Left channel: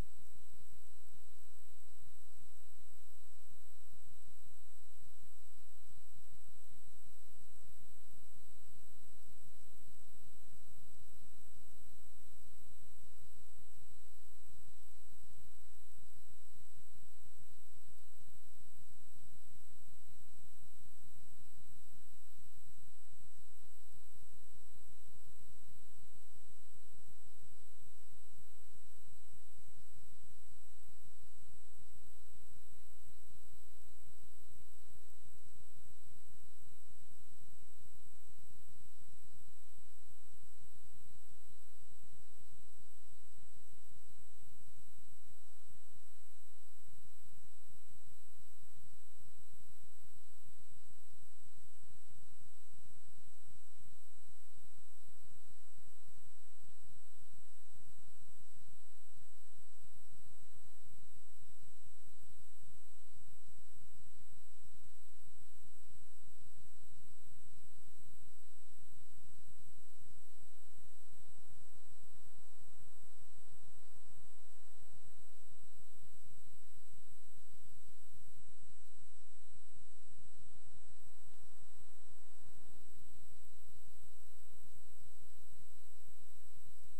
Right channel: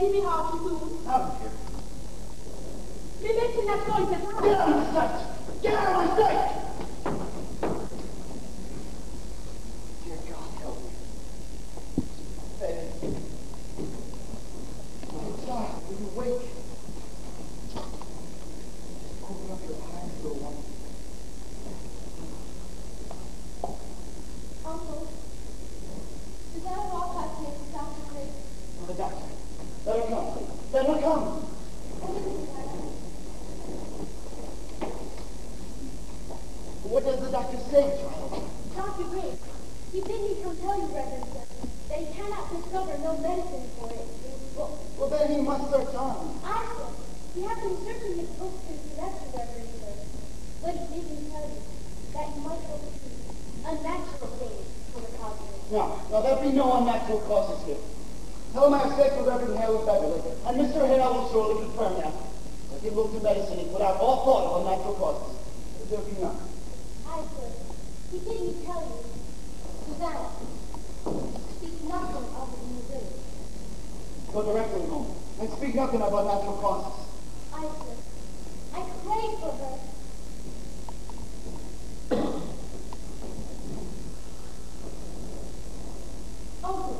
give me half the food. Out of here. Wir möchten das Gold bezahlen. Get out of my sight! Get out of my sight! Dear God, help me. Betty. My child, will you wake? Open up your eyes, little one. Uncle, is that a walk I take to Dr. Grace? Oh, the doctor. Let her come. Let her come. What does the doctor say, child? Dr. Grace, he bid me come tell you, Reverend Sir, that he cannot discover no medicine for it. Well, then he must search on. I said, you have been searching his books since you left the Reverend Sir. But he bid me tell you that you might oversee unnatural things for the cosmos. No, there be no unnatural causes here. Tell him I have said for Reverend Hale of Beverly, and Mr. Hale will surely confirm that. Let him look to medicine and put out all thought of unnatural causes. There be none. I said, he bid me tell you, Susanna, speak nothing of it in the village. Go directly home, and speak nothing of unnatural causes. I said, I pray for her. Uncle,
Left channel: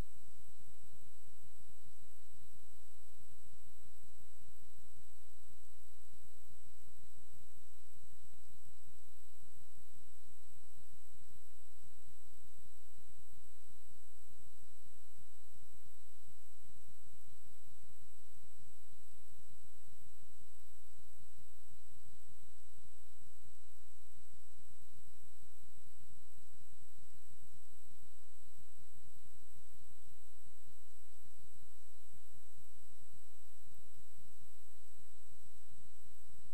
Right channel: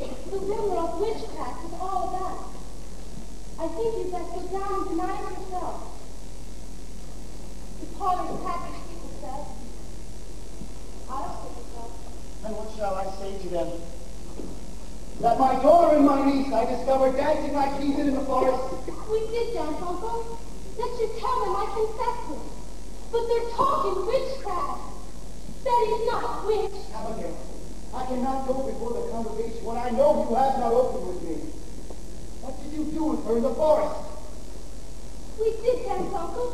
the rumor of witchcraft is all about. I think you'd best go down and deny it yourself. The parlor's packed with people said. I'll say so. And what shall I say to them? That my daughter and my niece I discovered dancing like heathen in the forest. We did dance, Uncle. Let you tell them I confessed it. But they're talking witchcraft. Betty's not witch. Abigail, I cannot go before the congregation when I know you have not opened with me. What did you do with her in the forest? We did dance, Uncle.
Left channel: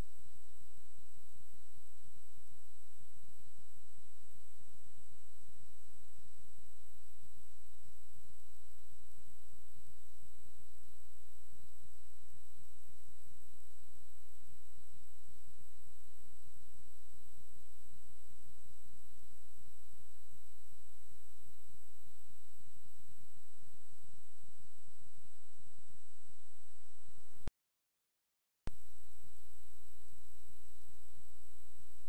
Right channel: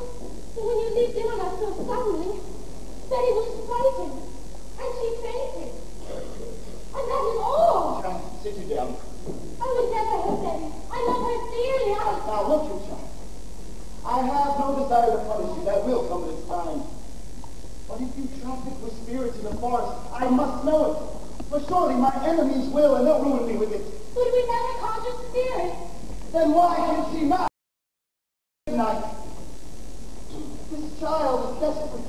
But when you leaped in on us so suddenly, Betty was frightened. And she fainted. And that is all. Child, sit you down. I would never have Betty. I love her dearly. Now look, you child. I have no desire to punish you. That will come at its time. But if you traffic with spirits in the forest, I must know it. For surely my enemies will, and they'll ruin me with it. But we never conjured spirits. Then why can she not? Night. This child is desperate.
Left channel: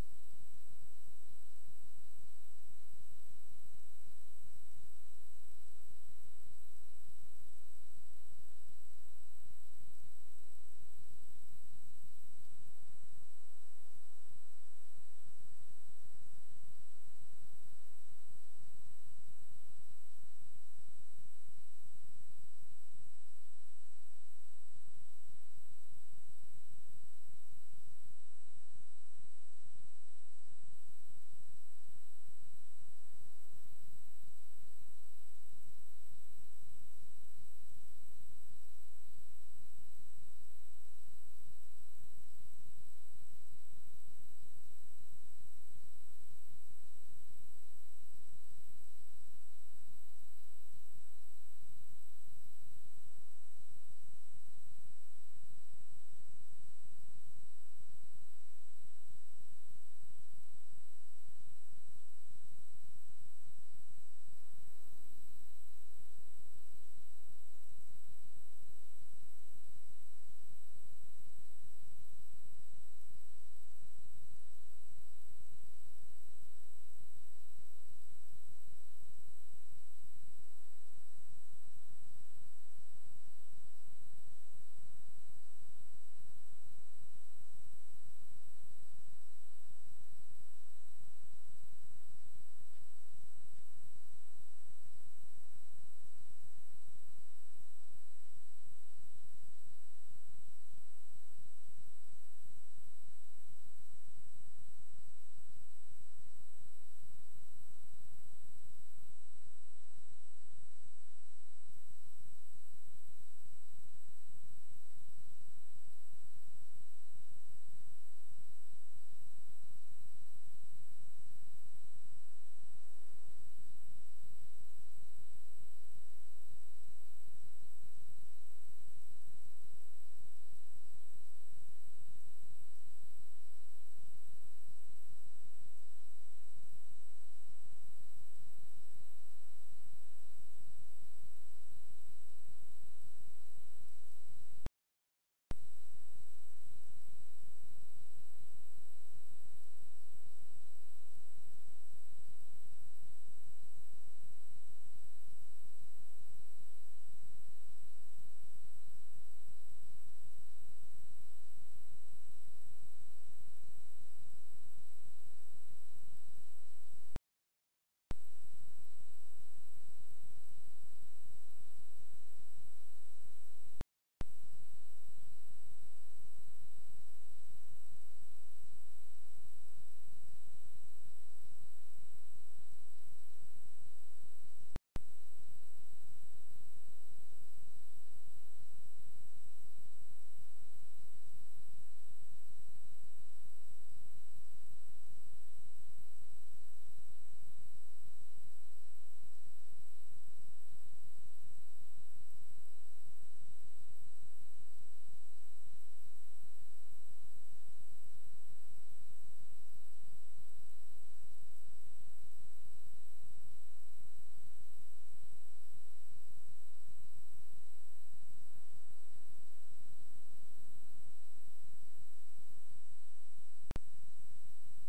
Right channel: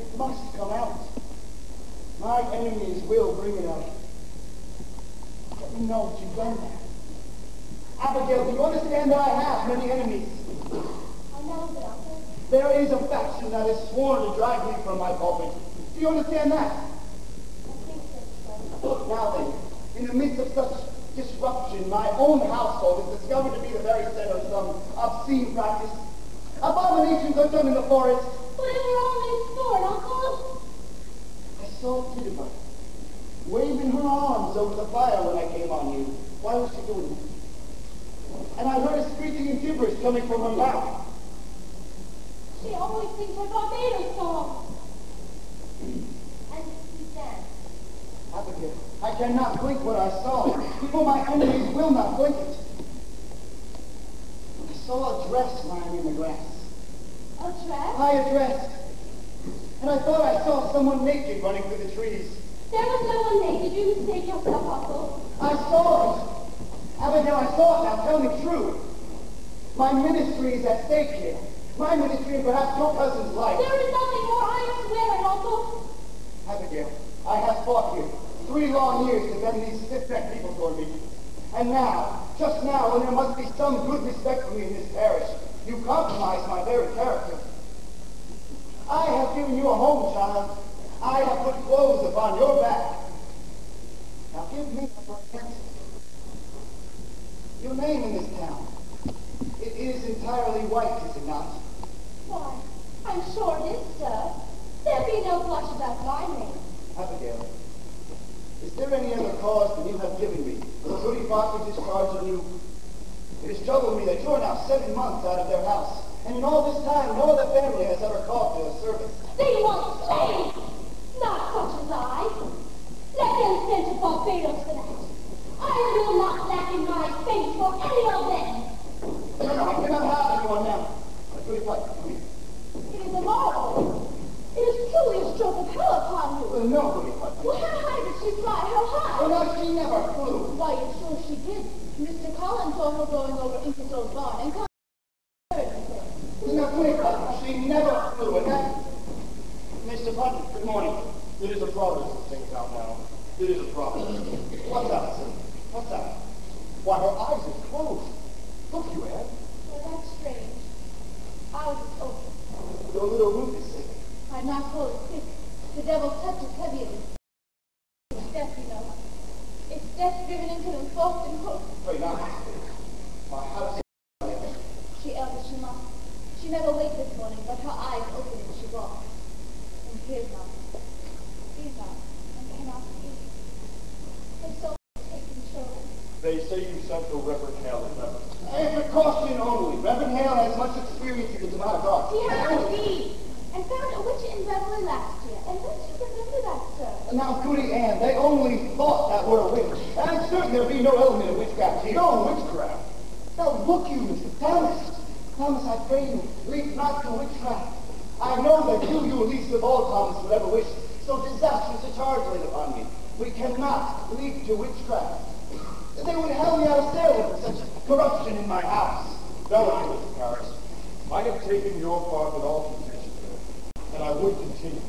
It must come out. My enemies will bring it out. Let me know what you've done there. Abigail, do you understand that I have many enemies? I know that, Uncle. There is a faction that is sworn to drive me from my pulpit. Do you understand that? I think that's so. Now then, in the midst of such disruption, my own household is discovered to be the very center of some obscene practice. Abominations are done in the forest. But if we're only in store, Uncle. I saw Tituba waving her arms over the fire when I came on you. Why was she doing that? And I heard a screeching and gibberish coming from her mouth. She always sings her Barbados song. And she danced. Abigail, I cannot blink what I saw. People, my enemies will not blink it. I saw a dress lying in the grass. A dress? A dress. And I thought I saw someone naked running through the trees. There was no one naked. You mistake yourself, Uncle. I saw it. Abigail, I saw it. Now tell me true. My ministry is at stake here. My ministry and perhaps your cousin's life. There is nothing more. I swear it, Uncle. Abigail, I have fought here 3 long years to bend these stiff-necked people toward me. And now, just now, when there must be some good respect for me in this parish, you compromise my very character. I have given you a home, child. I have put clothes upon your back. Now give me a answer. Your name in this town, it is entirely white, is it not? Why, I'm sure it is, sir. There be no blush about my name. Abigail, is there any other cause than you have given me for the pretty fatherly discharge on you? It has troubled me that you are now 7 months out of their house, and in all this time no other family has ever called to their service. They want slaves, not such as I. Let them send to Barbados for that. I will not lack in my faith for any of them. No, I cannot have anyone now. But pretty father, come here. It is immoral. It is truly a stroke of hell upon you. No, pretty father. Well, how high did she fly? How high? Oh, no, she never flew. Why, you're sure she did. Mr. Collins saw her going over Ingersoll's barn and called her. Now, quick, she never flew, and that... Mr. Putnam, good morning. It is a providence of things out now. It is a providence. What's that, sir? What's that? Why, her eyes are closed. Look, you, Anne. Well, that's strange. Ours is open. Your little Ruth is sick. I'm not told it's sick. The devil's touch is heavy on it. It's death, you know. It's death driven into them, forced and hooked. Wait, now. How does She elders, she must. She never waked this morning, but her eyes opened as she walked. And hears not. Sees not. And cannot speak. Her soul is taken control. They say you sent for Reverend Hale, remember? A precaution only. Reverend Hale has much experience in the demonic arts. He has indeed. And found a witch in Beverly last year. And don't you remember that, sir? Now, Goody Ann, they only thought that were a witch. And I'm certain there'll be no element of witchcraft here. No witchcraft. Now, look you, Mr. Thomas. Thomas, I pray you, leap not to witchcraft. I know that you least of all, Thomas, would ever wish so disastrous a charge laid upon me. We cannot leap to witchcraft. They would hell me out of Salem for such corruption in my house. No, Mr. Paris. I have taken your part with all contention there, and I would continue.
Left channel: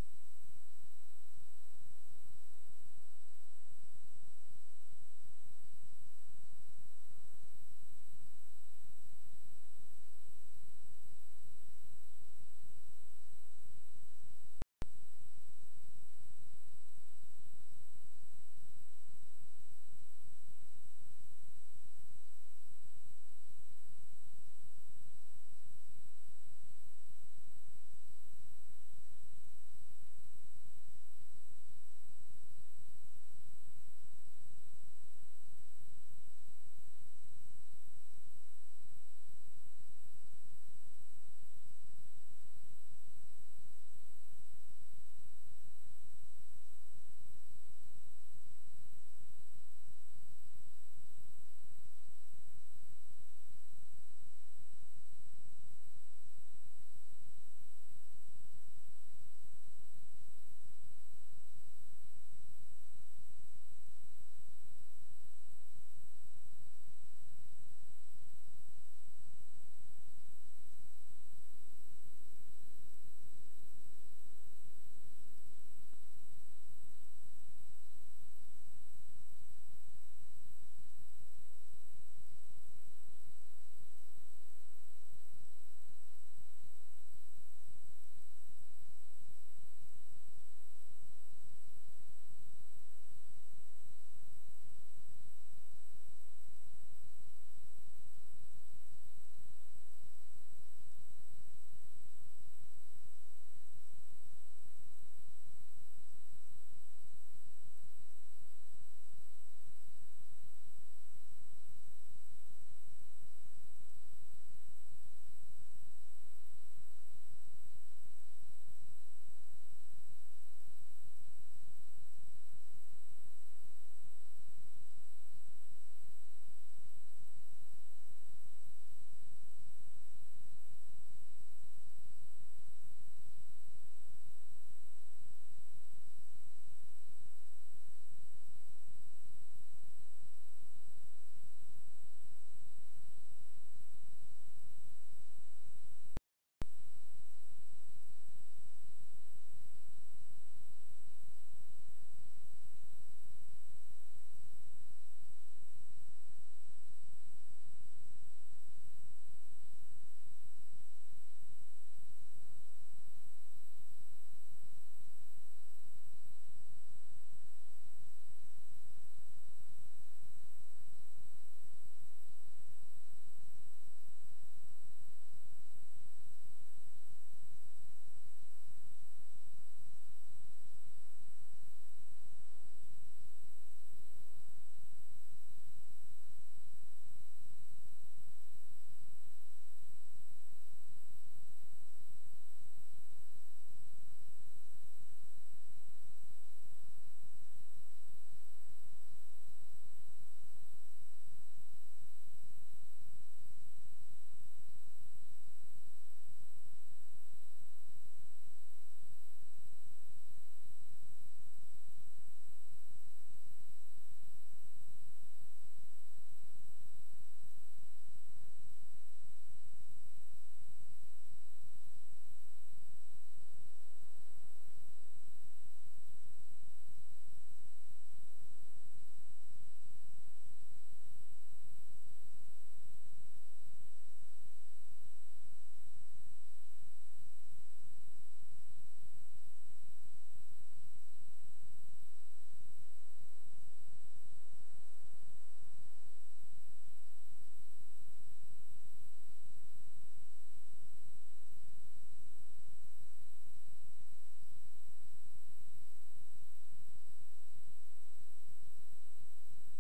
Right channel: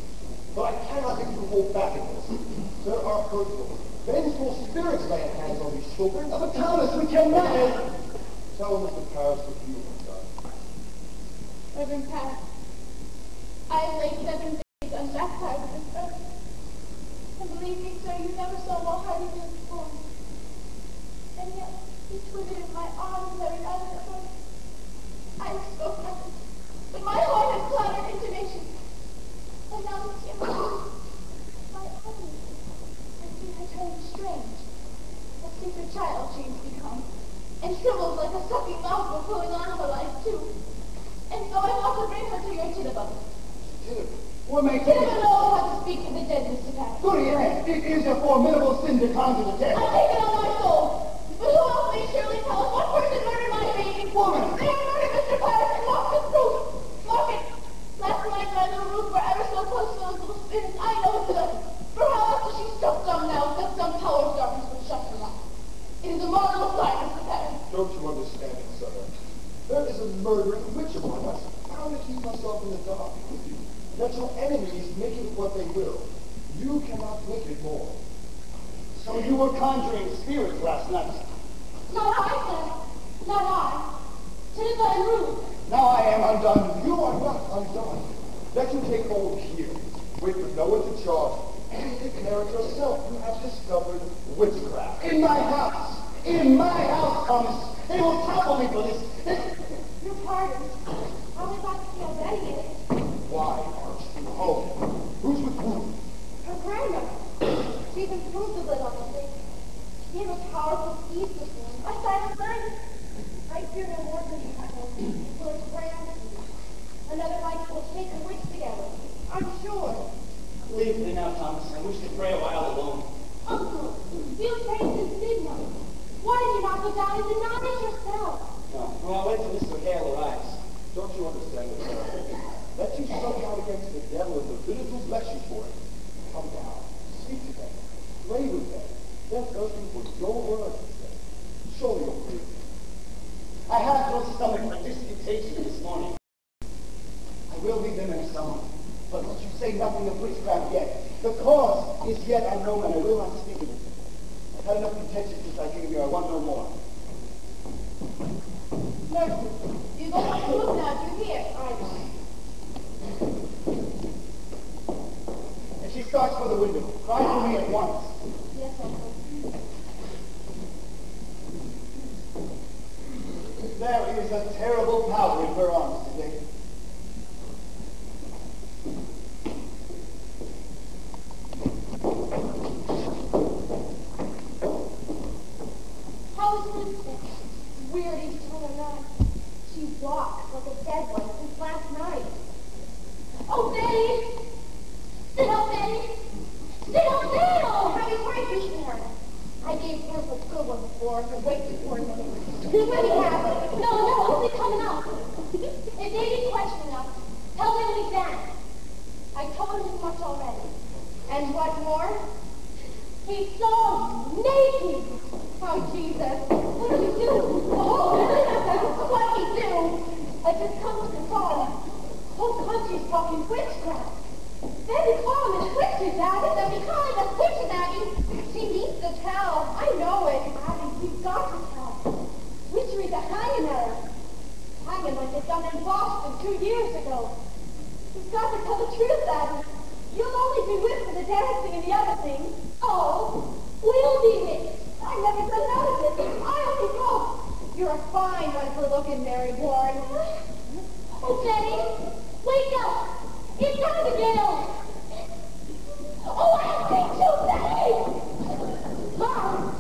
But I cannot let you hold back in this. There are hurtful, vengeful spirits laying hands on these children. But Thomas, we cannot. Tell Mr. Paris what you have done. Reverend Paris, I have laid 7 days on that side of this earth. And believe me, sir, you never saw more hearty than before. And yet, he twisted in my arms every night of the earth. I spoke nothing, but my heart had clattered intonation. And now it's in my own. And she had turned strange. A secret child she has become. And shrivels like a sucking mouth were pulling on her life, too. And so I want to bring her to your Tinnabum. What may take Tinnabum knows how to speak to the dead, Mr. Paris. Goody Ann, it is a formidable sin to conjure the dead. I'll take it on my soul. But who else may surely tell us what person murdered my baby? Woman! They murdered Mr. Paris and locked his roof. Lock it. Last night my little Ruth were ever so close to those little spirits. I know it's good. For how after she stuck them now, that some power of darkness will shut her up. It is a marvelous sight, Mr. Paris. Don't you understand it, sir? There is a murdering witch among us. How to keep myself in the dark? Let your enemies make it what they will. You cannot make it more. So you were conjuring spirits last night. Not I, sir. Not I. Tinnabum and Ruth. Now I am undone. You are not undone. Let you take hold here. Wait for no one to charge. And declare it yourself. You have discovered witchcraft. In my house. In my house, Thomas. They will topple me for this. Your pardon. I'll be back to see how Betty is. Why aren't you home? Who's with whom? Her grandmother. She's improved a little, I think. She gave a powerful speech this morning. I silent night. I fear no more than shadow. For it's grand. Another night will take a witch together. I'm sure. Leave me now, Thomas. I wish to pray a while alone. Uncle, you've prayed since midnight. Why did you not go down and deny it yourself? No, well, I'll wait till Mr. Hale arrives. Don't you understand it, sir? Let you soak out against the devil and the villains who bless you for it. Come down, speak to them, pray with them. They're thirsting for your word. Surely you'll pray. I have no stomach for disputation this morning. I will leave them in a summer. But let you say nothing of witchcraft yet. The cause is yet unknown, and I will not speak of it. I've had enough contention since I came here. I want no more. Nurse, you go up to look now. Do you hear? If she starts for the window, cry for me at once. Yes, Uncle. There is a terrible powder in her arms today. How is Winston? Weird he's still alive. She walks like a dead one since last night. Oh, Betty! Sit up, Betty! Sit up now! How is right before? I gave her a good one before to wait for a minute. What do you have? No, only coming up. If they be questioning us, tell them he's down. I told him as much already. And what more? He's so naked! Oh, Jesus. What are we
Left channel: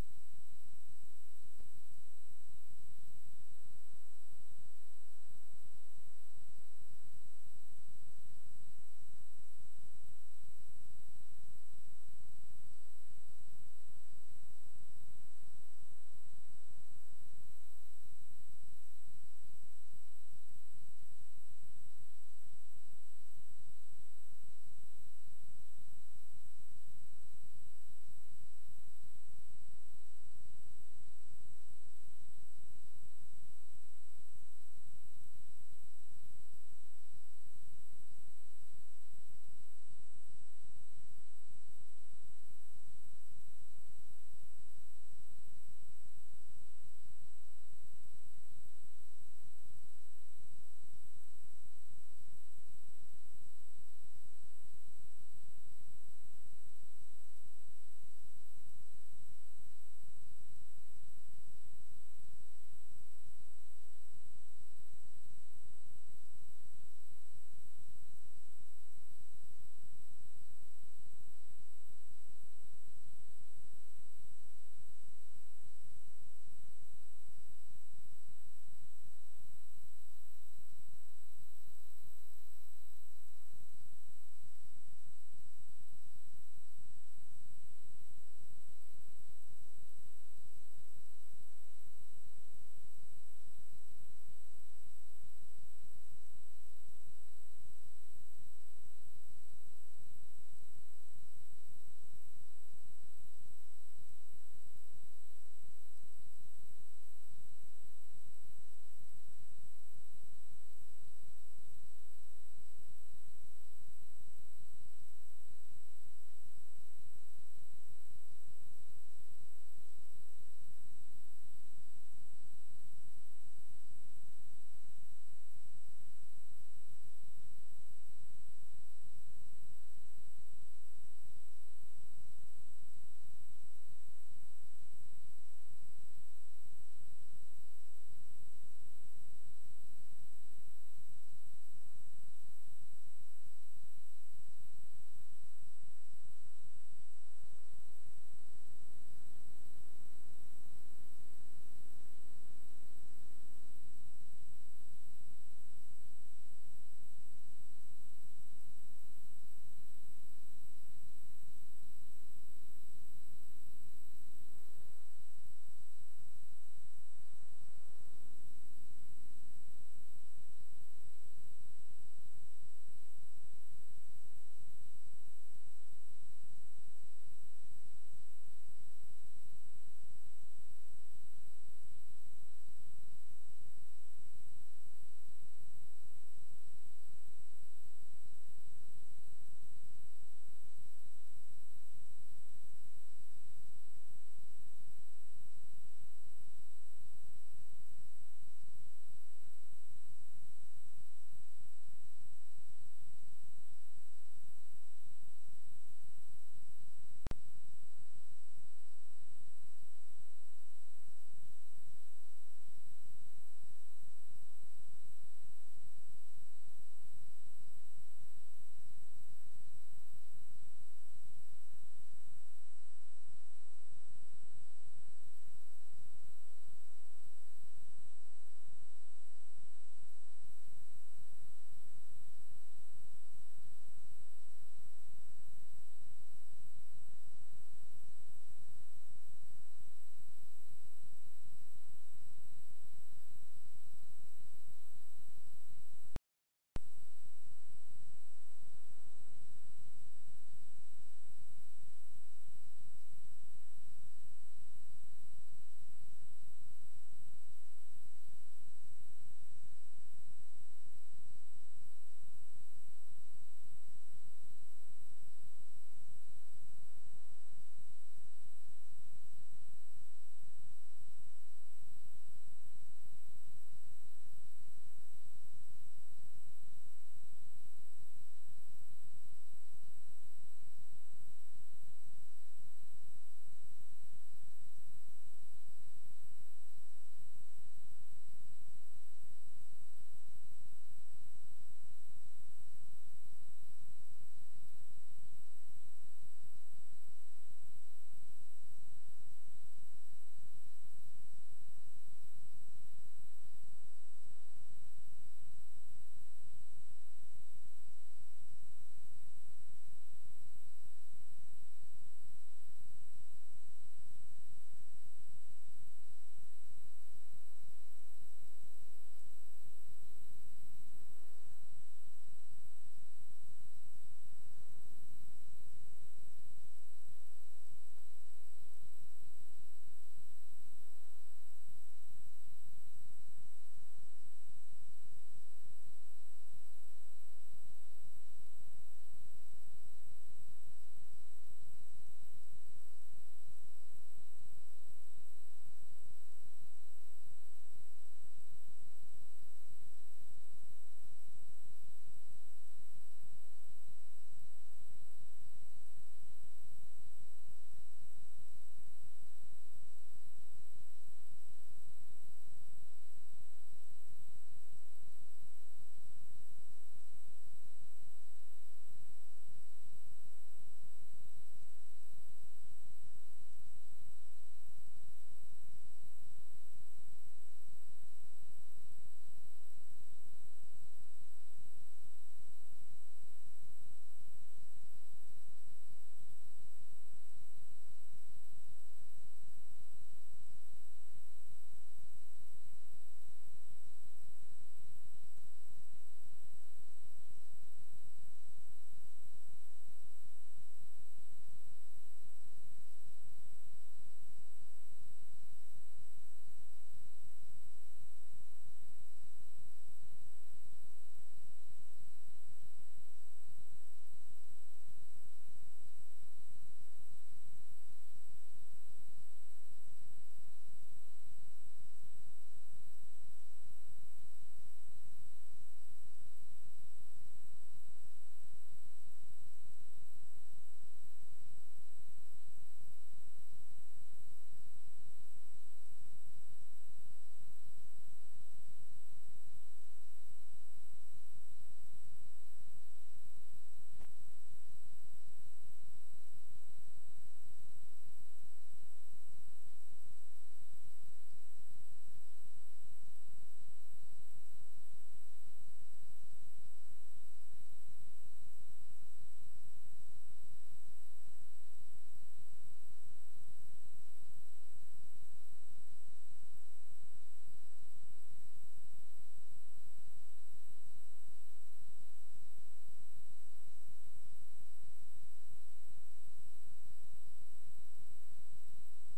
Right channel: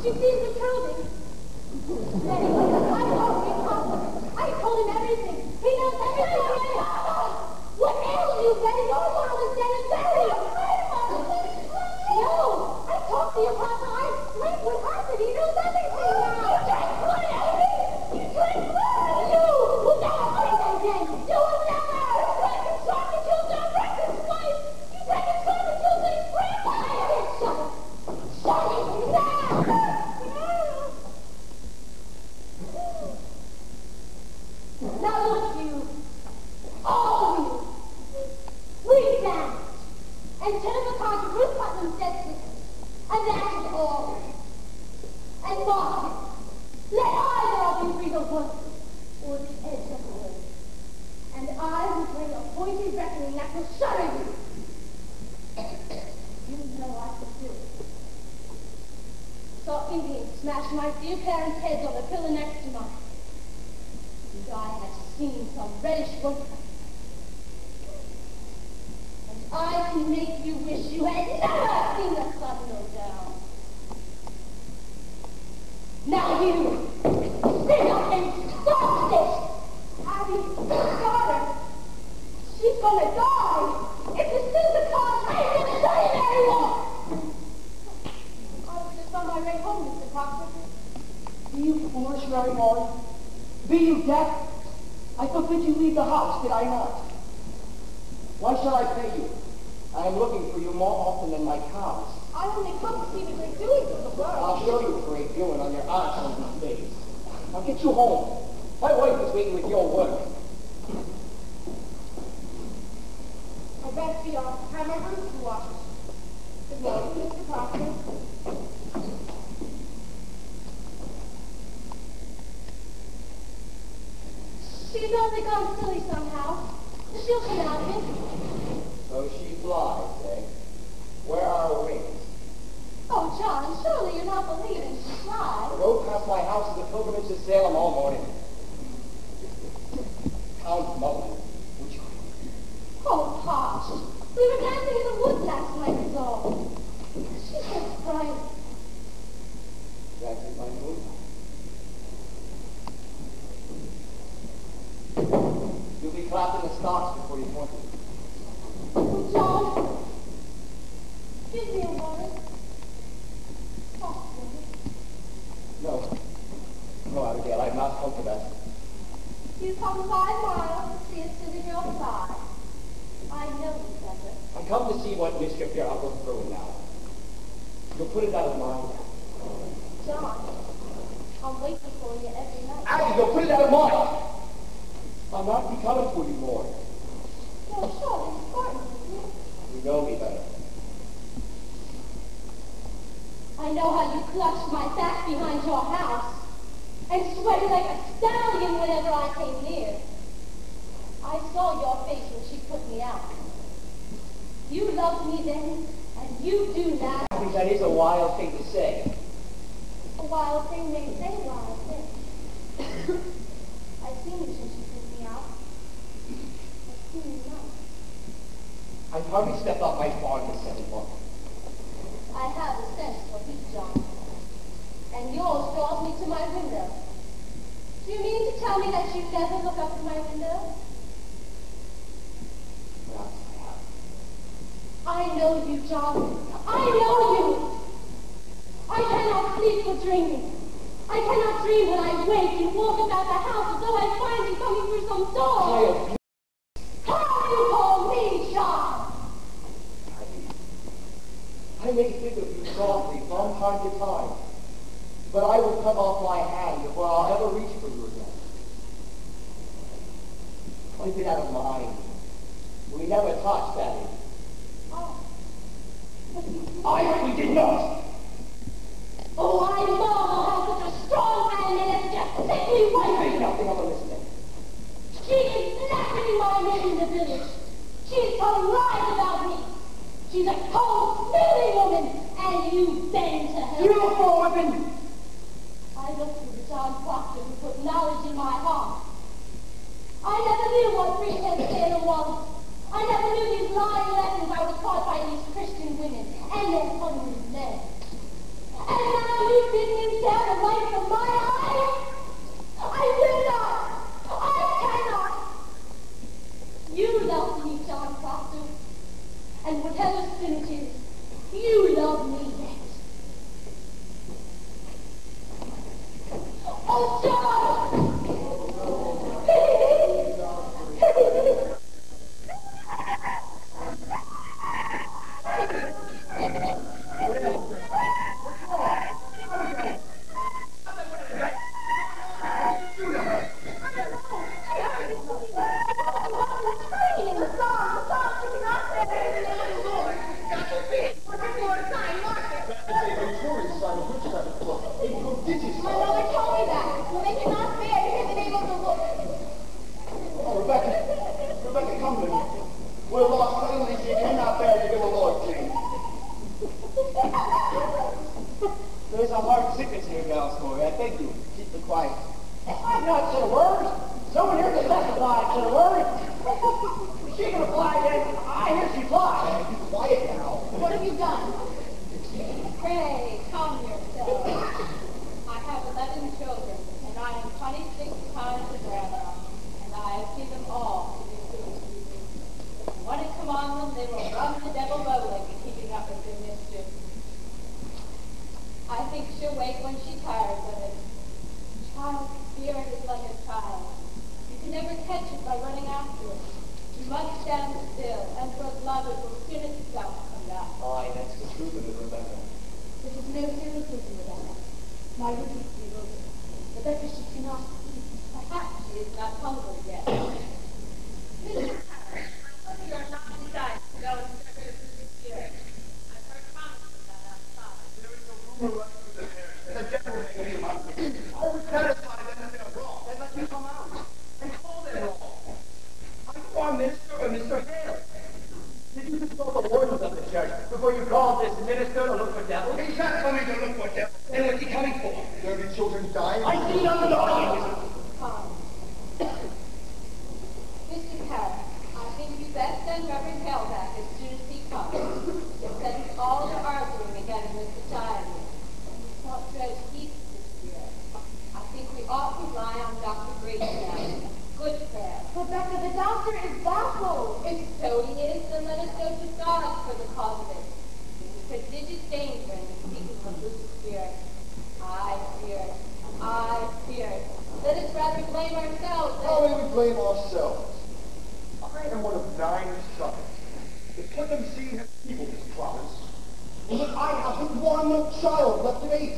She seems to kill me. Anyway, I told him Papa. I told him everything. He knows everything. What ails you, Betty? Your father's dead and buried. No, I talked to your Papa. I explained what happened. He knows everything now. You drank blood, Abby. You drank blood. You will never find that again. You will never. You drank and shot and killed John Brexton's wife. You drank and shot and killed his grandma. I said shut it. Shut it now. Now look, you, all of you, read down and turn the card to Ruth Putnam's death sentence, and that is all. And mark it. Let either of you breathe a word or the edge of the word, and I will bring a pointed reckoning that will shudder you. You know I can do it. Saw Indians smash my dear parents' heads on the pillar next to mine. And I have seen some reddish work. And I can make you wish you had never seen the sun go down. Now you, stand up and stop this! Abby's daughter, she's gonna die! It's a Supercon! I ain't gonna die anymore! I was just on my way home, Mr. Proctor. Be you foolish, Mary Molly? Be you deaf? I forbid you leave the house, did I not? Why shall I pay you? I am looking for you more often than my cows. I only come to see what they're doing for the world. I'll show you a great doing on your aunt's hungry face. I'll get you home. My wife is waiting with your work. I rest the office. Have my roof to wash. Good morning, Mr. Proctor. She's only gone silly somehow. She'll come out of it. So she flies, eh? Where are her wings? Oh, John, surely you're not believing she The flies. road past my house is a pilgrimage to Salem all morning. Count Mullen, would you? Oh, Posh. We were dancing in the woods last night, is all. She's so bright. That is my moonlight. You'll be clapping the stocks before you point it. Oh, John. Give me a water. Soft water. No. No, Abigail, I've not come for that. You come 5 miles to see us sitting outside. I know you better. I come to see what mischief your uncle's brewing now. You'll put it out of mind. John, I'm waiting for you every night. Abigail, put it out of mind! I'll not be coming for you more. Well, surely it's Barton, isn't it? You know me better. I know how you clutched my back behind your house and sweated like a stallion whenever I came near. I saw your face when she put me out. You loved me then, and you do now. I think that is a wild thing to say. A wild thing may say wild thing. I've seen you since you put me out. I've seen you now. I've hardly stepped off my farm this 7 months. I have a sense for heat, John. And yours draws me to my window. Do you mean to tell me that you never look up at my window? Perhaps I have. I know you, John. I know you. I cannot sleep for dreaming. I cannot dream when I wake and walk about the house as though I find you coming through some door. Child, How do you call me, John? I may think of you softly from time to time, but I will cut off my hand before I'll ever reach for you again. Wipe it out of mind. We never touched that. Oh, but you... We did not. Oh, I marvel how such a strong man may have such a sickly wife. Say nothing of a listening. She secrets here, Giles Corey. I beg you, keep it quiet. I've not said a word. Someone here can testify I said a word. Is she gonna fly again? I hear she flies. Be quiet now. What have you done? Pray, calm yourself. I have 11 children, and I am 26 times the grandma, and I have seen them all to be food. When it come on them, they will run the devil bowling and keeping up with their mischief. I think she'll wake when she tires of it. Child's spirit is like a child. You can never catch it by running after it. You must stand still, and for love it will soon itself come back. Aye, that's the truth of it, Rebecca. This is no serious reason, Rebecca. My repeat to you will be. Rebecca, she cannot eat. Perhaps she is not hungry yet. Mr. Harris, whether you are not decided to go and search for the spirit, I've heard promises of that outside. There is a rumor running through the parish that the devil may be among them. I would satisfy them that they're wrong, and let you come out and call them wrong. Are you our minister or Mr. Hale? Did you consult the wardens of the church before you called this minister to look for devils? He's not coming to look for devils. Then what's he coming for? There be children dying. I see none of the audience. Come. Mr. Harris, I think you best send Reverend Hale back as soon as he comes. It sends all to arguing again in the society. We can't dread peace this year. I think we ought to rely on Dr. Grace now. Good prayer. Rebecca, the doctor is baffled. If so he is, then let us go to God for the cause of it. There is prodigious danger in the speaking of the spirit. I fear it. I fear it. Let us rather blame ourselves How than... may we blame ourselves? I am one of 9 sons. If what I'm seeing has people this promise, and that I have but one child left of 8,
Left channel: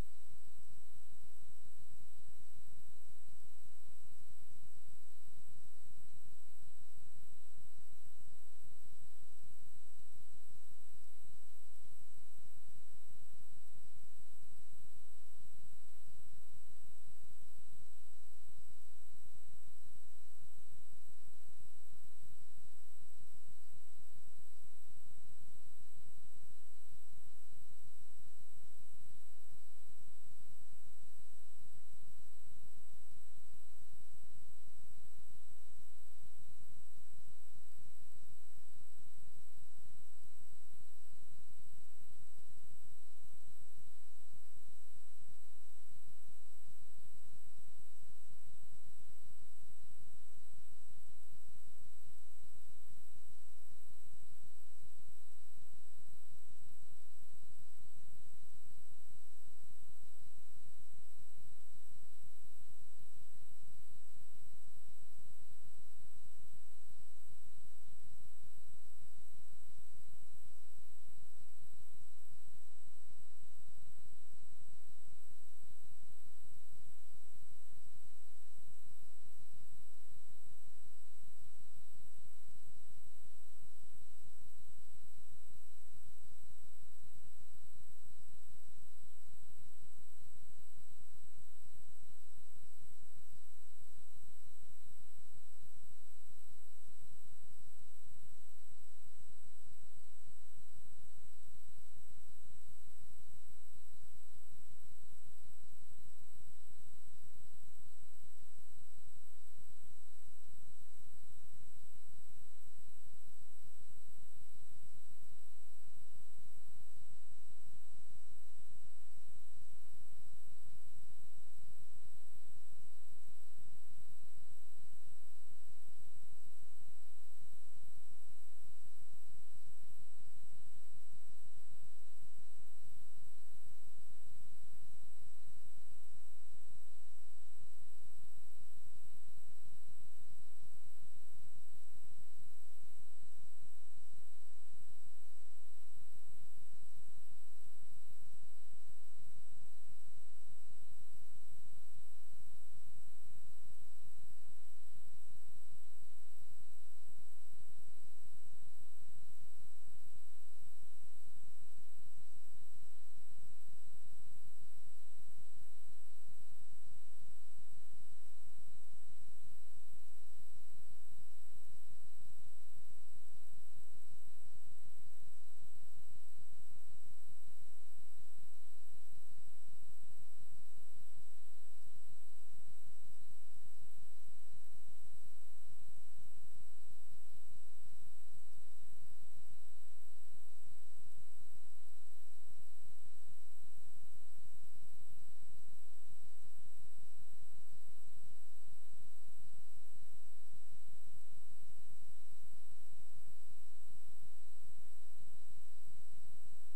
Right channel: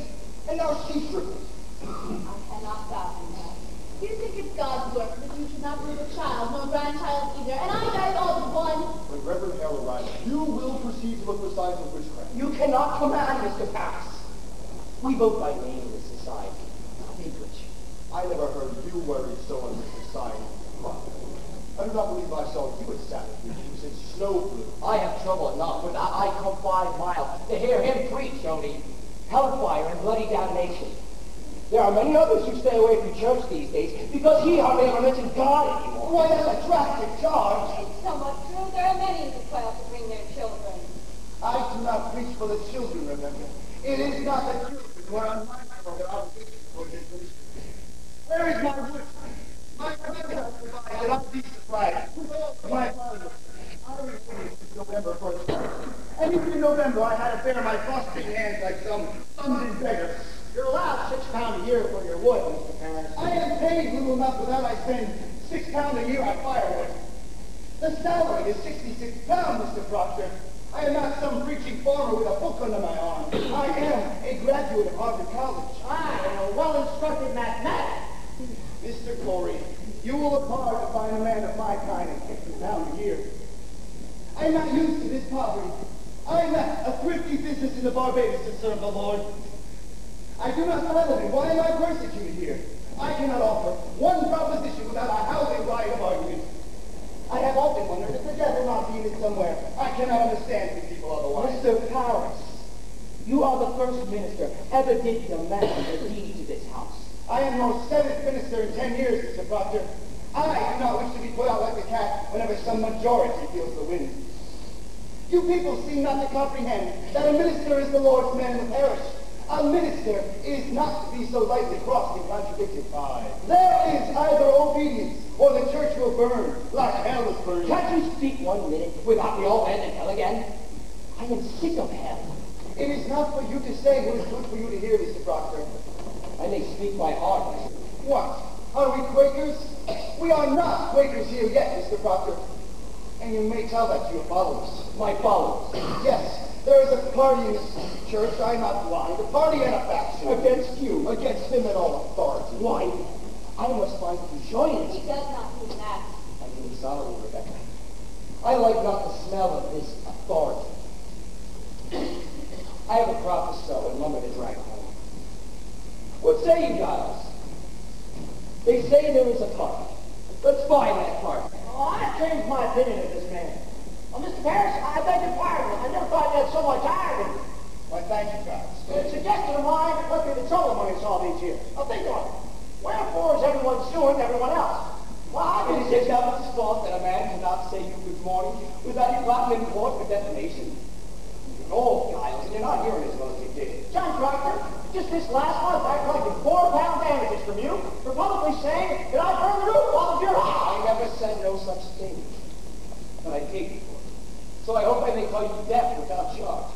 and now she's stricken. I cannot fathom that. You think it's God's work that you should not lose a child, nor grandchild either, and I died all but one. When Reverend Hale arrives, you will proceed to look for signs of witchcraft. You cannot command Mr. Paris. We vote by name in this society, not English. I never heard you worry so on this society. I do not believe I saw you at Sabbath meeting since snow blew. I have trouble enough, but I come 5 miles to hear him preach, only hellfire and bloody damnation. There are many others who stay away from church these days because he hardly ever mentions God anymore. Why, that's a drastic charge. It's somewhat true. There are many who fail to bring their children. I do not preach for the children, remember. It is not the children who are unmindful of their obligations for this ministry. Where is my wood? My Rebecca provides that I'll be supplied with all of my valuables. I was waiting since November 1st. And even in November, I had to bear my prostrate hands like some clumsy beggar. You're allowed £6 a year for your wood, Mr. Paris. I am paid little enough for that. I spend £6 a year on firewood. The salary is £66, Mr. Proctor. I am not some preaching farmer with a book under my arm. I am a graduate of Harvard College. I am a well-instructed mathematician. Mr. Corey, you will look hard to find a man of my kind at £60 a year. I am not used to this poverty. I am a thrifty business in the Barbados to serve the Lord. I do not follow him. Why am I persecuted here? I cannot offer one proposition without a housing riot of argument. I have often wondered if the devil not be in it somewhere. I cannot understand these people otherwise. Mr. Paris, you are the first minister ever did demand the deed to this house. I am your 7th minister in 10 years, Mr. Proctor. I do not wish to be put out like the cat whenever some majority feels the wind. You people seem not to comprehend that a minister is the Lord's man in the parish. A minister is not to be so lightly crossed and contradicted. There is either obedience or the church will burn like hell is burning. Can't you speak 1 minute without me all end in hell again? I am sick of hell. It is not for you to say what is good for you to hear, Mr. Proctor. I may speak my heart. What? Are we Quakers? We are not Quakers here yet, Mr. Proctor. And you may tell that to your followers. My followers. Yes, there is a party in this church, I'm not blind, a party and a faction. Against you. Against him and all authority. Why? I must find you join He it. does not mean that. I mean solemnly, Rebecca. I like not the smell of this authority. I have a crop to sow and lumber to drag home. What say you, Giles? They say there is a party. Let's buy that party. Oh, I've changed my opinion of this man. Well, Mr. Parrish, I beg your pardon. I never thought you had so much irony. Why, thank you, guys. a suggestion of mine what be the trouble among us all these years. Now think on it. Wherefore is everyone suing everyone else? Why It is the devil's fault that a man cannot say you good morning without you brought him in court for defamation. You're old, Giles, and you're not hearing as well as you did. John Proctor, just this last month I collected £4 damages from you for publicly saying that I burned the roof off of your house. I never said no such thing. But I paid you for it. So I hope I may call you deaf without charge.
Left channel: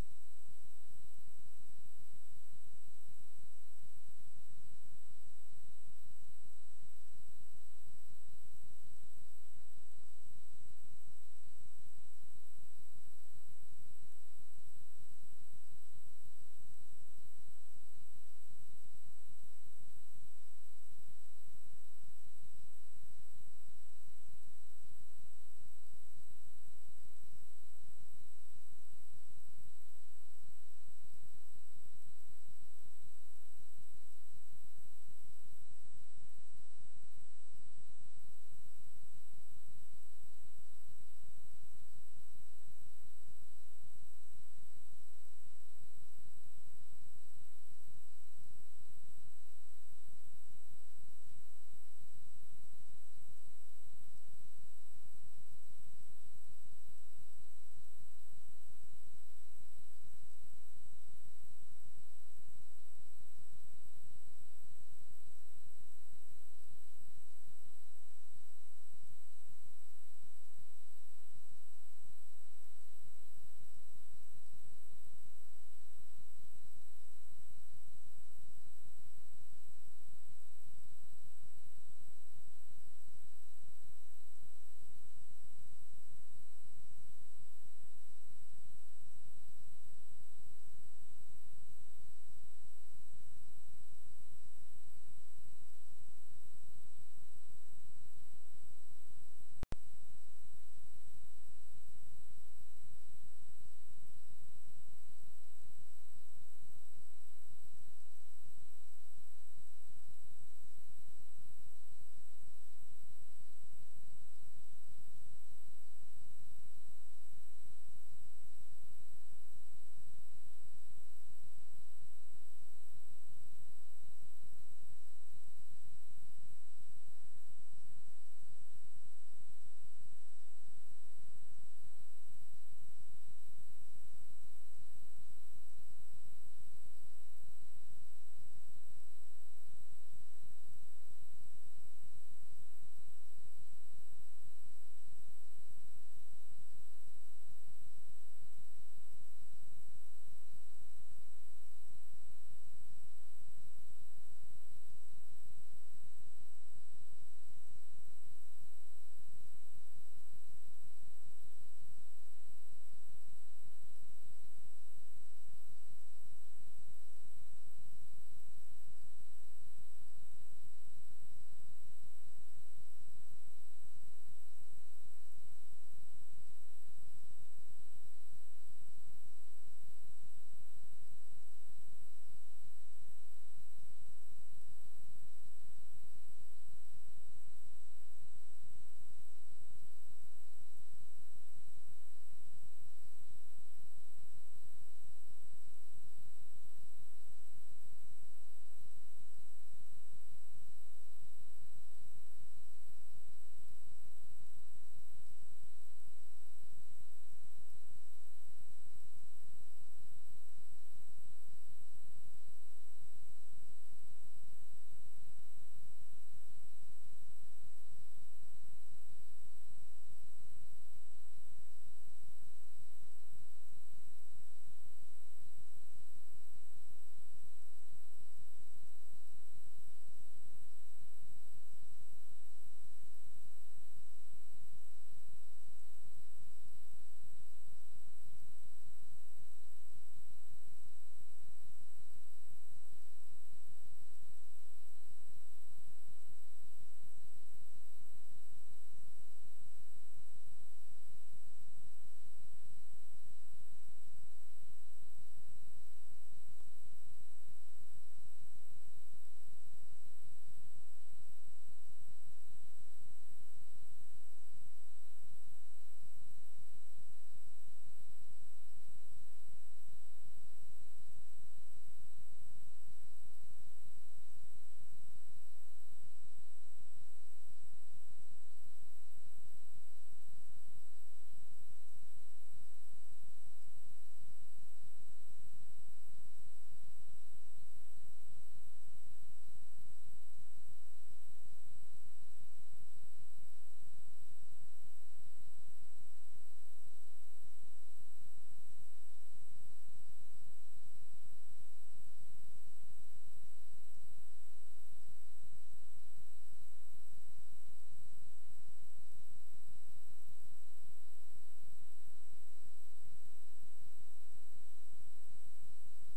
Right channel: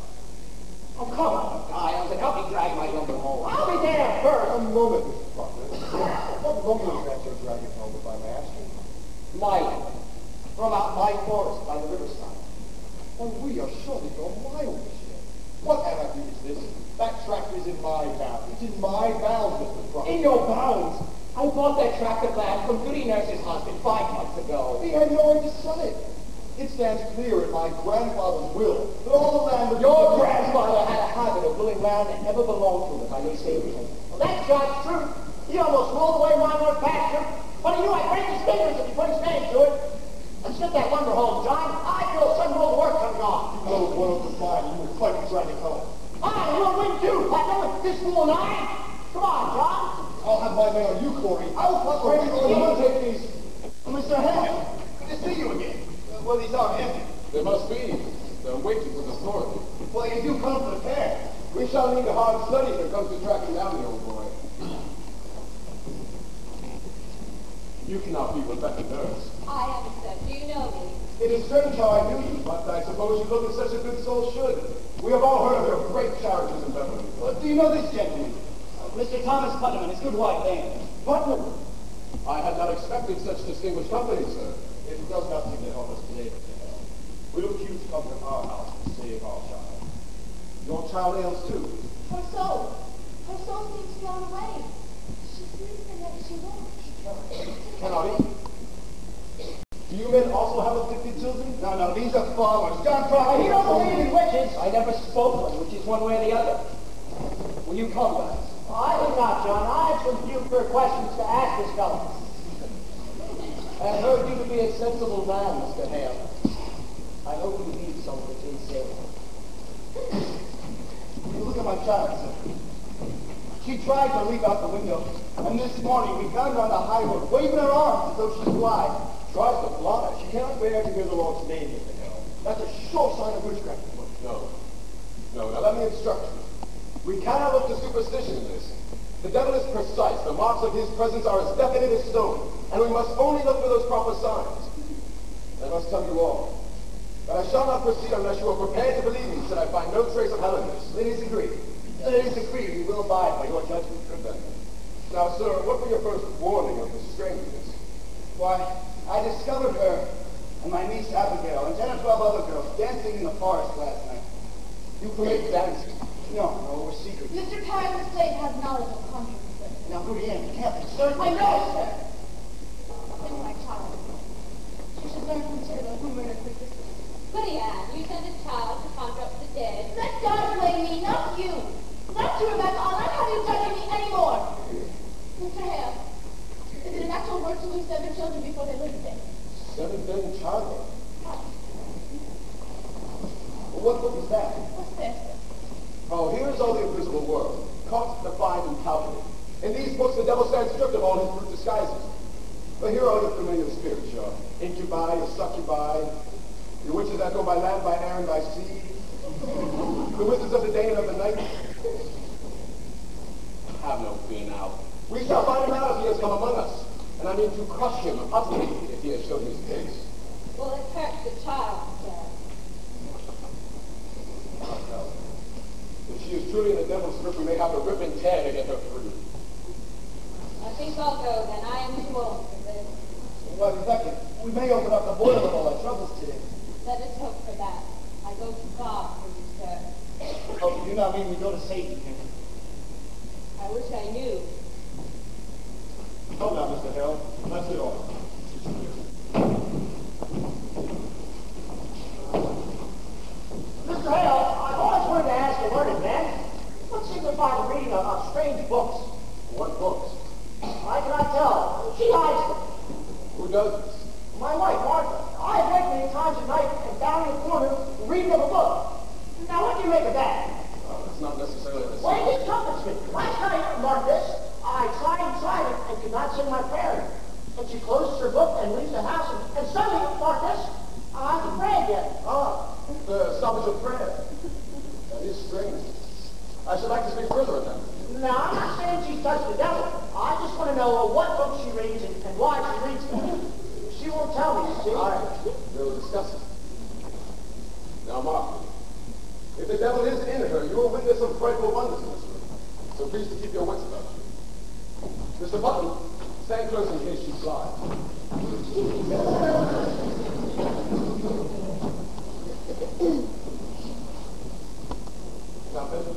Oh, come on, Giles, and help me drag my lumber home. I'll be damned first. A moment, Mr. Proctor. What lumber is that you're dragging home, if I may ask you? My lumber. From out my forest by the riverside. Well, we are surely going miles here. What anarchy is this? That tract is in my bounds. It's in my bounds, Mr. Proctor. In your bounds? I bought that tract of land from Goody Nurse's husband 5 months ago. He had no right to sell it. It stands clear in my grandfather's will that all the land... Your grandfather had a habit of willing land that never belonged to him, if I may say it. Well, that's John's truth. He almost rolled away my North pasture, but he knew I'd break his fingers if he put his name to it. Let's get that lumber home, John. I feel a sudden world work coming on. You know one of the fine you would quite be dragging home. We'll win too, Putnam. This fool and I. Come on, John. I'll have my man on you, Corey. I will put my you will take these. Mr. Hale, good to see you again. Well, these are empty. There must be. They're waiting for the authority. Well, you do come prepared. We shall need a hard study when it comes to tracking down the old boy. You cannot be Rebecca Nurse. I am, sir. Do you know me? It is strange how I knew you, but I suppose you look as such a good soul should. We have all heard of your great charities in Beverly. Well, do you know this gentleman? Mr. Thomas Putnam and his good wife, Anne. Putnam! I had not expected such distinguished company, sir. It does not seem to help us today, Mr. Hale. We look you to come to our house to save our child. Your child ails too. Her soul seems thrown away. She sleeps and yet she won't. Cannot eat. Do you men also have afflicted children? No, these are farmers. John Proctor. He don't believe in witches. I never spoke one, which is one way or the other. Will you come, guys? I did not, John. I had some few fair questions to ask this fellow. I have heard you to be a sensible man, Mr. Hale. I hope you leave some of it sincere. Look at my child, sir. She tried to leap out the window, and this morning we found her on the high road, waving her arms as though she'd fly. Tries to fly. She cannot bear to hear the Lord's name, Mr. Hale. That's a sure sign of witchcraft. No. Now let me instruct you. We cannot look to superstition in this. The devil is precise. The marks of his presence are as definite as stone. And we must only look for those proper signs. I must tell you all that I shall not proceed unless you are prepared to believe me should I find no trace of Helen. It is agreed. It is agreed. We will abide by your judgment. Good then. Now, sir, what were your first warning of this strangeness? Why, I discovered her and my niece Abigail and 10 or 12 other girls dancing in the forest last night. You permit dancing? No, we're secret. Mr. Carr's estate has knowledge of conjuring, sir. Now, Goody Ann, you can't be certain. I know, sir. It's my child. She should learn from Cyril who murdered her sister. Goody Ann, you sent a child to conjure up the dead. Let God blame me, not you. Not you, Rebecca. I'll not have you judging me anymore. Mr. Hale, is it an actual word to lose 7 children before they live dead? 7 then childbirth. Well, what book is that? What's this? Oh, here is all the invisible world, caught, defined, and calculated. In these books, the devil stands stripped of all his brute disguises. But here are your familiar spirits, your incubi, your succubi, your witches that go by land, by air, and by sea, the wizards of the day and of the night. Have no fear now. We shall find him out if he has come among us, and I mean to crush him utterly if he has shown his face. Well, it hurts the child, sir. If she is truly in the devil's grip, we may have to rip and tear to get her free. I think I'll go then. I am too old for this. Well, Rebecca, we may open up the boil of all our troubles today. Let us hope for that. I go to God for you, sir. Oh, you do not mean we go to Satan here. I wish I knew. Come now, Mr. Hale. That's it all. Mr. Hale, I've always wanted to ask a learned man, what signifies the reading of strange books? What books? I cannot tell. She hides them. Who does this? My wife, Martha. I have read many times at night and down in the corner reading of a book. Now, what do you make of that? That's not necessarily the same. Wait please to keep your wits about you. Mr. Button, stand close in case she flies. Now, Benjamin,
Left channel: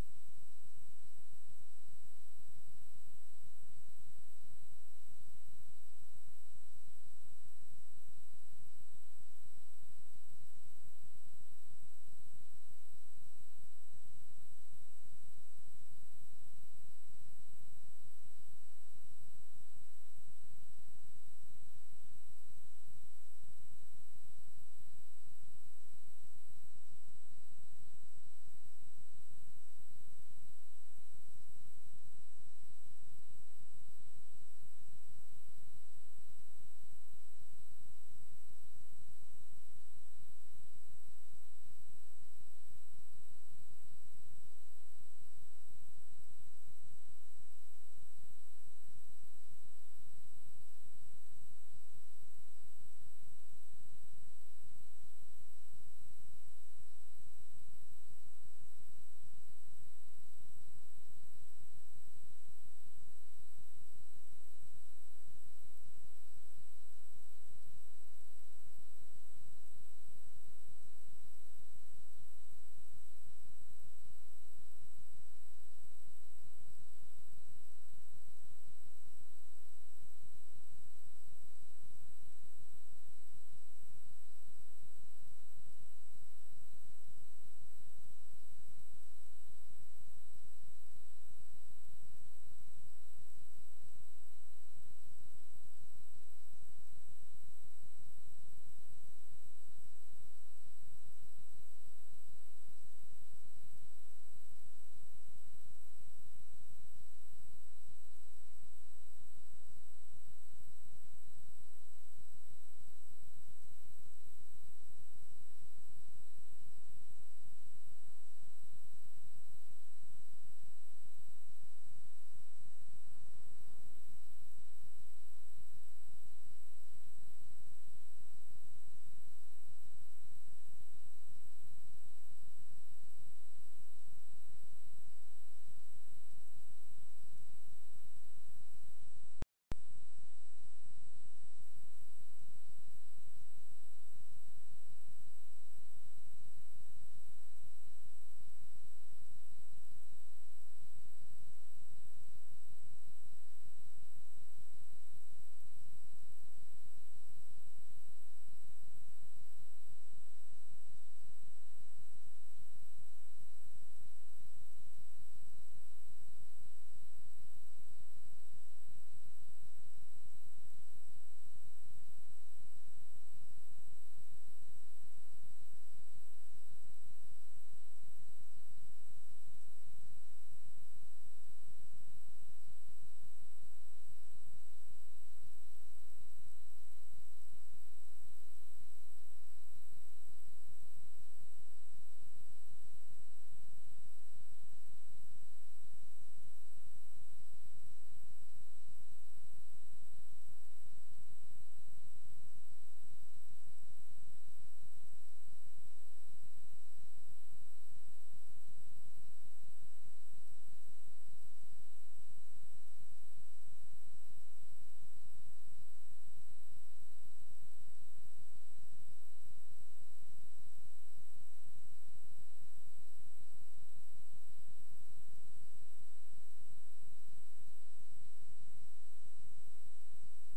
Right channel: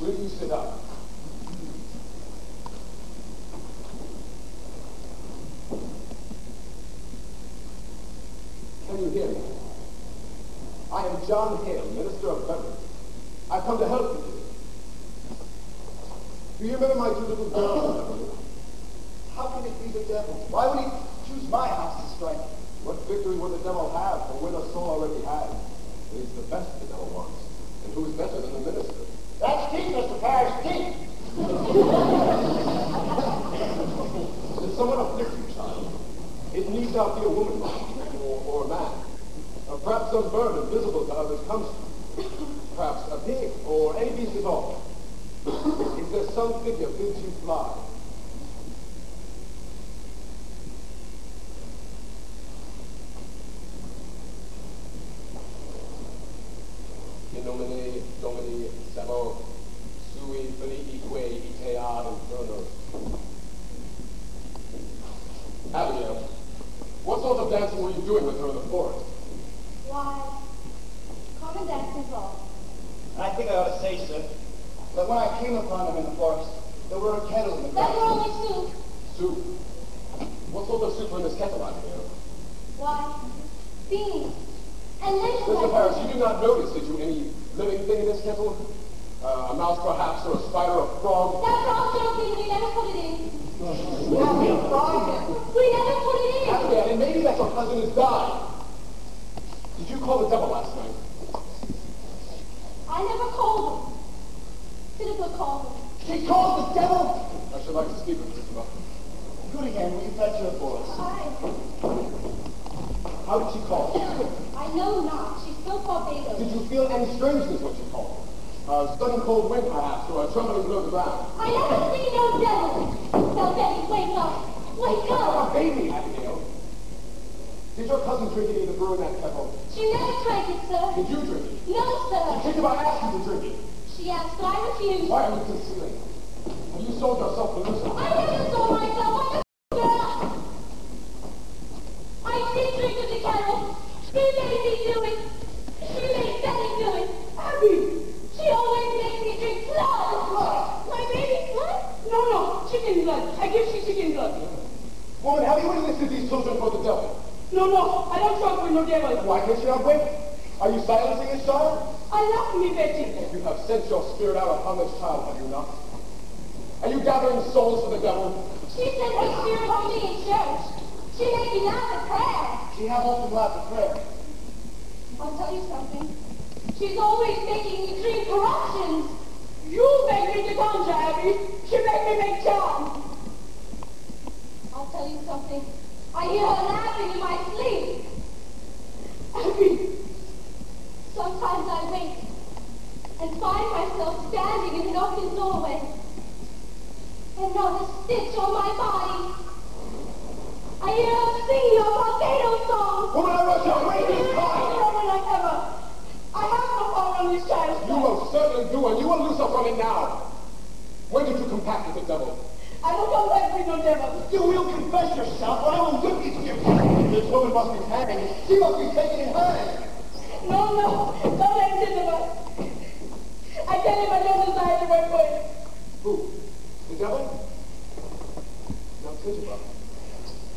will you sit up? Can you hear me? I am John Hale, Minister of Beverage. I've come to help you. Do you remember my two little girls? How can it be the devil? Why would he choose my house to strike? What victory would the devil have, for winner Saul already had? It is the best the devil wants. And who is better than the minister? That's deep, Mr. Parrish, deep. Did someone afflict you, child? It needs not be a woman, or a man. Perhaps some bird invisible to others comes to you. Perhaps a pig, or any beast at all. Is there some figure bids you fly? In nomine Domini Sabo, sui felique itead infernos. Abigail, what sort of dancing were you doing with her in the forest? Why, common dancing ball. I think I ought to say, sir, that when I came upon them in the forest, there were a kettle in the That ground. were only soup. Soup? What sort of soup were in this kettle, Abigail? Why, beans. And ladies Mr. like Parrish, you did not notice, did you, any living thing in this kettle? A mouse, perhaps, or a spider, or a frog? That frog joking, we never put it in. Happy a frog. We never put it in. Abigail, and maybe that your cousin has died. Did you call the devil last night? I never called him. Titipa called him. She called the devil! I should like to speak with Mr. Buffett. Good again, will you fetch her for us? How did she call? I know not. She's so Barbados. Did you feel any strangeness when she called? A sudden cold wind, perhaps, or a trembling below the ground? I never see no devil. Now, Betty, wake up. Wake A up. baby, Abigail. Did your cousin drink any of the brew in that kettle? She never drank it, sir. Did you drink it? No, sir. Think about asking to drink it. She asked, I refused. Why are you concealing? Have you sold yourself to Lucifer? I never saw myself. I'm a girl. I did drink of the kettle. She made me do it. She made Betty do it. Abby, she always makes me drink blood. My baby's blood? No, chicken blood. I give you chicken blood. Woman, have you enlisted these children for the devil? No, I don't talk with no devil. Why can't you not wait? Are you silencing this child? I love me, Betty. You have sent your spirit out upon this child, have you not? Are you gathering souls for the devil? She sent her spirit on me in church. She made me laugh at prayer. She have often laughed at prayer. I'll tell you something. She's always making me dream corruptions. You make me to conjure, Abby. She make me make charm. I'll tell you something. I hear her laughing in my sleep. Abby, Sometimes I wake and find myself standing in an open doorway and not a stitch on my body. I hear her singing a volcano song. Woman, I rush out right this time! Woman like ever. I have no power on this child. You most certainly do, and you will lose her from it now. When did you compact with the devil? I don't come back with no devil. You will confess yourself, or I will whip you to your This woman must be hanged. She must be taken in hand. No, don't let him sit about. I tell him I don't desire to work for him. Who? The devil? Now, Crucible,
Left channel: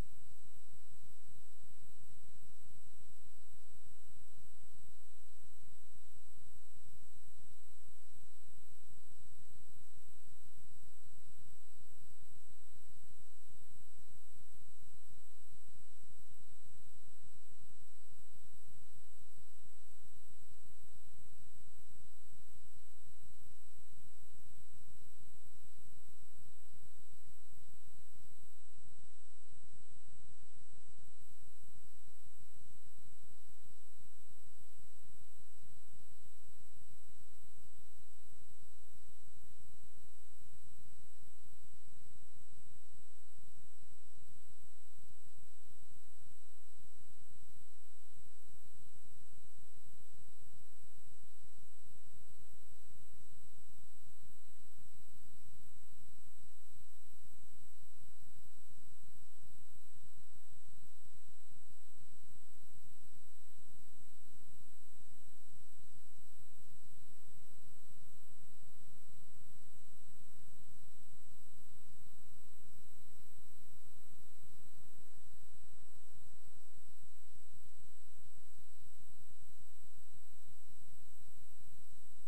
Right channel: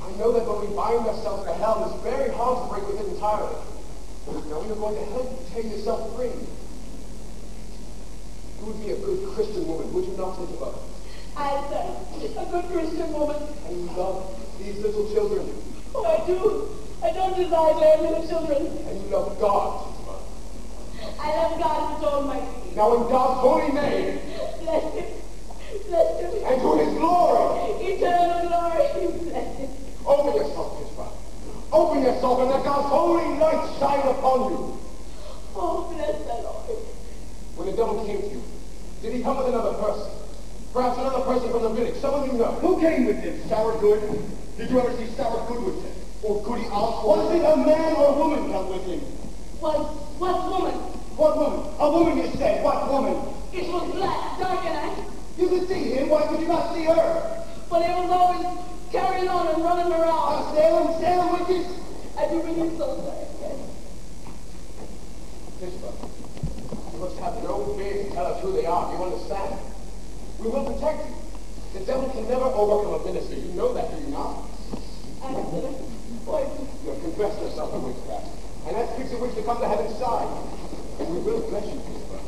I know that when we bind ourselves to hell, it's very hard to break with it entirely. Now we are going to help you tear yourself free. You would be a good Christian woman, would you not, Crucible? I say, a good Christian woman. And you love these little children. Oh, I do. I don't desire to have little children. And you love God, Crucible. I love God with all my being. Now in God's holy name, Bless him. Bless him. and to his glory, Eternal glory. Bless him. open yourself, Crucible. Open yourself and let God's holy light shine upon you. Oh, bless the Lord. When the devil came to you, did he come with another person? Perhaps another person from the village, someone you know. Who came with him? Sour Good? Did you ever see Sour Good with him? Or Goody Oswald? Was it a man or a woman come with him? What woman? What woman? A woman, you said. What woman? It was black, dark, and I. You protect you. The devil can never overcome a minister. You know that, do you not? Accident. Poison. You have confessed yourself a witchcraft. And that speaks of which to come to heaven's side. And we will bless you, Crucible.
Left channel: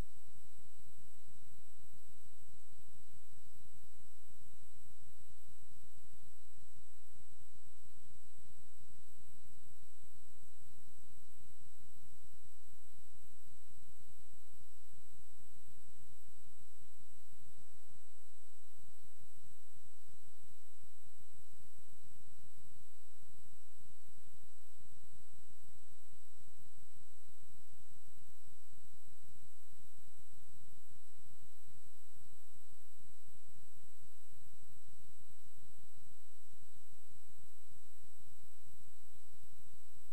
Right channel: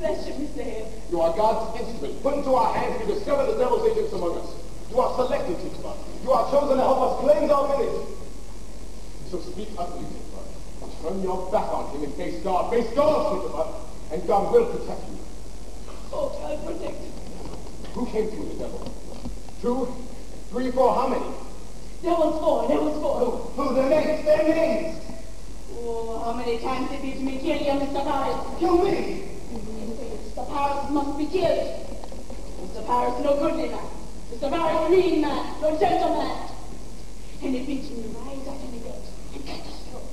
Bless you, Mr. Hale. You are God's instrument. Put into our hands to discover the devil's agents among us. You are selected, Crucible. You are chosen to help us cleanse our village. So speak utterly, Crucible. Turn your back on him and face God. Face God, Crucible. And God will protect you. Oh, God, protect you. Who came through the devil? 2, 3, 4, how many? There was 4. Who? Their names? Their names! Oh, how many times did it me kill you, Mr. Paris? Kill me! Mr. Paris must be killed. Mr. Paris no goodly man. Mr. Paris mean man, no gentleman. And it beats me right out of the bed and cut his throat.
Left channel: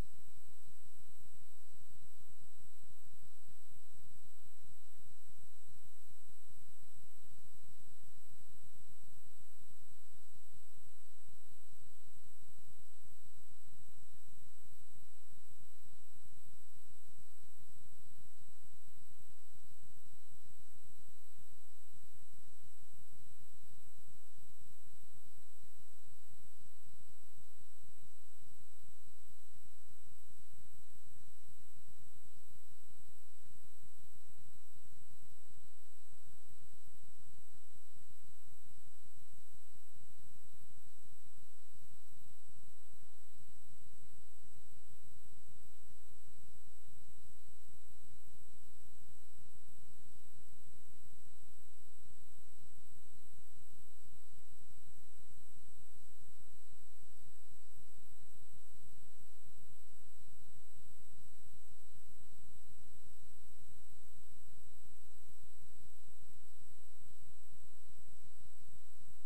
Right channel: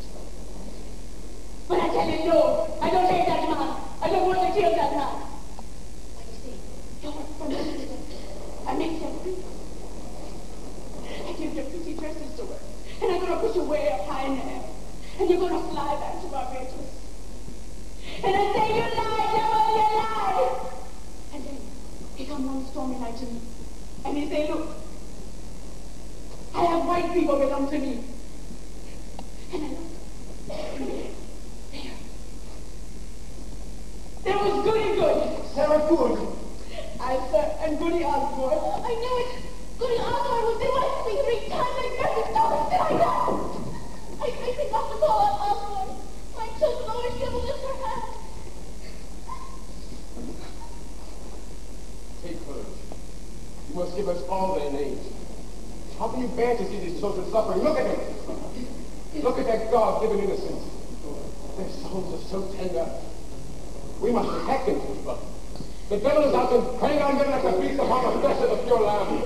But I tell you no, I don't hate that man. I don't want to kill that man. But you see, you work for me. I make them free. I give you pretty dresses to wear. And I'm gonna put you way up high in the air. And you're gonna fly back to Barbados. And I say, you lie, devil, you lie! And then he come one stormy night to me. And he say, look, I have white people belong to me. And I look. There was Goody Good. Sarah Good. I, sir, and Goody Osborne. I knew it. Goody Osborne was in my sleep 3 times. I never saw it. I know. I think not to call out Osborne. My children always give a lift her hand. Take courage. You must give us all their names. How can you bear to see these children suffering? Look at them. Look at their God-given innocence. Their souls are so tender. We must protect them, Crucible. The devil is out and preying on them like a beast upon the flesh of the pure lamb.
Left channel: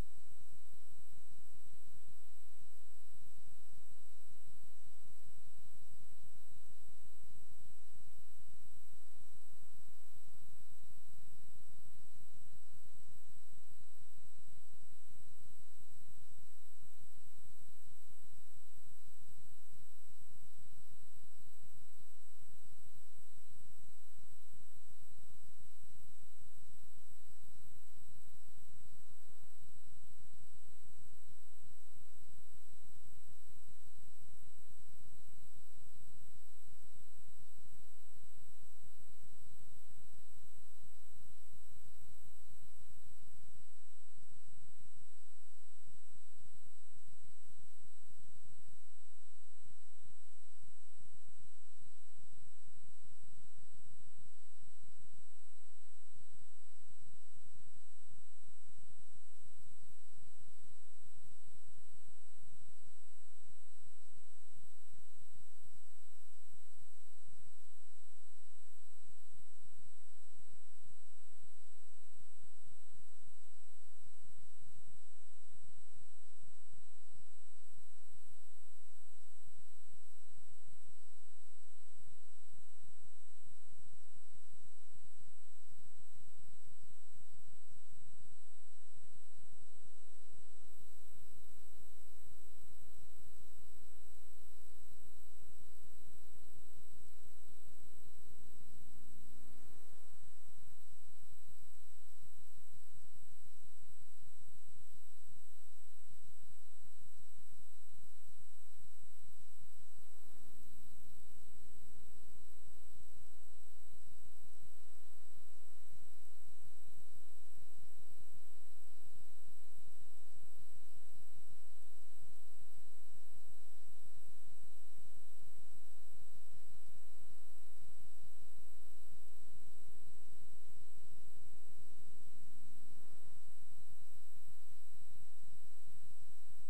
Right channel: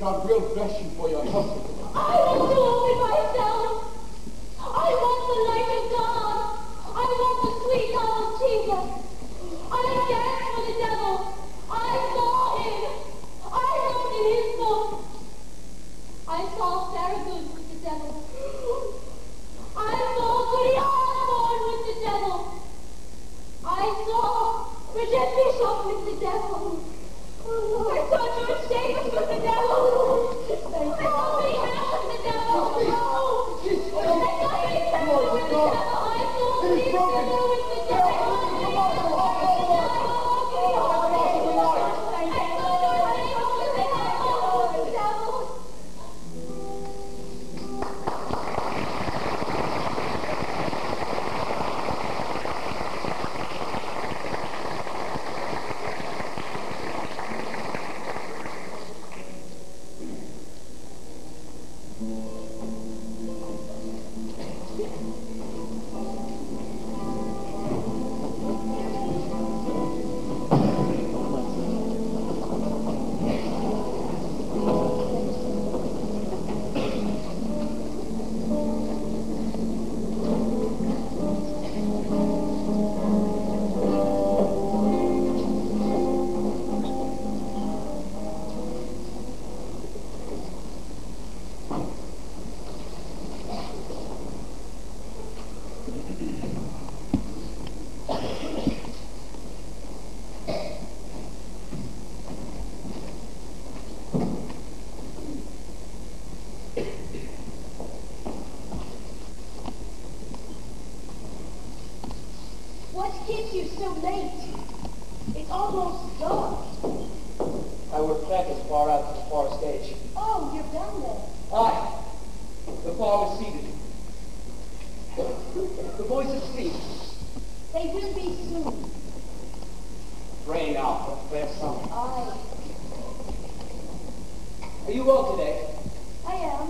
God will bless you for your help, Crucible. I want to open myself. I want the light of God. I want the sweet love of Jesus. I dance for the devil. I saw him. I wrote in his book. I saw Sarah Good with the devil. I saw Goody Osborne with the devil. I saw Bridget Bishop with the devil. I saw George Davis with the devil. I saw Billy Hannah with the devil. I saw Billy Hannah with the devil. I saw Billy Hannah with the devil. Keeps you so late? It's almost dark. I work practice far out to the far stage. Oh, you're down there. Aye. The far was seated. The boys asleep. They will be soon. Rain out for fair summer. Aye. Are you well today? I am.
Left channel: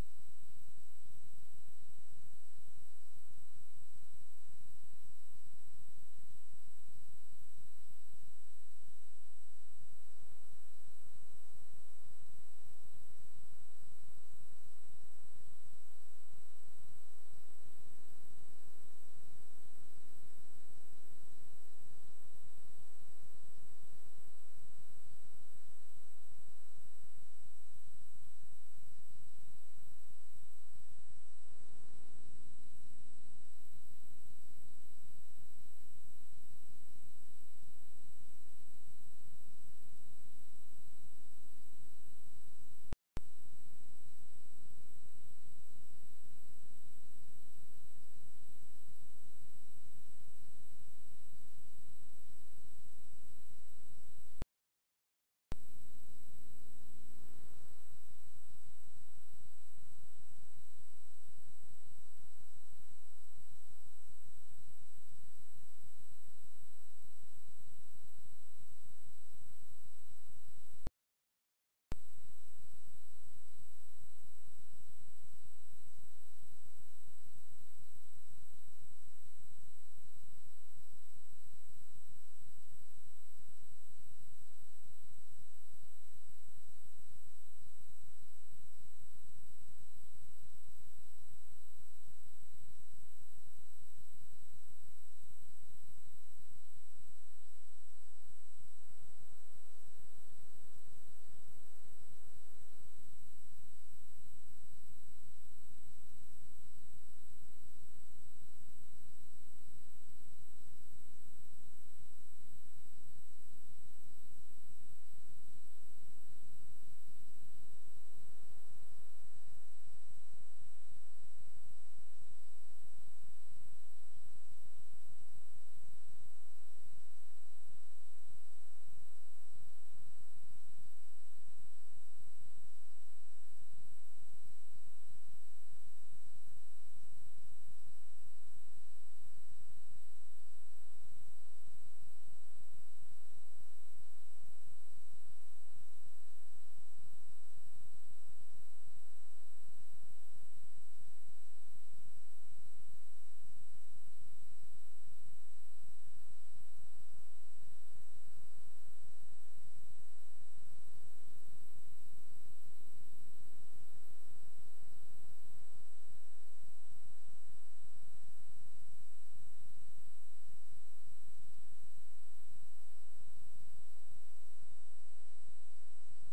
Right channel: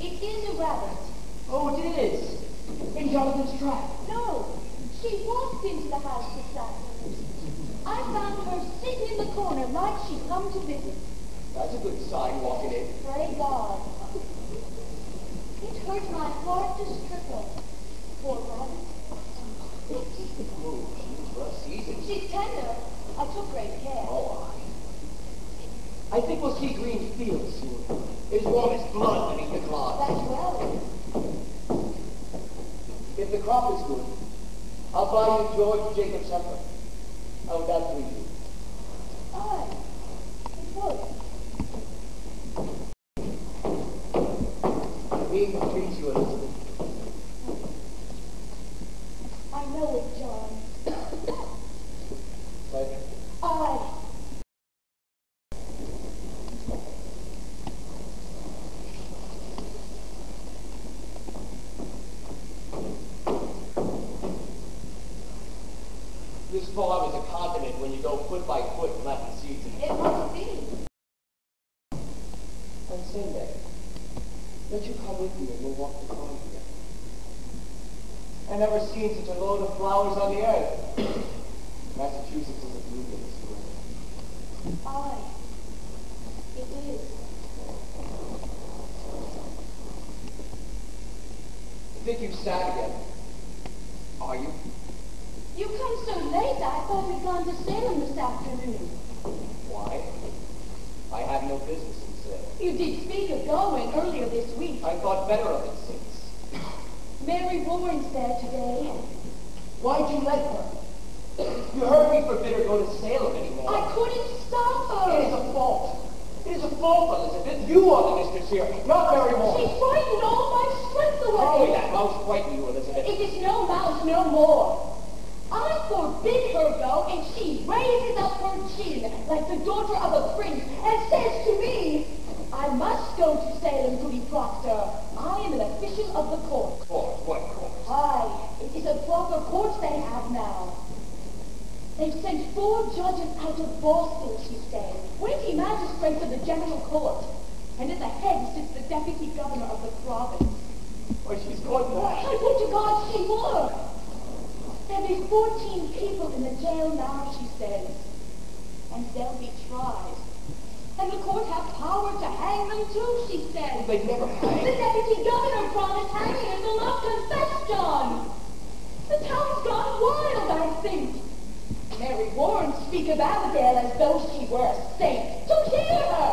It is a rabbit. Oh, it is. In Jonathan's trap. No. She walked into the house this afternoon. I found her sitting in the corner like she'd come to visit. That's a good sign walking in. Pray God. It hurt my heart to strip her. Poor rabbit. Oh, she's well seasoned. She's tender. I took great care. Oh, I think we'll see green fields soon. As warm as blood beneath the clods. That's well. If the crop is good, I'll buy you George J. This farm is a continent when you go foot by foot planting seeds in it. It must be. On Sunday, let you come with me and we'll walk the farm together. I've never seen such a load of flowers on the earth. Massachusetts is a blooming spring. Aye. It is. I think you've sad again. Are you? You come so late, I thought we'd gone to Salem this afternoon. Why? I have no business in Salem. You did speak of going earlier this week. I thought better of it since. Mary Warren's there today. Why'd you let her? You heard me forbid her go to Salem anymore. I couldn't stop her. It is a fault. It is a fault, Elizabeth. You are the mistress here, not Mary Moore. She frightened all my strength away. Probably that mouse frightened you, Elizabeth. It is no mouse no more. I forbid her go, and she raises up her chin like the daughter of a prince and says to me, I must go to Salem, Goody Proctor. I am an official of the court. Court? What court? Aye, it is a proper court they have now. They've sent 4 judges out of Boston, she said, weighty magistrates of the general court. And at the head sits the deputy governor of the province. Why, she's going back. I would to God she were. There'll be 14 people in the jail now, she says. And they'll be tried. And the court have power to hang them too, she says. They'd never hang. The deputy governor promised hanging if they'll not confess, John. The town's gone wild, I think. Mary Warren speak of Abigail as though she were a saint. To hear her!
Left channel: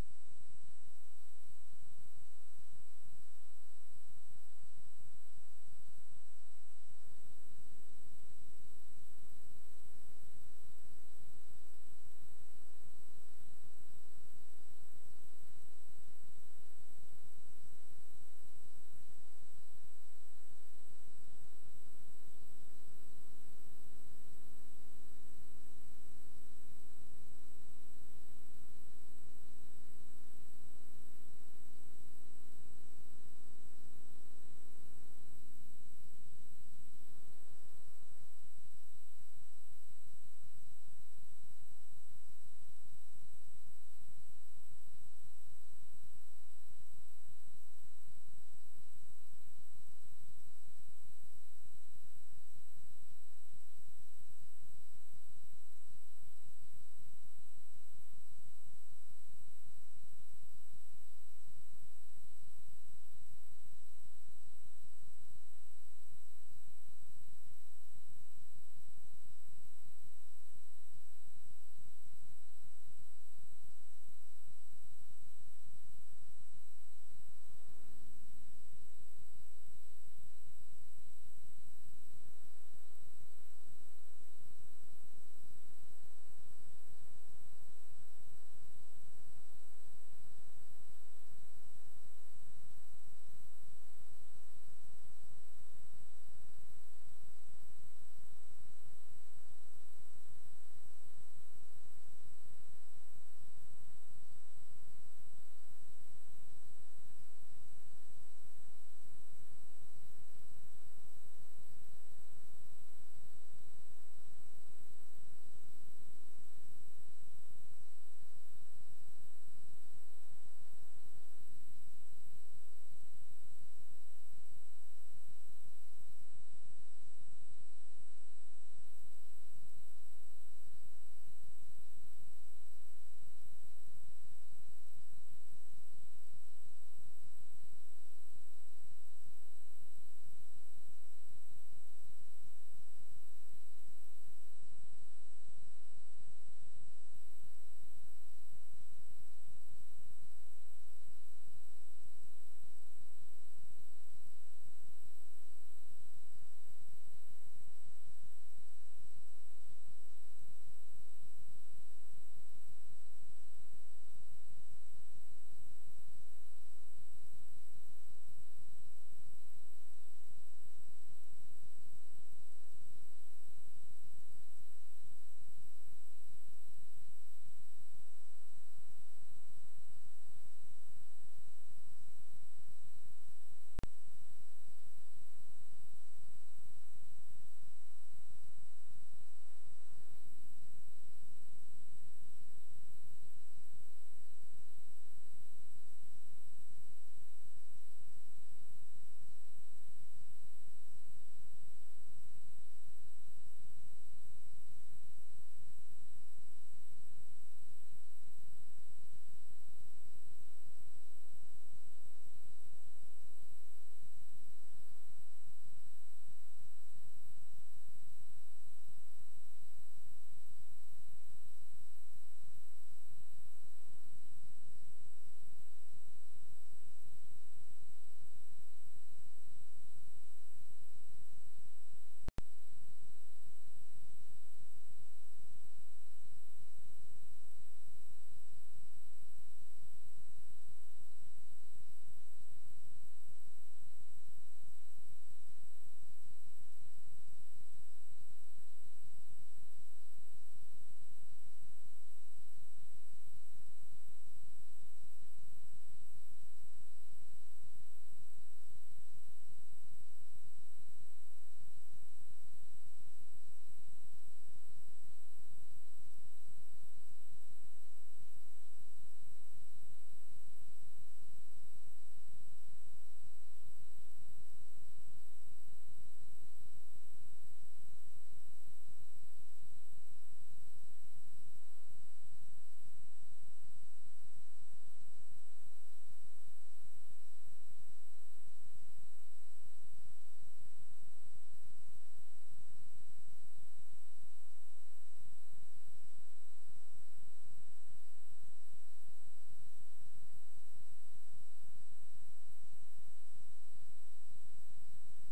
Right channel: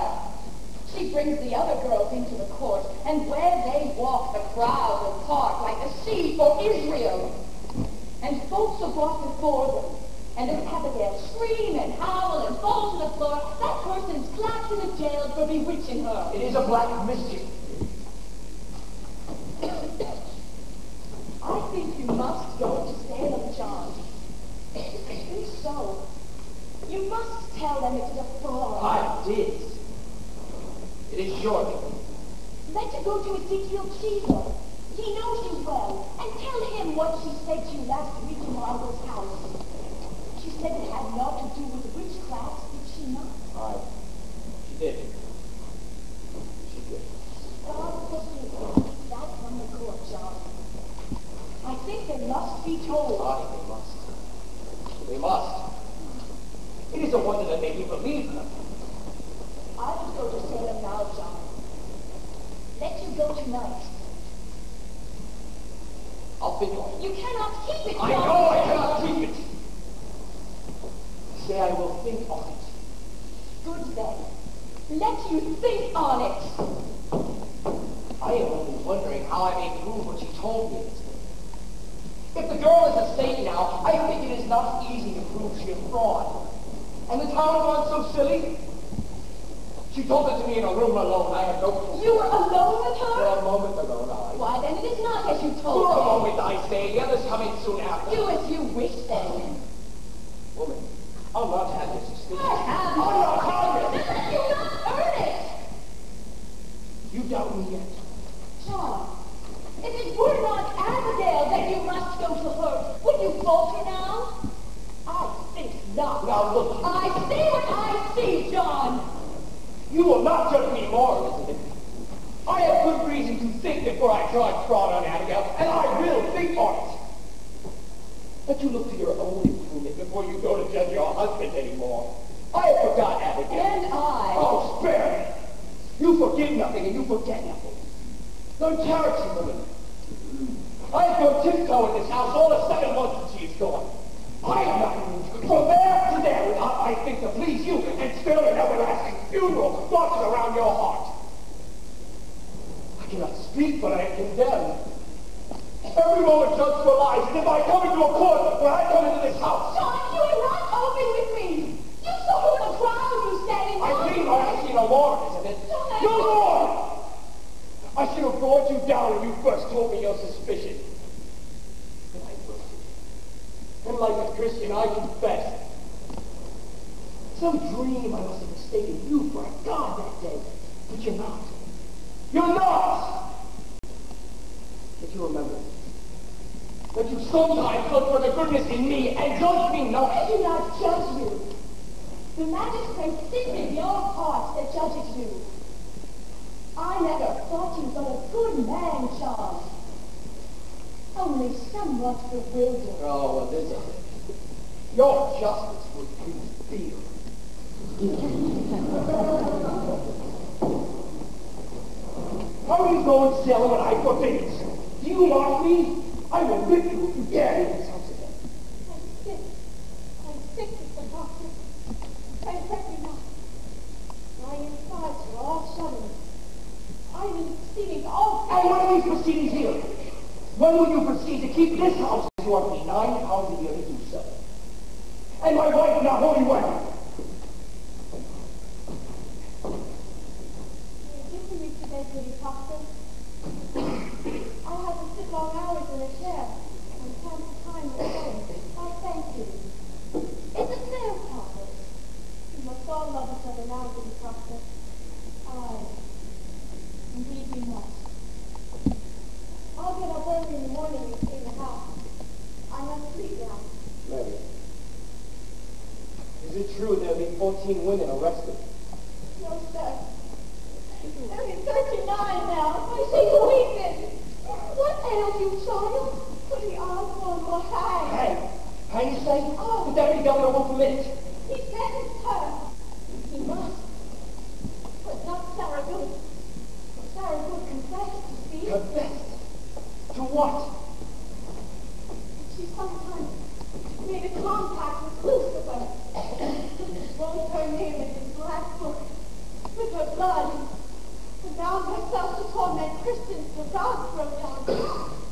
She brings the other girls into the court, and where they walk, the crowd will part like the sea for Israel. And folks are brought before them, and if Abigail scream and howl and fall to the floor, that person's clapped in the jail for bewitching her. It is a black mischief. I think you must go to Salem, John. If so, you must tell them it is a fraud. I did. It is your doing. Let you go to Ezekiel Cheever. He knows you well, and tell him what she said to you last week in your uncle's house. She said it had naught to do with witchcraft, did she not? Aye. She did. She did. God forgive me. That from the court, John. I think they must be told. Aye, they must. They must. It is a wonder that they can believe her. I would go to Salem now, John. Let you go tonight. I'll think on it. You cannot keep it, John. I know I cannot keep it. Say I will think on it. Good then. Let you think on it. I am only wondering how I may prove what she told me. If the girl is a saint now, I think it is not easy to prove she is fraud. And the town gone so silly? She told it to me in a room alone. I had no clue. You were alone with For her? a moment alone, I. Why, then it is not as you For told a me. moment, I say. The others come in soon after. Do as you wish, then. Woman, I'll not have your suspicion. I have. I'll not have it. Then you not earn it. You doubt me yet? John, if it were not Abigail that you must go to her, would you falter now? I think not. Now look. I see what I see, John. You will not judge me more, Elizabeth. I have good reason to think before I charge fraud on Abigail, and I will think on it. But you look to your own improvement before you go to judge your husband anymore. I have forgot Abigail. And I. Oh, spare me. You forgive nothing and you forget nothing. Learn charity, woman. I have gone tiptoe in this house all the 7 months that she is gone. I have not moved from there to there without I think to please you and still an everlasting funeral marches around your heart. I cannot speak, but I am condemned. Every moment judged for lies, and if I come into a court when I come into this house, John, you are not open with me. You saw her in the crowd, you said, and I believe I have seen no more, Elizabeth. John, No more! I should have brought you down when you first told me your suspicion. And I wilted. And like a Christian, I confessed. Some dream I must have mistaken you for a god that day. But you're not. You're not! If you remember, that you sometimes look for the goodness in me and judge me not. I do not judge you. The magistrate sits in your heart that judges you. I never thought you but a good man, Charles. Only somewhat bewildered. Oh, Elizabeth, your justice would be fear. How are you going sailing when I forbid it? Do you mock me? I will whip you if you dare in this house again. I'm sick, Mr. Doctor. I hurt me not. My insides are all shuddering. I'm in proceedings all And when are these proceedings here? When will you proceed to keep this house as you are paid £9 a year to do so? And my wife not holy well? Give me today, pretty doctor. I have to sit long hours in a chair and time to time alone. I thank you. It's a fair problem. We must all love each other now, pretty doctor. Aye. Indeed we must. I'll get up early in the morning and clean the house. I must sleep now. Mary, is it true there will be 14 women arrested? No, sir. There is 39 now. I see you weeping. What ails you, child? Put the Osborne will hang. Hang? Hang, you say? Oh, the deputy governor won't permit it. He sentenced her. He must. But not Sarah Good. Sarah Good confessed, you see. Confessed? To what? She sometimes made a compact with Crucible. Wrote her name in his black book with her blood. And bound herself to torment Christians till God broke down.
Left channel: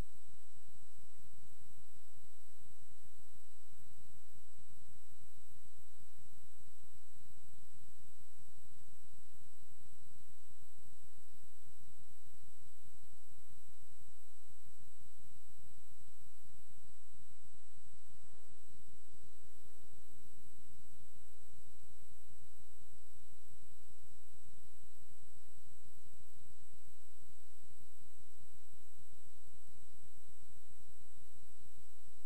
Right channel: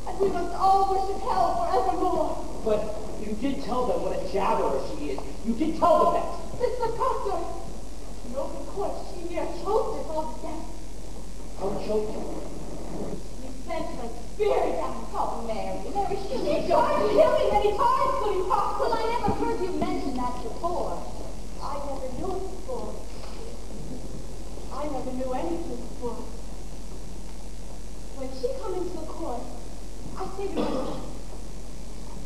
And we must all worship hell forevermore. But you did tell them what a jabberer she is. You did tell them that. Mr. Proctor, in open court, she near choked us all to death. How choked you? You sent her spirit down. Oh, Mary, she tried to kill me many times, Goody Fox. Well, I never heard you mention that before. I never knew it before. I never knew anything before. When she come into the court, I say to myself,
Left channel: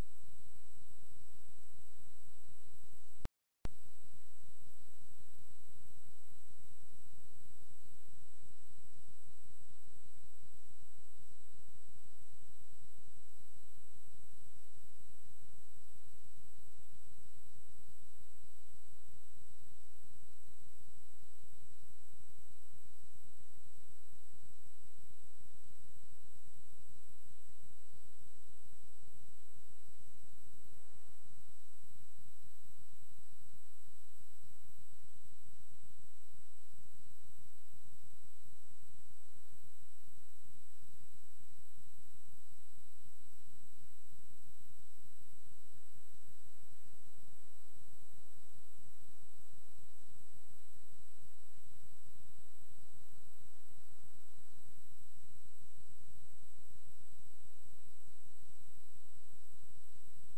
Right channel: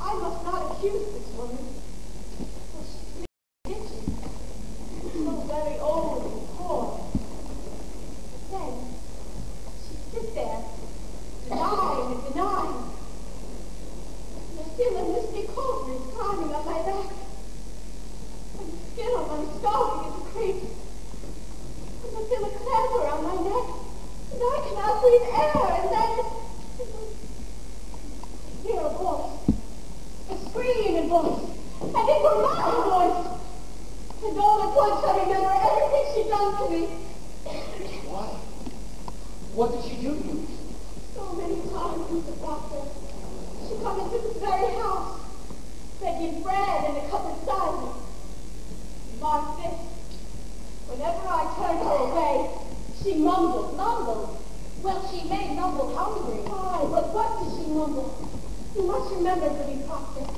I must not accuse this woman. For she's bitchy. So very old and poor. But then, she sits there, denying and denying. And I feel a misty coldness climbing up my back. And the skin on my skull begins to creep. And I feel a clamp around my neck. And I cannot breathe air. And then I hear a voice. A screaming voice. And it were my voice. And all at once I remember everything she'd done to me. Why? What did she do to you? So many times, Mr. Proctor, she come into this very house, begging bread and a cup of cider. Mark this. Whenever I turned her away, she mumbled. Well, she may mumble hungry. Aye, but what did she mumble? You must remember, Goody Proctor.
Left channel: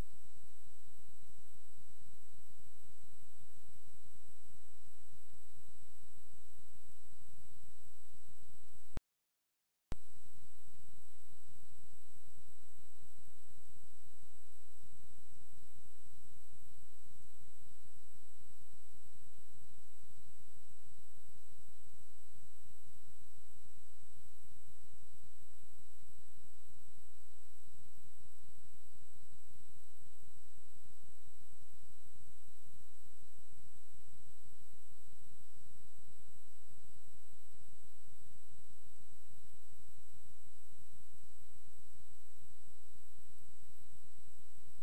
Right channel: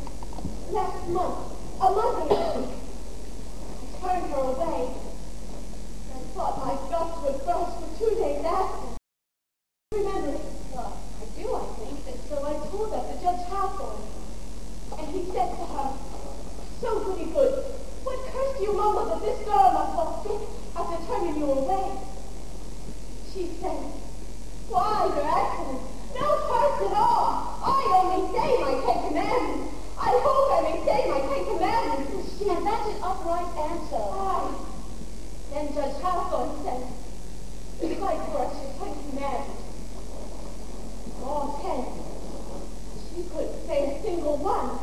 Last month, a month ago, I turned her away. I thought my guts would burst for 2 days after. Remember it? Well, I do, I think. And so I told that to Judge Hawthorne. And he said to her, so goody good, what curse do you mumble that this girl must fall sick after turning you away? She said, why, Your Excellence, no curse at all. I only say my 10 commandments. I hope I may say my 10 commandments. And that's an upright answer. Aye. Then Judge Hawthorne said, recite for us your 10 commandments. All 10. She couldn't say a single one.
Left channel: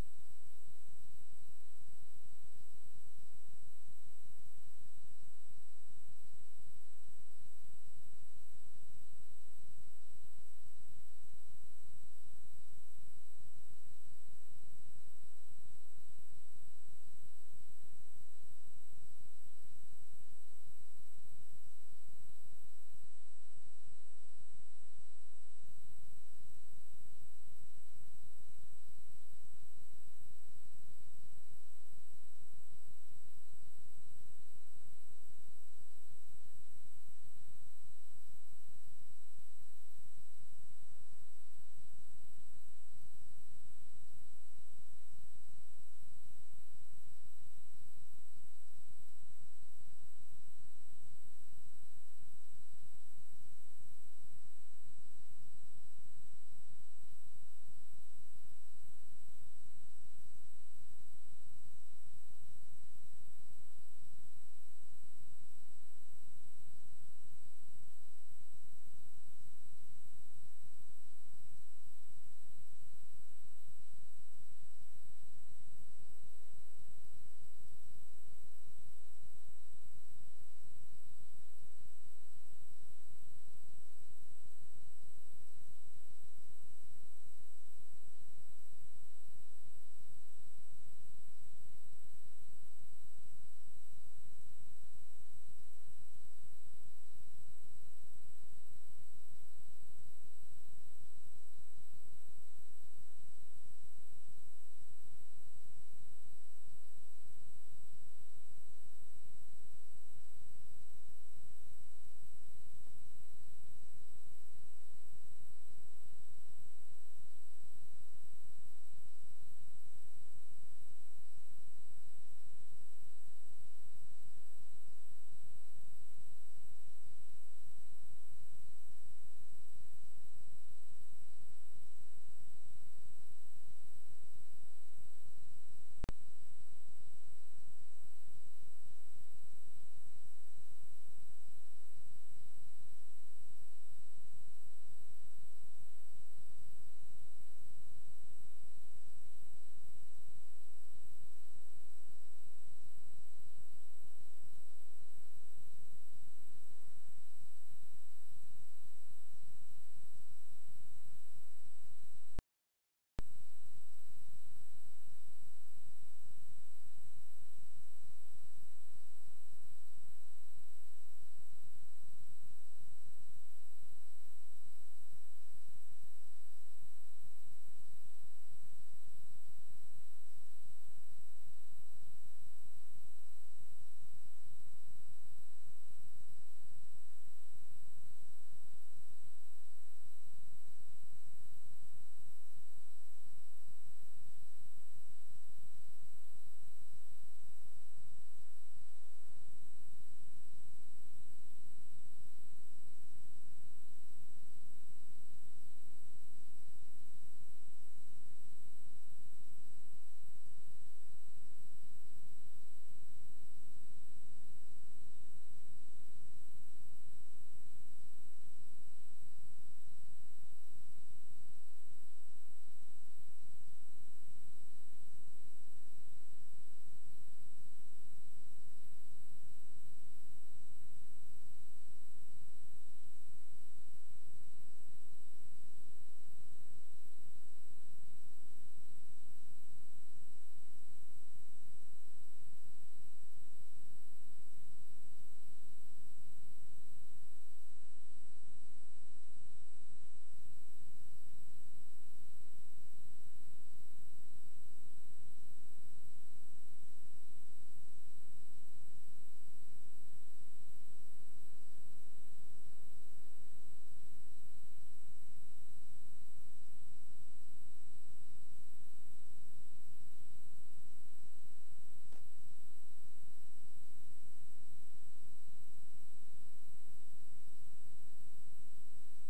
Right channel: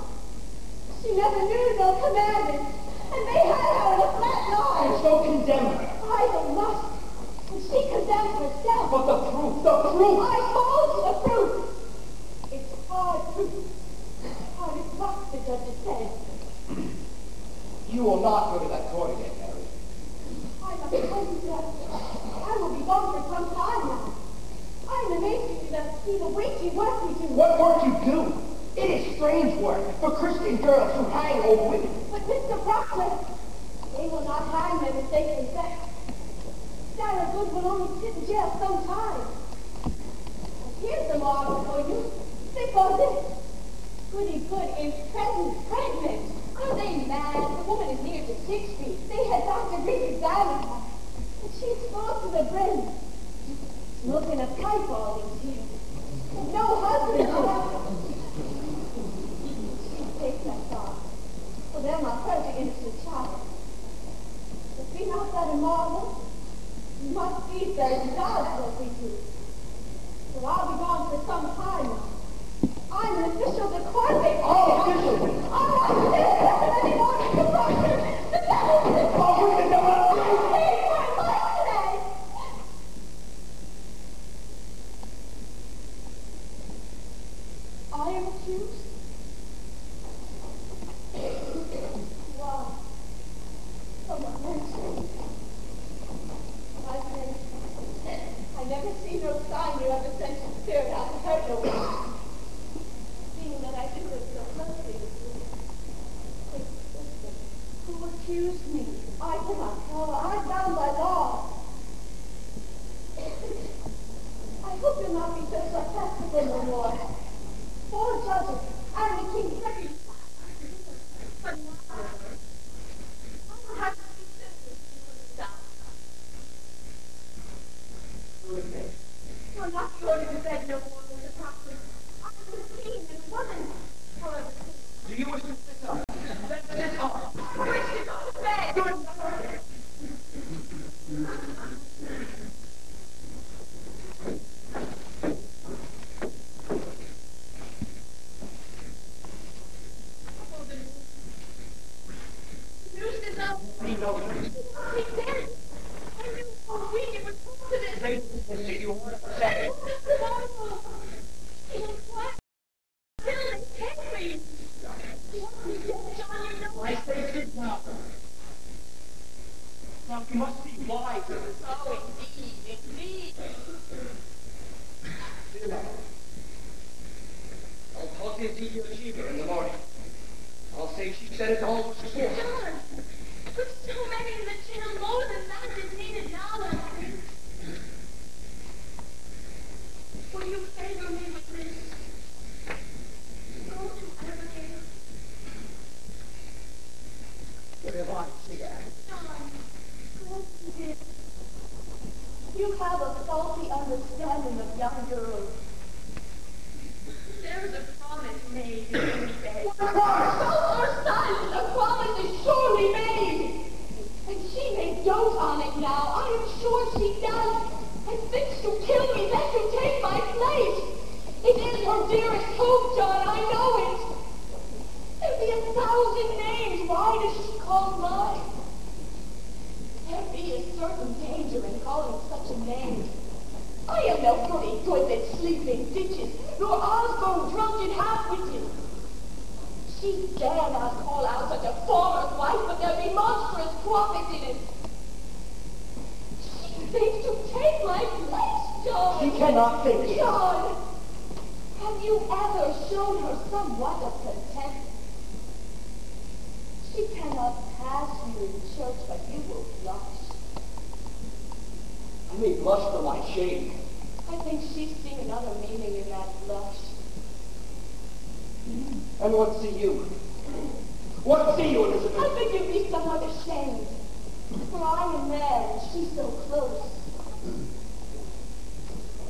She never knew no commandments. And they had her in a flat line. And so condemn her. I don't must. And she condemned herself. But the proof, the proof! I told you the proof. It's hard proof. Hard as rock, the judges say. You will not go to that court again, Mary. I must tell you, Judge. I will be gone for some time now. I'm amazed at you that see the weighty work we do. What work you do? It is strange work for Christian girls who hang old women. But Mr. Proctor, they will not hang them if they confess. Sarah Good will only sit in jail some time. And here's the law before you. Think on this. he knows it. He did. I knew all week it would come to this. They did you heard him say it. Mama, he was quiet until they take me. What he did, John, you know. I say sit now. Now you must be wise. Oh, indeed, indeed. Sit down. I'll talk to the achiever in the morning. I'll say she said it all was before. John, with so many in the jail, more than that is needed now, I think. Will you favor me with this? Go to Abigail. What have I said? John, go to him. You have a faulty understanding of young girls. There is a promise made in these days. So our son, the promise is surely made. And she may dote on it now. I am sure she does. And thinks to kill me, then to take my place. It is her dearest hope, John, I know it. There be 1,000 names. Why does she call mine? There be a certain danger in calling such a name. I am no goody good that sleep in ditches, nor Osborne drunken half-witted. She dare not call out such a former's wife, but there be monstrous profit in it. She thinks to take my place, John. She cannot think it. John, have you ever shown her somewhat of contempt? She cannot pass you in church, but you will blush. I may blush for my shame. I think she's seen another meaning in that blush. And what see you? What see you, Elizabeth? I think you'd be somewhat ashamed. For I am there, and she's so close.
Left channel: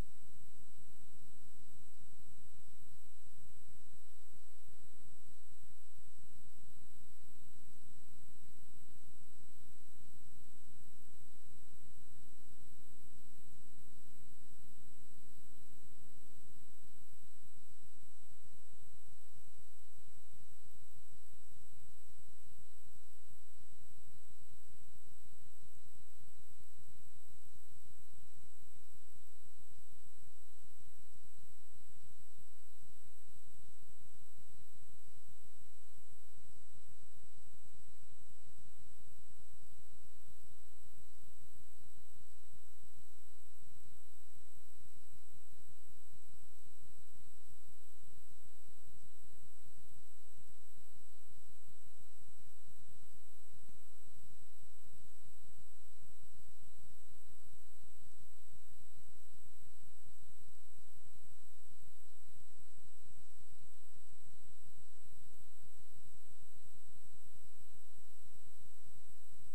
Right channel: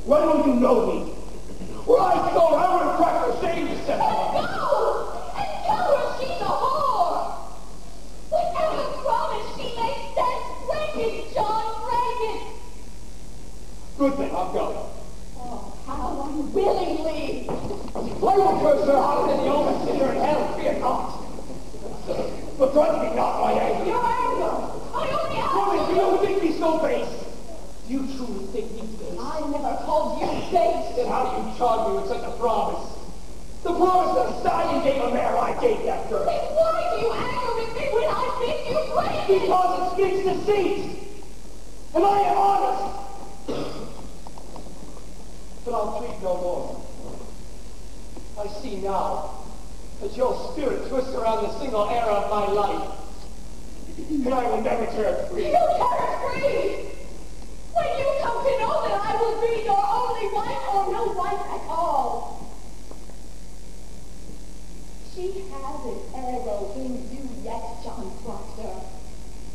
When will you know me? Were I so I would have cracked her shame to set And go! And tell her she's a whore! Whatever promise she makes, then break it, John, break it! Good then, I'll go. Oh, how unwillingly! I will curse her out and the omen sit her in hell, fear not. But threaten me not by anger. Your anger! I only ask Woman, do you think me so base? Do you truly think me base? I never called you base! Then how do you charge me with such a promise? The promise that a stallion gave a mare, I gave that girl. Then why do you anger with me when I bid you break it? Because it speaks deceit. And I am honest. But I'll treat no more. I see now that your spirit twists around the single era of my life. And I will never turn free. You turn free! When you come to know that I will be your only wife or no wife at all. She has an arrow in you yet, John Proctor.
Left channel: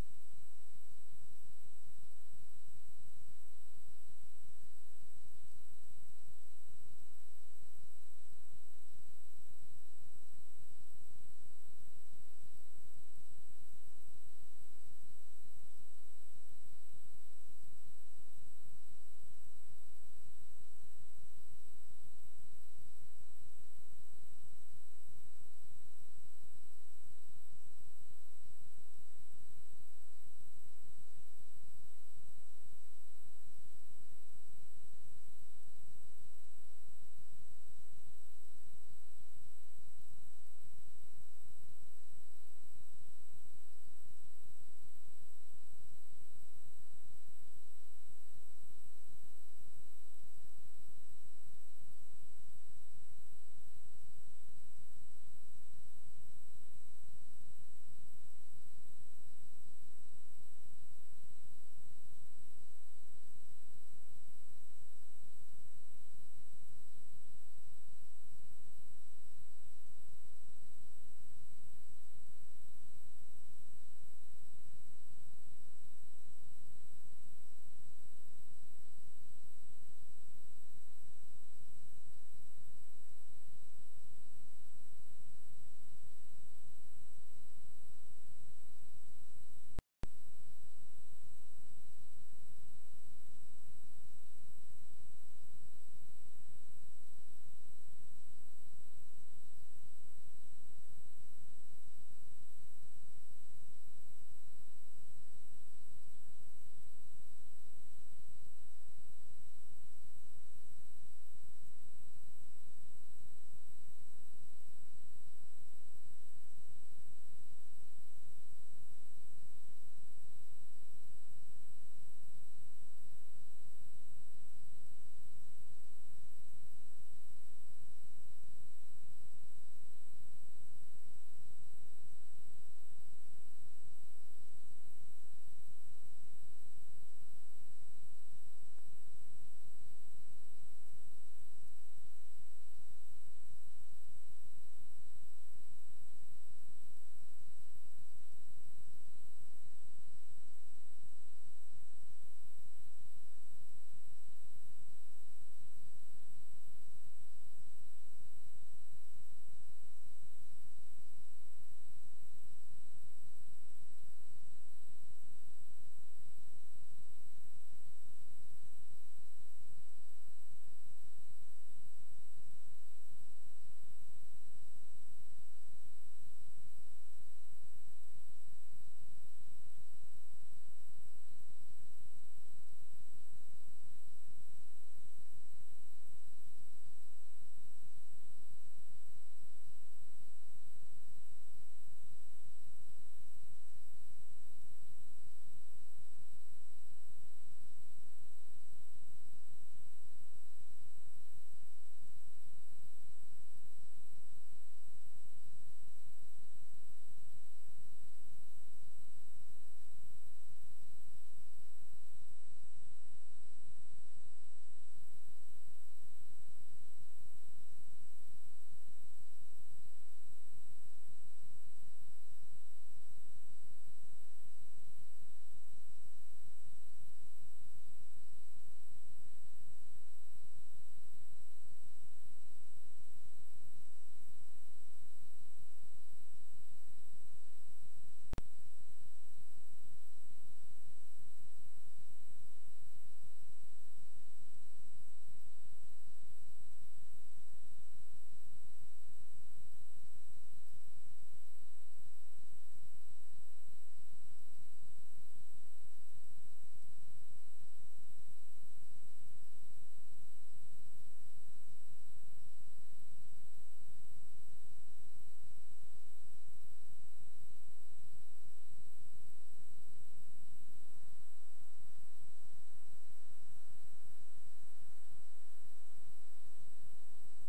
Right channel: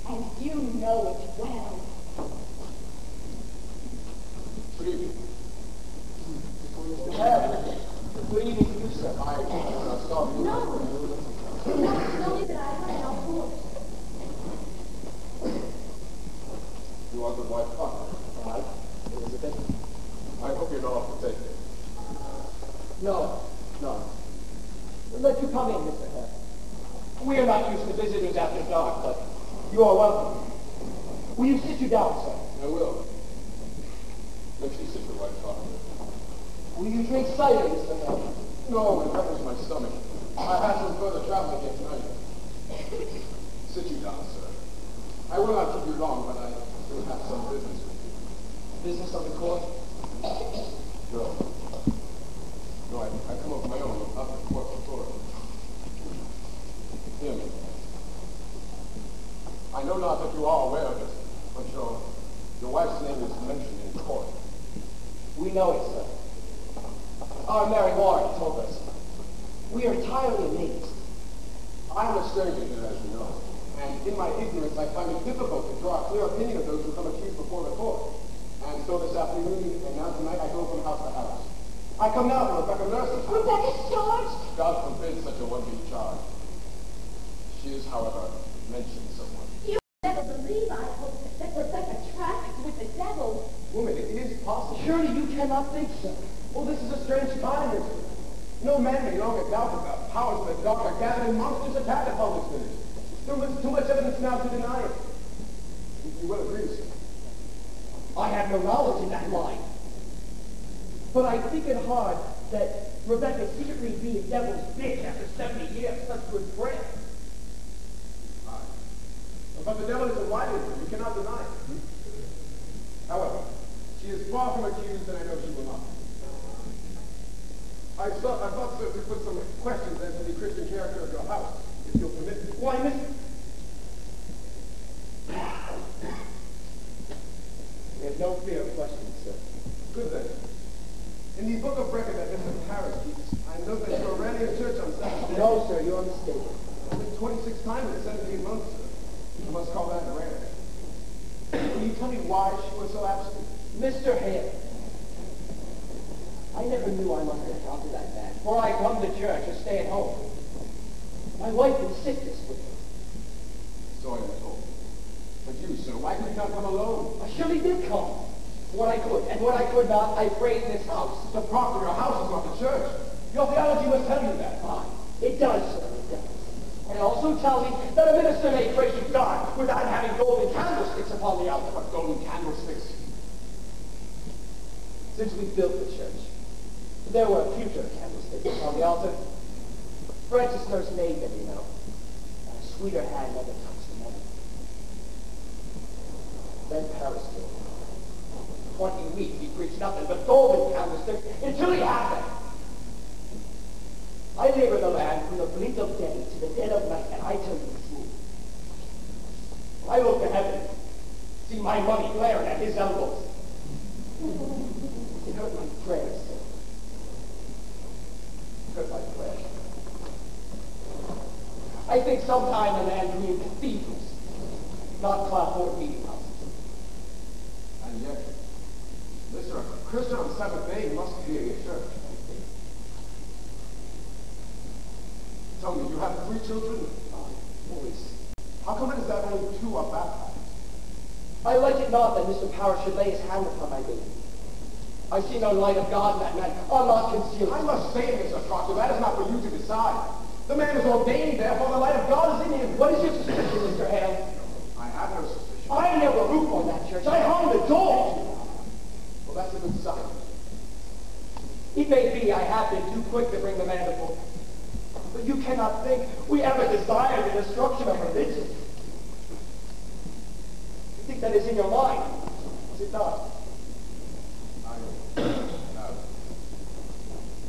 And you know it well. Good evening. Good evening to you, sir. I saw you. No. Not only that I had no force. You are the wife Proctor. Right, Elizabeth? I hope you know how to take it. No. Let you come in, Mr. Hare. We are not used to visitors after dark, but you are welcome. Will you sit you down, sir? I will. Let you sit your wife Proctor. Will you drink cider, Mr. Hare? No, it covers my stomach. I have some further traveling yet tonight. Sit you down, sir. I will not keep you long, but I still have some business with you. Business of the court? No. No, I come of my own, up the court's authority. Hear me. I know not that you are aware of it, but your wife's name is mentioned in court. We know it, sir. Our Mary Warren told us. We are entirely amazed. I am a stranger here, as you know, and in my ignorance I find it difficult to draw a clear opinion of those who come accused before the court. And so this afternoon, and now tonight, I go from house to house. I come now to Rebecca Nurse's house. Rebecca's charged? God forbid such a one be charged. She is, however, mentioned somewhat. You never believe, I hope, that Rebecca tracked with the devil. Woman, it is possible. Surely you cannot think so. Well, this is a strange time, isn't it? No man may longer doubt that the powers of the dark are gathered in monstrous attack upon this village. There is too much evidence now to deny it. tell me why she was so absent? Mr. Hale, I never knew I must have gone to that man, for I come to church or stay at home. My wife in sickness with me. So I am told. But you, sir, why did you not come alone? I surely did come. When I could, and when I could not, I prayed in this house. The proctor, your house is not the church. Your theology must tell you that. Aye, it does, sir, it does. And it also tells me that a minister may pray to God without having golden candlesticks upon the altar. But golden candlesticks. Since we built the church, there were future candlesticks upon the altar. Francis nursed made them, you know. And a sweeter hand never touched them ever. Then Paris came. 20 weeks he preached nothing but golden candlesticks until he had them. I labor the land from the blink of day to the dead of night, and I tell you the truth. I look to heaven, see my money glaring at his elbows. It hurt my prayers, sir. It hurt my prayers. I think sometime the man dreamed cathedrals, not clapboard meeting houses. And yet, Mr. A Christian on Sabbath day must be a church. Tell me, you have 3 children? Boys. How come it is that only 2 are baptized? I like it not that Mr. Parrish should lay his hand upon my baby. I see no light of God in that man. I'll not conceal I it. must say, Mr. Proctor, that is not for you to decide. The man is ordained, therefore the light of God is in him. What is your suspicion, Mr. Hale? I have no suspicion. I never roof on that church. I hung the door. Well, that's a good sign. It may be I have been too quick to bring the man before. But you cannot think we ever desired the destruction of religion. You think that is in your mind, is it not?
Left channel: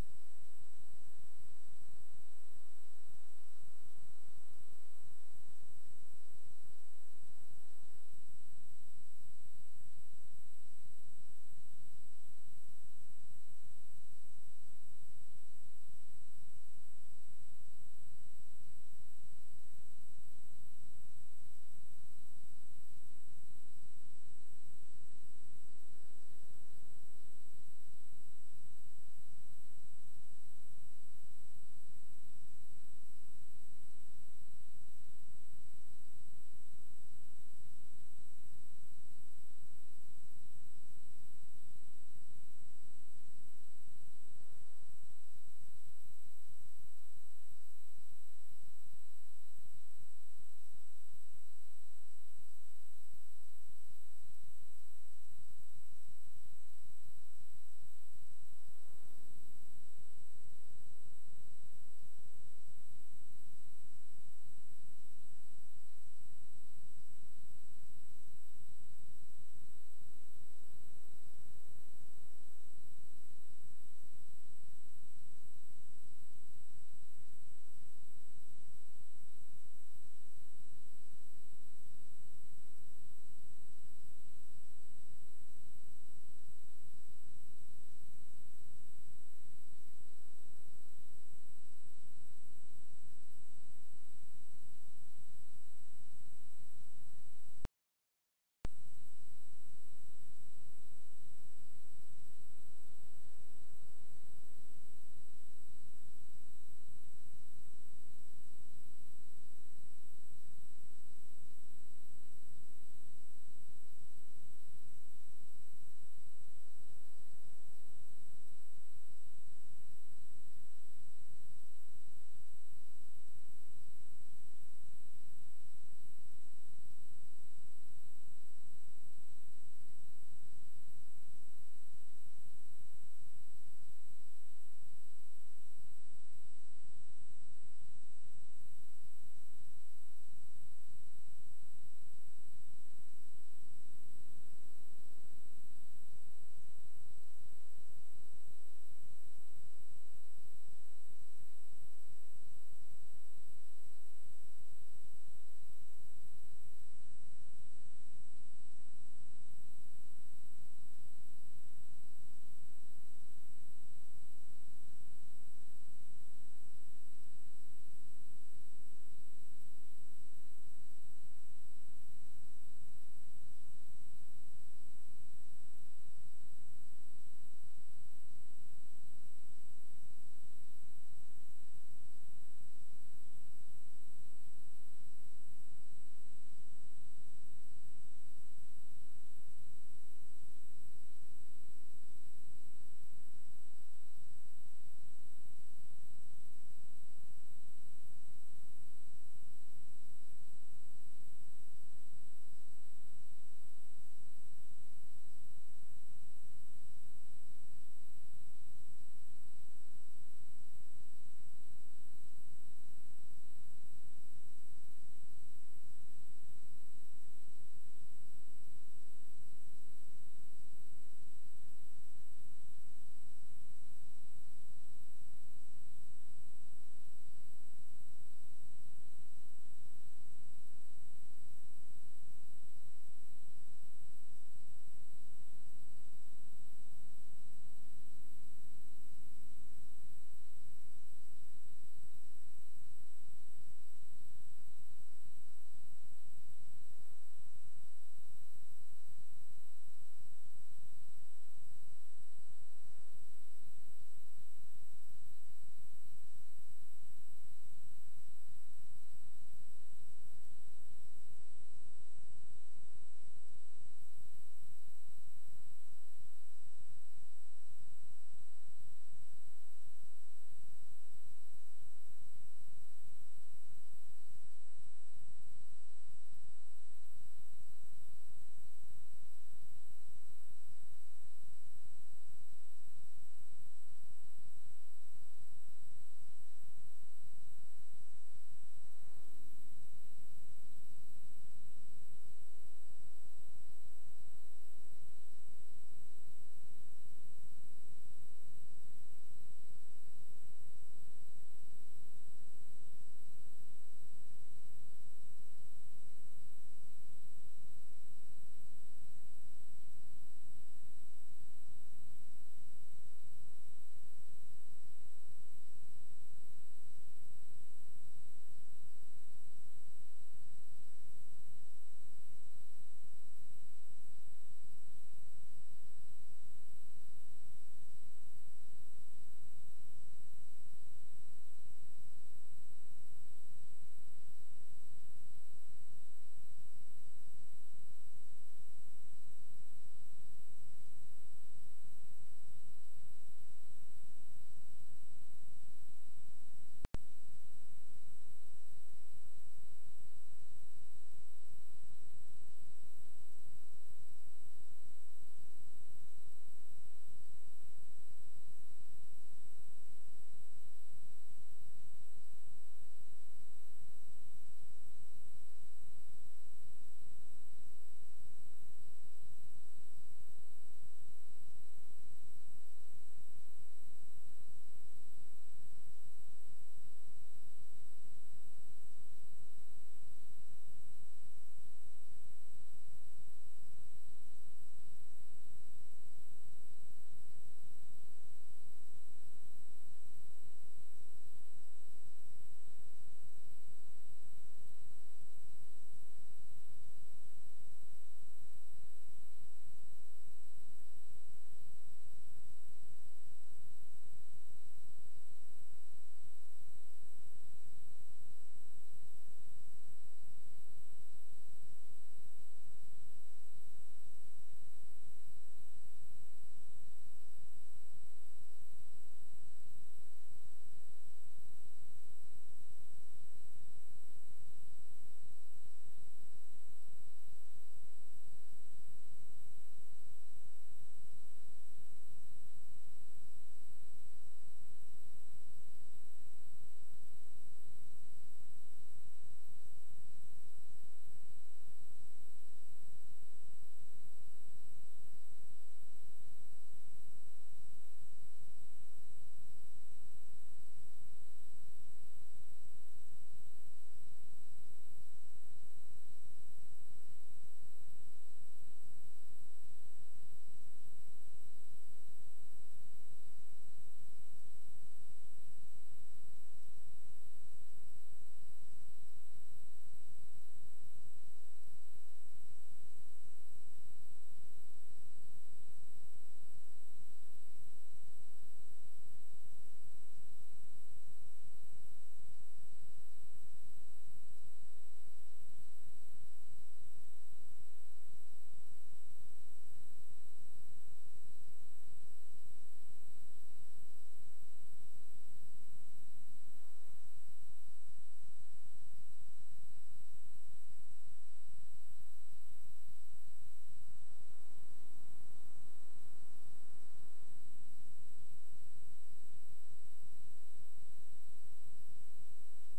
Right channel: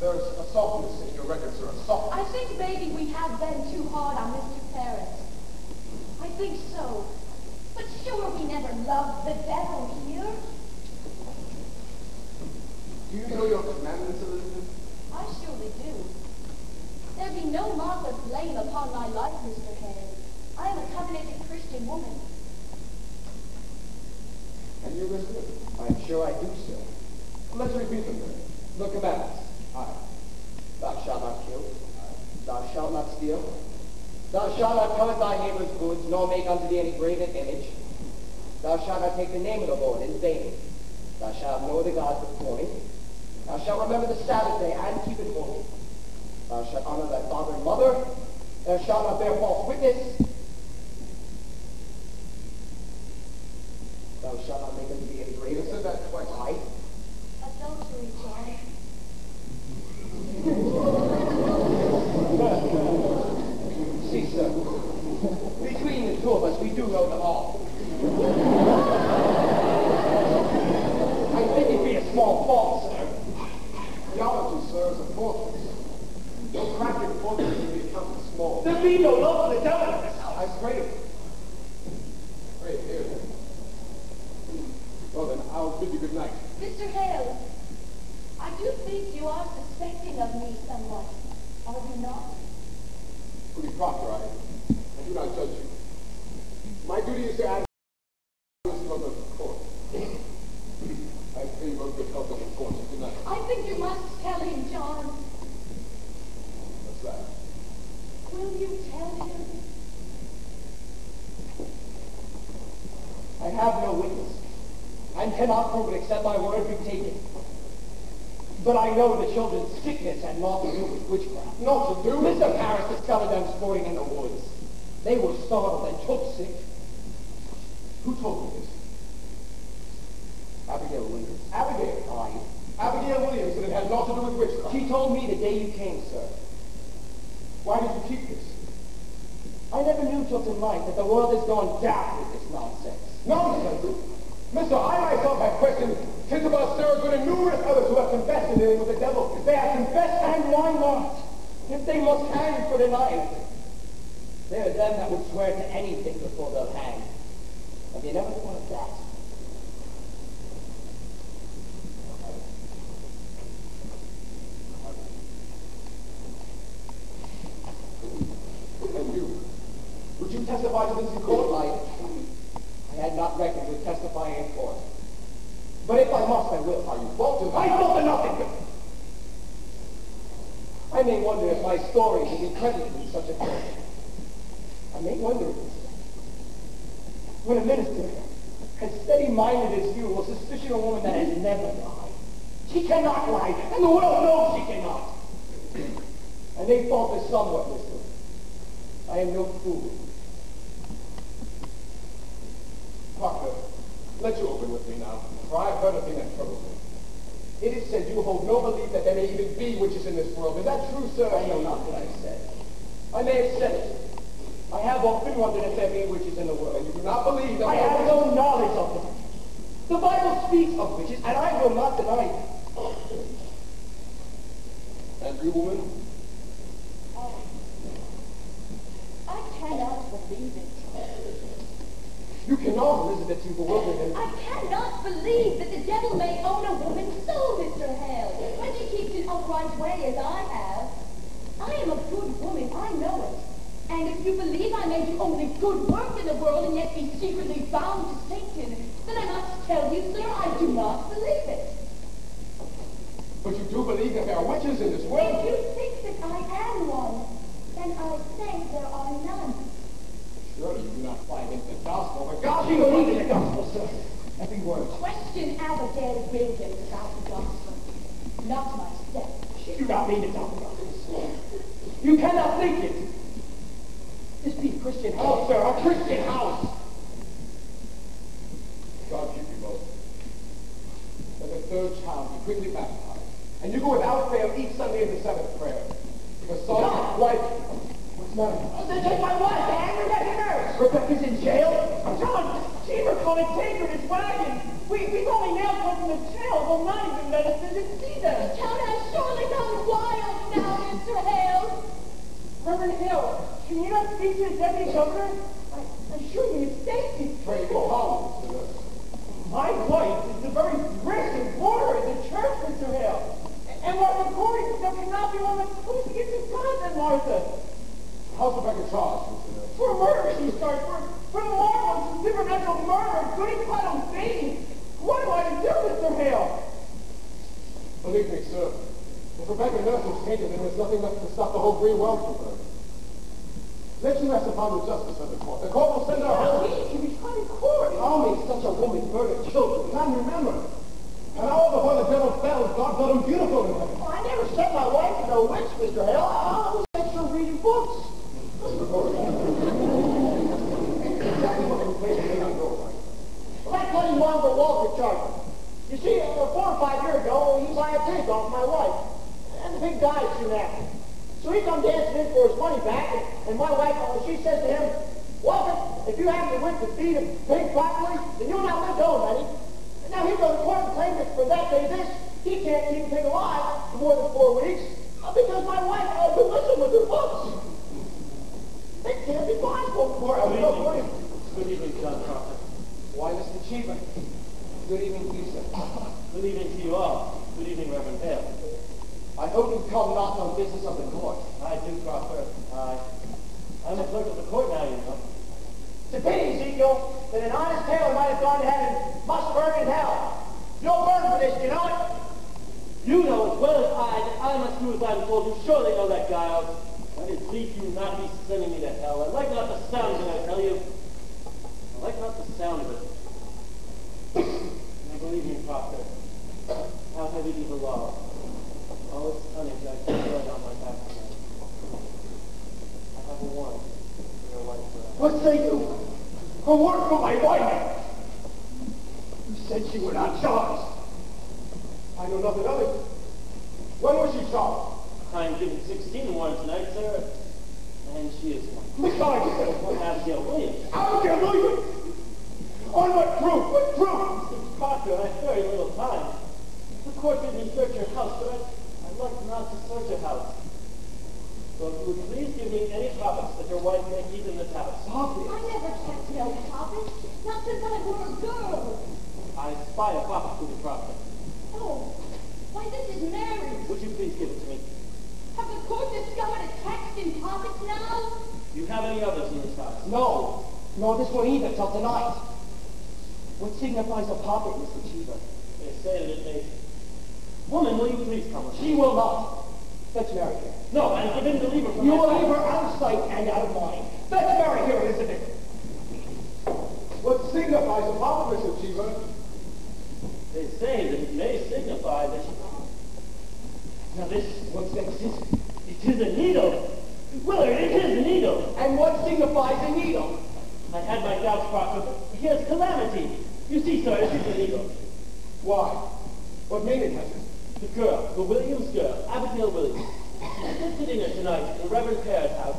There's a softness in your record, sir, a softness. I think maybe we have been too hard on Mr. Paris. I think so. But sure we never loved the devil here. Do you know your commandments, Elizabeth? I surely do. There be no mark of blame upon my life, Mr. Hale. I am a covenanted Christian woman. And you, Elizabeth? I'm sure I do, sir. Let's repeat them then. The commandments. Aye. Thou shalt not kill. Thou shalt not steal. Thou shalt not covet thy neighbor's goods, nor make unto thee any graven image. Thou shalt not take the name of the Lord in vain. Thou shalt have no other gods before me. Thou shalt remember the Sabbath day and keep it holy. Thou shalt honor thy father and mother. Thou shalt not bear false witness. Thou shalt not make unto thee any You graven said that twice. Aye. Adultery, John. See, sir, between the 2 of us, we do know them all. I think it be a small fault, sir. Theology, sir, is a fortress. No crack in fortress can be accounted small. There be no love for the devil in this house. I pray. Pray here. Well then, I'll bid you good night. Mr. Hale, I do think you are suspecting of me somewhat. Are you not? Pretty Proctor, I do not judge you. My duty is to add from the court. I pray you both good health and good fortune. Good night. I think you must tell him, John. What's that? Will you tell him? I have no witness, and cannot prove it except my word be taken. But I know the children's sickness had naught to do with witchcraft. Not to do with Mr. Parrish discovered them sporting in the woods. They were startled and took sick. Who told you this? Abigail Williams. Abigail. Aye. Abigail Williams, and it had naught to do with witchcraft. She told me the day you came, sir. Why did you keep this? I never knew till tonight that the world has gone daft with this nonsense. Nonsense! Mister, I myself have questioned Tizabel, Saragood, and numerous others who have confessed in dealing with the devil. They have confessed, and why not? If they must hang for denying it, there are them that would swear to anything before they'll hang. Have you never thought of that? And you? Would you testify to this in court? I had not reckoned with testifying testify in court. But if I must, I will. Are you faulted? I fault to nothing! I may wonder if my story will be credited in such a case. I may wonder if it's when a minister, as steady-minded as you, will suspicion a woman that has never lied. She cannot lie, and the world knows she cannot. I may falter somewhat, mister. I am no fool. Parker, let you open with me now, for I've heard a thing that troubles me. It is said you hold no belief that there may even be witches in this world. Is that true, sir? I know not what I said. I may have said it. I have often wondered if there be witches in the world. And you do not believe that I have no knowledge of them. The Bible speaks of witches, and I will not deny it. And you, woman? I cannot believe it. You cannot, Elizabeth, you bewildered him. I cannot believe that the devil may own a woman's soul, Mr. Hale, when she keeps it upright way as I have. I am a good woman, I know it. And if you believe I may do only good work in the world and yet be secretly bound to Satan, then I must tell you, sir, I do not believe it. But you do believe that there are witches in this world? If you think that I am one, then I say there are none. Surely you do not find in the gospel. The gospel She believed in the gospel, sir. Every word. Question Abigail Williams about the gospel, not myself. She do not mean to talk about this. You cannot think it. This be a Christian house, sir, a Christian house. God keep you both. Let the third child be quickly baptized, and you go without fail each Sunday in the Sabbath prayer. Because God, wife, what's the matter? Take my wife, Dad. Rebecca nurse. Rebecca's in jail? John, Cheever called a tanker in his wagon. We've only now come from the jail. They'll not even let us visit Cedar. The town has surely gone wild now, Mr. Hale. Reverend Hill, can you not speak to the deputy governor? I'm sure he is safety. Pray go home, Mr. Nurse. My wife is the very brick and mortar of the church, Mr. Hale. And Martha Corey, there cannot be one that's supposed to get to God than Martha. How's Rebecca charged, Mr. Nurse? For murder, she's charged. For marvelous and supernatural murder, including flat on Satan. What am I to do, Mr. Hale? Believe me, sir, if Rebecca Nurse was tainted, then there's nothing left to stop the whole green world from burning. Let you rest upon the justice of the court. The court will send her home. He was trying to court. How may such a woman murder children? And remember, and all before the devil fell, God thought him beautiful in heaven. I never set my wife to no witch, Mr. Hale. I was sent her reading books. Exactly what the place made him go like. Well, that's what he wanted to Walter charge. You see, 4 or 5 years ago, he bought a pig off my wife. And the pig died soon after. So he come dancing in for his money back, and my wife, she says to him, Walter, if you haven't went to feed a pig properly, then you'll not live to own any. And now he goes to court and claims that for that day this, he can't keep a pig alive for more than 4 weeks, because my wife would listen with her books. It can't be possible for her. Good evening, John Crawford. Why, Mr. Cheever? Good evening to you, sir. Good evening to you all. Good evening, Reverend Hale. I hope you come not on business of the court. I do, Crawford. I'm a clerk of the court now, you know. It's a pity, Ezekiel, that an honest tailor might have gone to heaven, must burn in hell. You'll burn for this, you know it? You know as well as I that I must do as I'm told. You surely know that, Giles. I did please you not be sending me to hell. I like not the sound of it, I tell you. I like not the sound of it. Now believe me, Crawford, how heavy be the law. All its tonnage I can spread on my back tonight. I have a warrant for your life forever. What say you? A warrant for my wife? You said she were not charged. I know nothing of it. When was she charged? I'm given 16 warrants tonight, sir, and she is one. Besides, One Abigail Williams. Abigail Williams? On what proof? What proof? Proctor, I have very little time. The court bid me search your house, but I'd like not to search your house. So if you would please give me any profits that your wife may keep in this house. Obvious. I never kept no profit, not since I were a girl. I spy a profit to the Proctor. Oh, why this is marriage. Would you please give it to me? Have the court discovered a text in profits now? Do you have any others in this house? No, nor this one either till tonight. What signifies a poppet, Mr. Cheever? They say that it may. Woman, will you please come with me? She will not. Fetch Mary here. No, I'm forbidden to leave her from You my will sight. leave her out of sight and out of mind. Fetch Mary here, Elizabeth. What signifies a poppet, Mr. Cheever? They say that it may signify that she... Now this, What's that? it is a needle. Willard, it is a needle. And what signifies a needle? I had my doubts, Proctor, but here's calamity. You see, sir, it is a needle. Why? What meaning has it? The girl, the Williams girl, Abigail Williams. She's visiting her tonight in the Reverend Pear's house.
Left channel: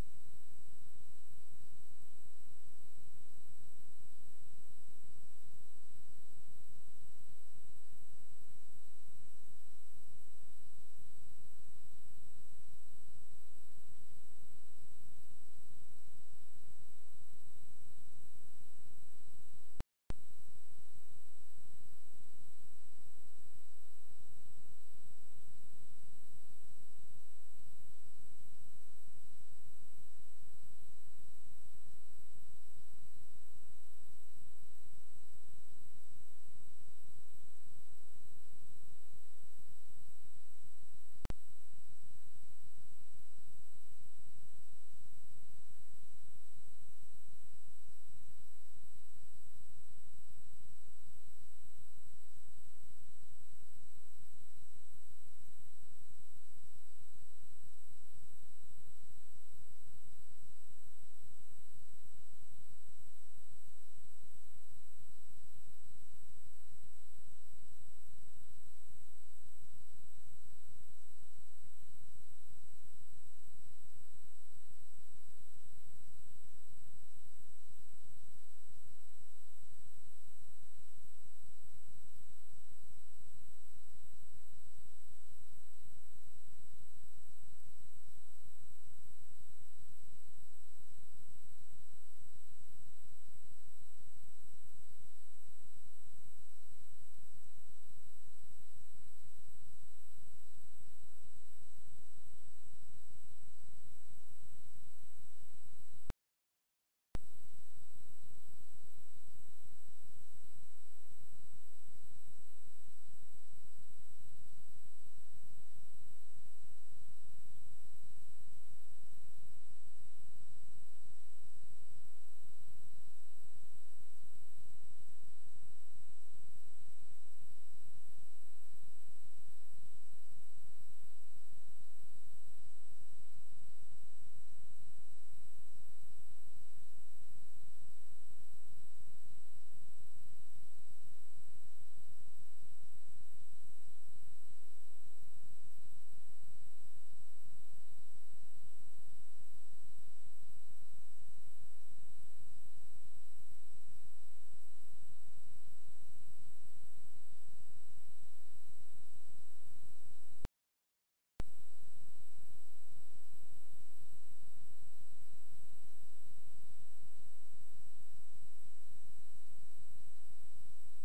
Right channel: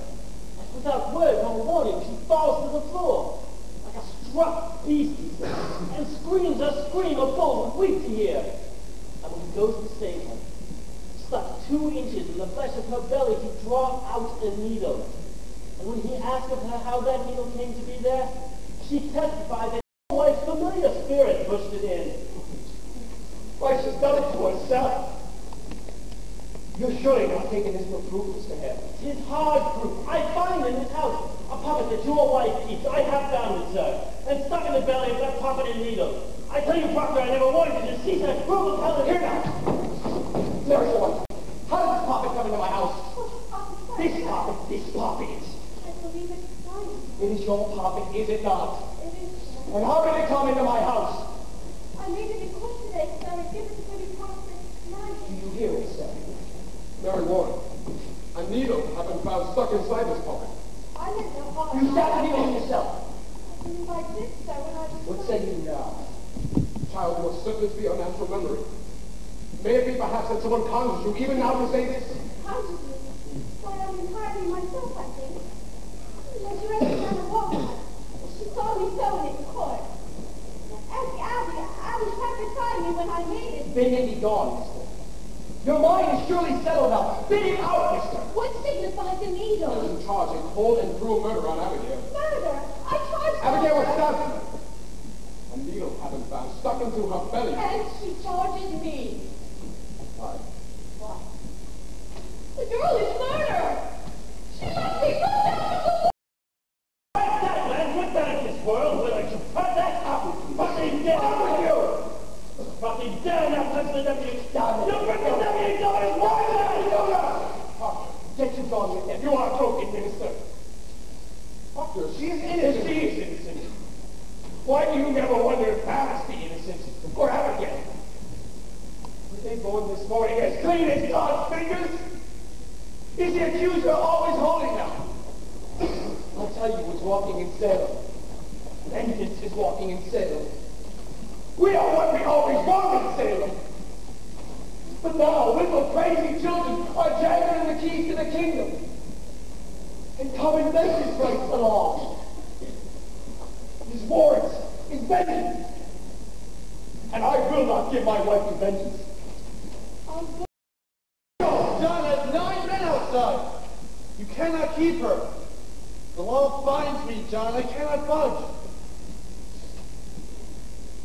And without word or warning, she falls to the floor. Like a struck beast, he says, and screams a scream a bull would weep to hear. And when he goes to save her, stuck 2 inches in the flesh of her belly to draw out a needle. And when he asked of her how that needle came to be there, she testified that her wife's familiar spirit pushed it in. Why, she's done it to herself. You're surely not taking this for proof, Mr. Hare. Tis hard proof. I find in this house a puppet that your wife keeps. I have found it, sir, and stuck in the belly of that puppet and needle. I tell you, Proctor, I never wanted you to see such brutal talent. Here now. Mary's the one. How did this puppet come into my house? This puppet. I believe it's mine. It is your puppet, is it not? It is. And how did it come into my house? I made it in court today because I was given to the prophet tonight. Do you hear it, sir? Mary Warren, a needle had been found stuck inside this pocket. I meant no harm. You stabbed the needle yourself. I believe I did, sir, when I was... What say you now? Child, you are certain to be unnatural memory. May it be perhaps that someone conjures you even now to say this? Consciously. Why, I'm entirely myself, I think. Unless you understand the woman. She saw me sewing it in court. Ask Abby. Abby kept beside me when I made it. Bid him be gone, mister. Your mind is surely settled now. Bid him out, mister. What signifies a needle? In charge a cold and cruel murder on Abigail. Murder. I charged her. Abigail was stabbed. A needle had been found stuck into her belly. And she charges me. Why? Why? The girl is murder. She must be put down to the wall. Right that, man. We're done in this world. Will I should cut that up? Fucking down with you. Fucking down that husband of you. Down. You bring the W daughters. Why did I do that? Get you gone with him. You are a broken minister. Doctor, she is If innocent. she is innocent, why do you never wonder if Alice be innocent? Or Abigail? Were they born this morning as clean as God's fingers? Is the accuser always holding them? I'll tell you who's walking in Salem. Vengeance is walking in Salem. We are what we always wanted in Salem. But now, little crazy children are jangling the keys to the kingdom. And common vengeance breaks the law. His warrants, his vengeance. And I will not give my wife to vengeance. John has 9 men outside. You cannot keep her. The law binds me, John. I cannot budge.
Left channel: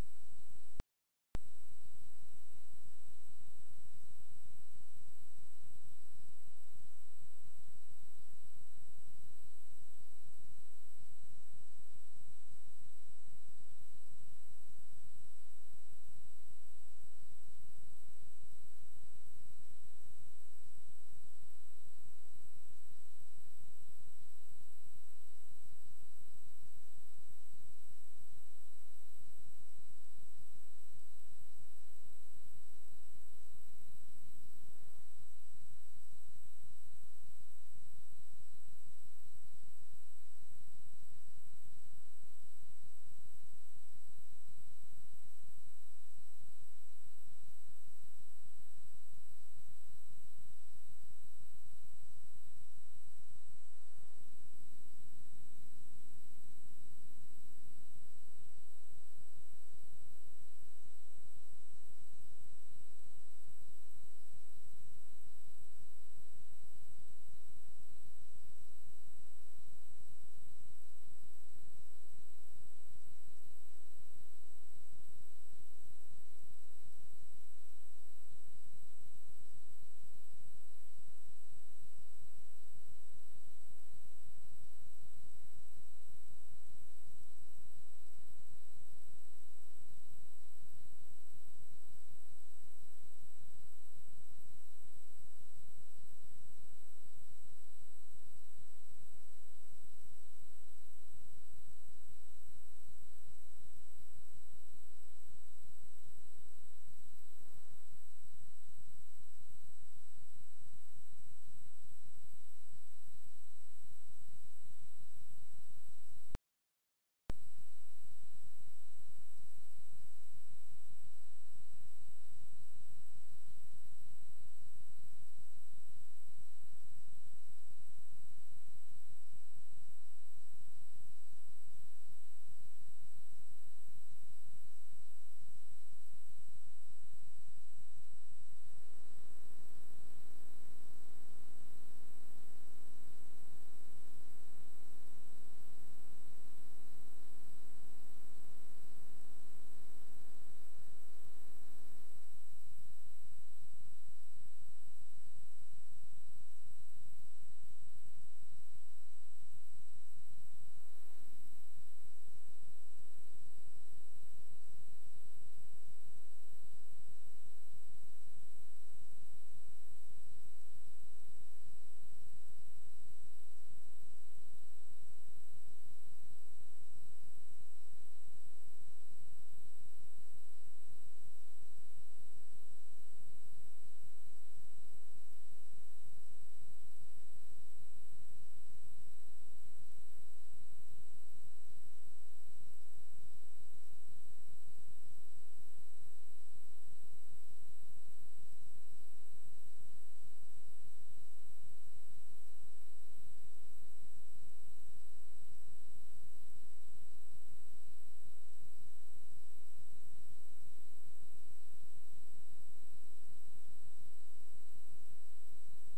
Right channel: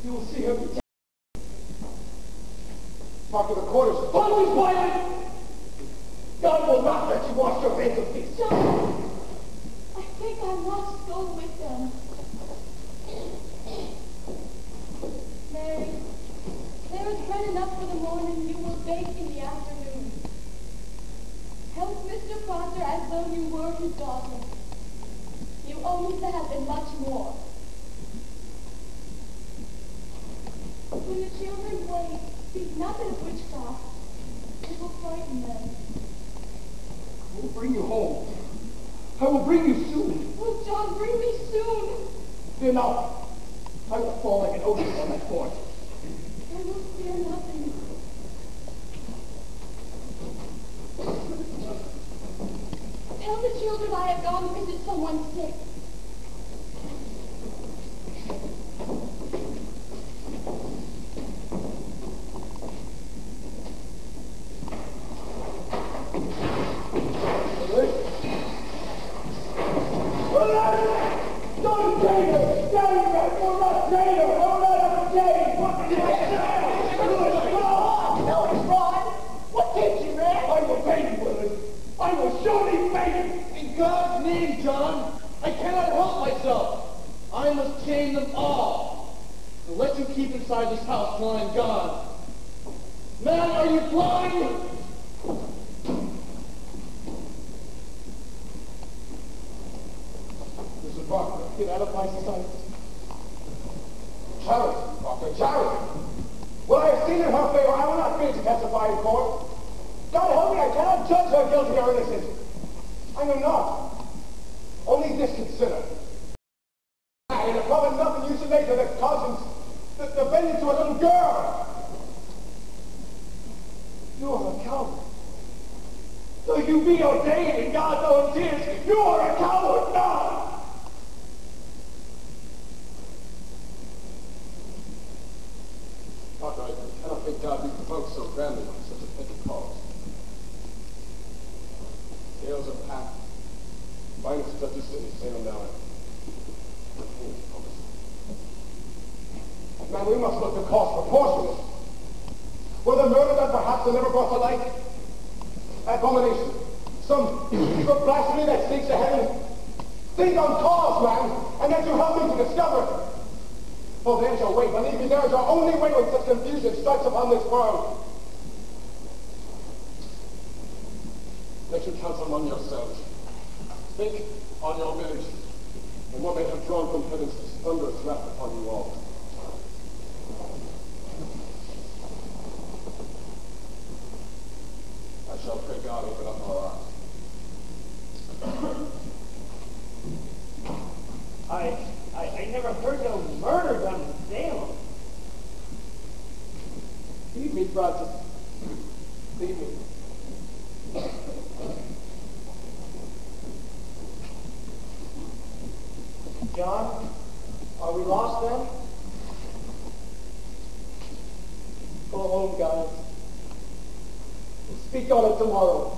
You will see her be taken. Talk to the quarters. Always violent! God will not let you wash your hands of peace. John, I think I must go with them. Mary, there is bread enough for the morning. You will bake in the afternoon. Help Mr. Proctor as though you were his daughter. You owe me that and much more. When the children wake, speak nothing of witchcraft. It will frighten them. I will bring you home. I will bring you soon. Oh, John, bring me soon. Fear not. I will fall like an ocean on that fort. I will fear nothing. Tell the children I have gone to visit someone sick. Don't take her! Don't take her! Don't take her! inside this house till I'm gone. Man, are you blind? Mr. Proctor, get out of my sight. Charity, Proctor, charity. When I have seen in her favor, I will not fear to testify in court. God help me, I cannot judge her guilty or innocent. I am not. Only this consider. And if probably nothing you should make of the cousins, the vengeance to a little girl. You are a coward. Though you be ordained in God's own tears, you are a coward now. Doctor, I cannot think God be provoked so grandly by such a petty cause. Scales are packed. Finest judges city sail down. Man, we must look the cost proportionate. Were the murder that perhaps are never brought to light? Abomination. Some secret blasphemy that sneaks to heaven. Think on cause, man, and then you help me to discover it. For there's your way. Believe me, there is your only way when such confusion strikes upon this world. Let you counsel among yourselves. Think on your village, and what may have drawn from heaven's thunderous wrath upon you all. I shall pray God open up our eyes. I never heard no murder done in Salem. Feed me, Francis. Feed me. John, are we lost then? Go home, guys. We'll speak on it tomorrow.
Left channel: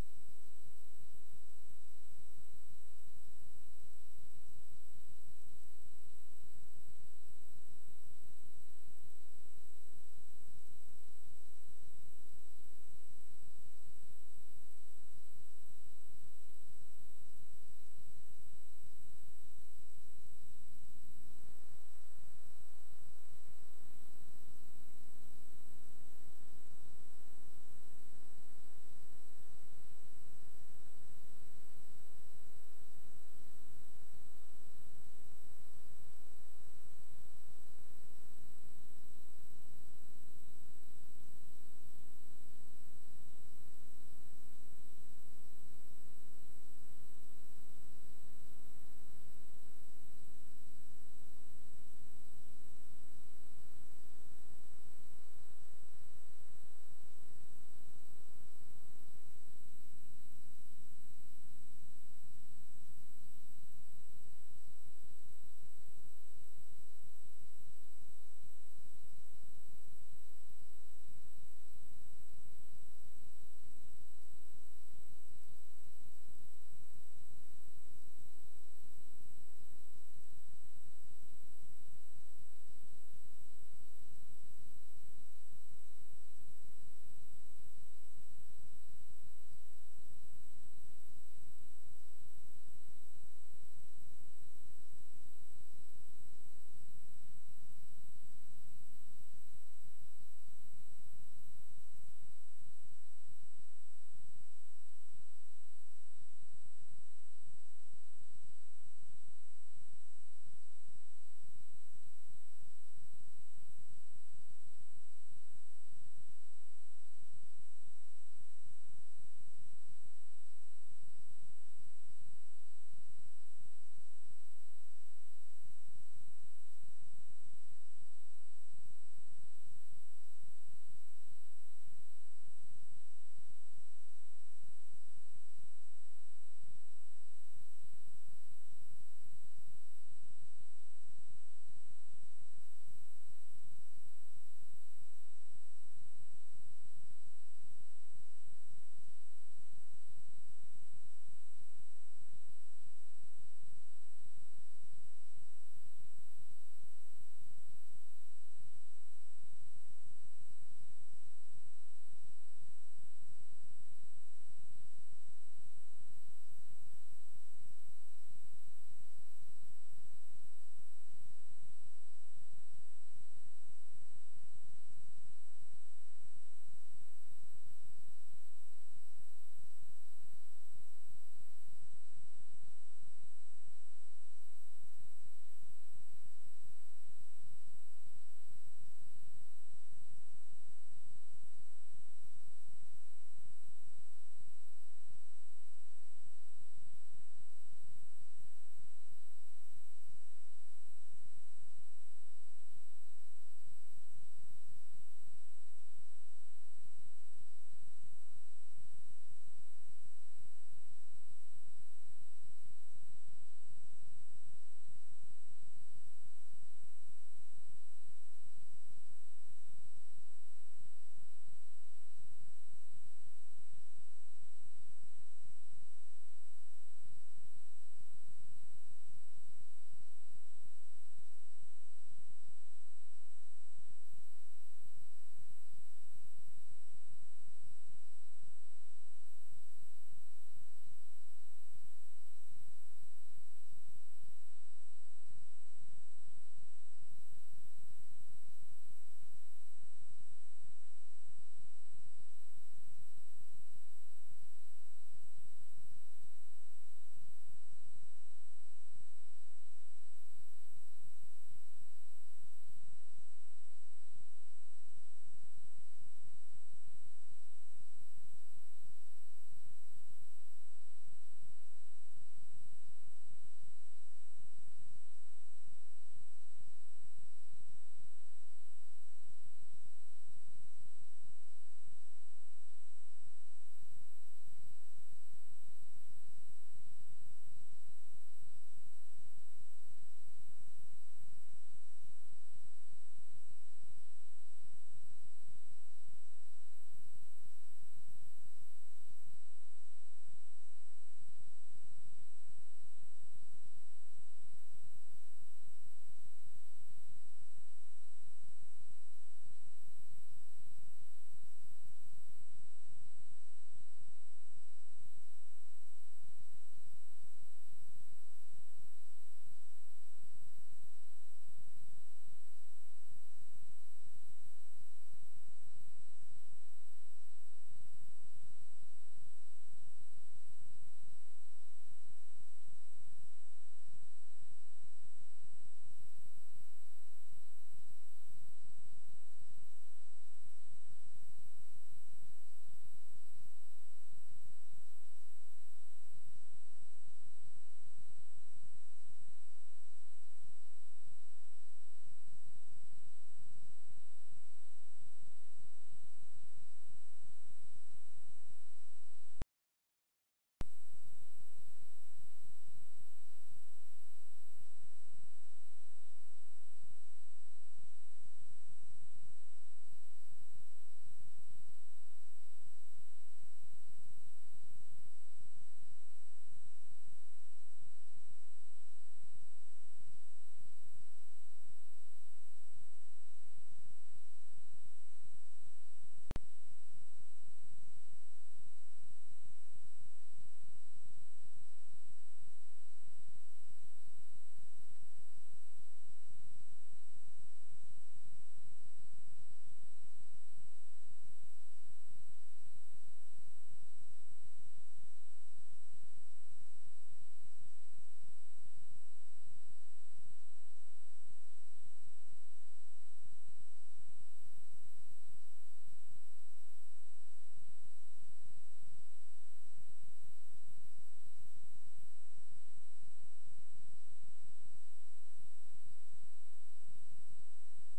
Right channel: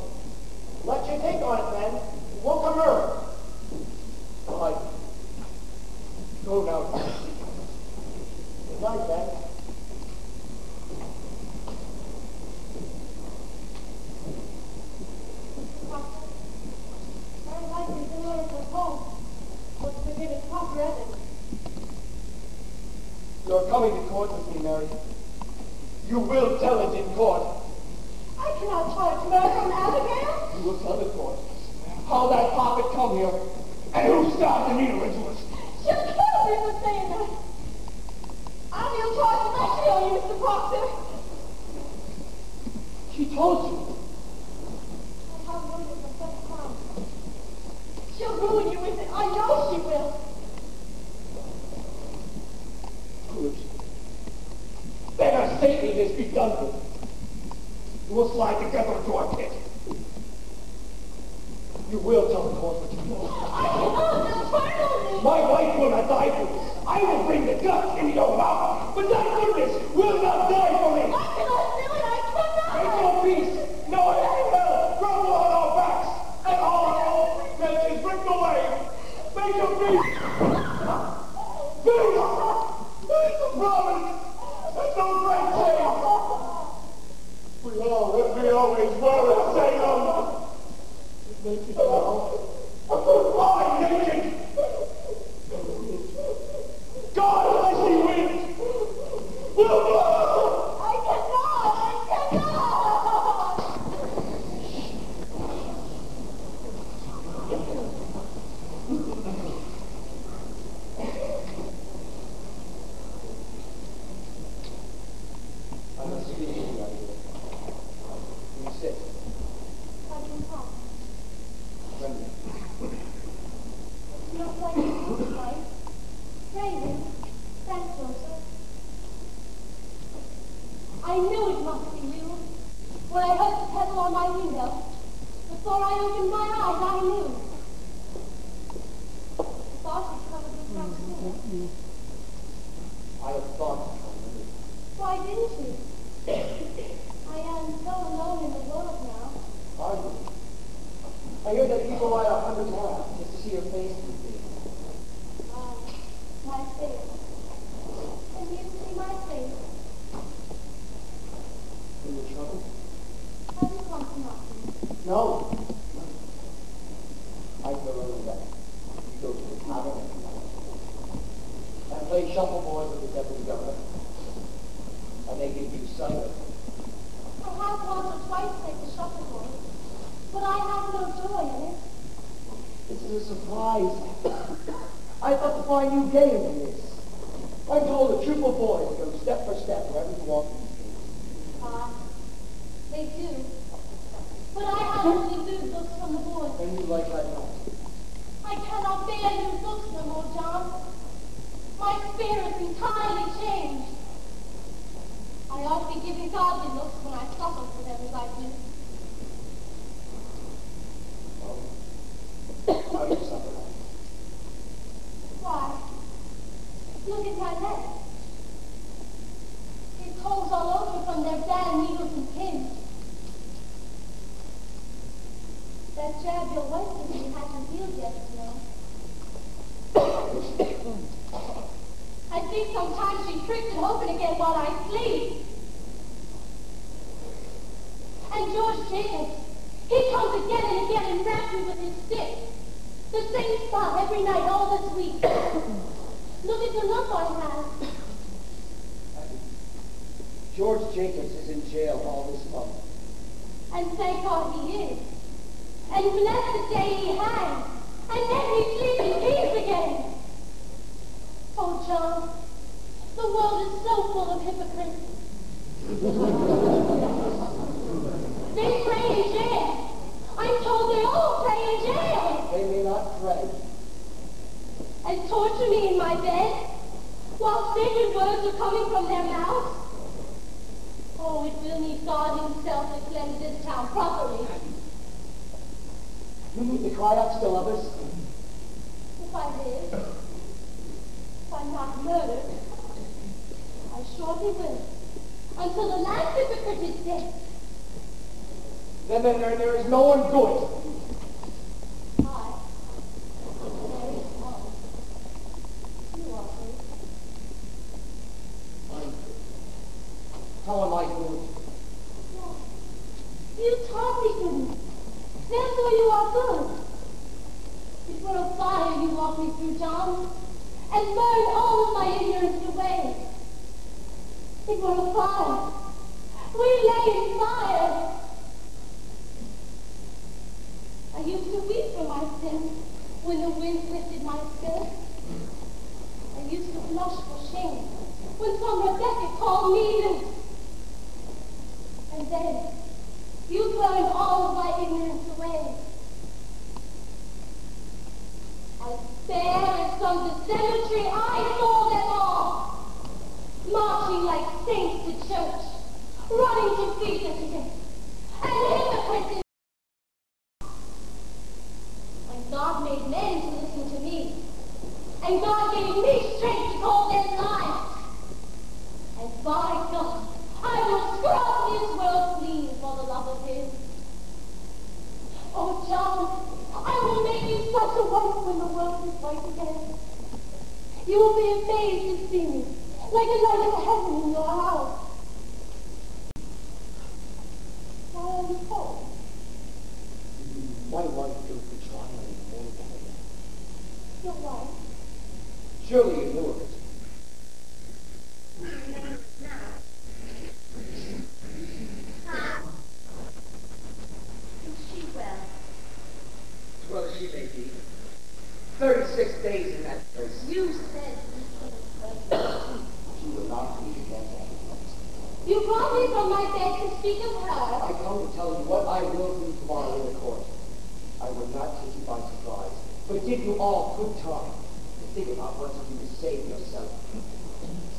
Let you think on it then. We'll come early. Bye. Go now. Good night, then. Very likely the Lord was home. Was to give it proper evidence. You're coming to court with me, Mary. You will tell it in court. I cannot charge murder from Abigail. You will tell the court how that prophet come here and who stabbed Anita Ridgewood. She'll kill me for saying that. I will charge my kill you, Mr. Proctor. She told you. I have waited for such crime. She'll ruin you with it. I know she will. Good. Then a Satan is begun with. We'll slide together into our pit. You will tell the court what you know. I cannot. They'll trial me. My wife will not die for this. I will bring the guts into your mouth, but that goodness will not die for me. I cannot do it. I cannot. Make your peace, knowing hell grumble on our backs, and all our old pretensions ripped away. Make your peace. Peace! The promise! That's no great change! We always were at Salem. Naked now. I'm naked! God, I see wind! Will blow! I cannot. I cannot. I must speak to you, Abigail. Will you sit? I can talk. Friendly. Not like you looks like. Raven, stand closer. I knew it must be you. When I heard the pedal on my window, before I opened my eyes, I knew. Thought you covered the front door. I have thought of you. Why didn't you? I am so alone in the world now. Are you? I hear that people ride 100 miles just to see your face these days. My face. And you see my face. In your trouble? Have you come to nothing? No. I feel a little better. You go to the tavern and play shuffleboard with the deputy governor. making you cider. I have once or twice played the shuffleboard, but I have no joy in it. This is a surprise. I thought to find new games in this. I'm told the Crucible boys go step for step wherever you walk these days. They do. But I have only new books from the boys. And you like that not? I cannot bear new books no more, John. My spirit's entirely changed. I ought to be giving godly looks when I suffer for them as I do. How do you suffer? Why? Look at my neck. It holes all over from their bad needles and pins. That jab your wife gave me hasn't healed yet, you know. I think sometimes she tricks it open again while I sleep. And George Jacobs, he comes again and again and raps me with his stick. The same spot every night all this week. Look at the lump I have. George Jacobs is in jail all this month. And thank God he is. And bless the day he hangs. And then we sleep in peace again. Oh, John, the world is so full of hypocrites. They pray in jail. I'm told they all pray in jail. They may not pray. And torture me in my bed while sacred words are coming from their mouths. Oh, it will need God himself to cleanse this town properly. You mean to cry out still others? If I live, if I'm not murdered, I surely will, until the last hypocrite is dead. Then there is no one good. There is one. You are good. I'm good. How am I good? Yes. You taught me goodness. Therefore you are good. It were a fire you walked me through, John, and burned all of my ignorance away. It were a fire. We lay in fire. I used to weep for my sins when the wind lifted my skirt. I used to blush for shame when some Rebecca called me loose. And then you burned all of my ignorance away. As bare as some cemetery, I saw them all, marching like saints to church, running to feast at the gate, and hypocrites in. When God made men to listen to me, and God gave me strength to call them lies, and by God, I will scrub this world clean for the love of him. Oh, John, I will make you such a wife when the world is white again. You will be amazed to see me, like a light of heaven in your house. Why are you cold? My wife goes to trial in the morning. Your wife? Surely you knew of it. Is she well? As well as she may be. 36 days in that place. You said you came. She will not be again. You brought me from my bed to speak of her. I come to tell you what I will do tomorrow in the court. I will not take you by surprise, but give you all good time to think about what to do to save yourself.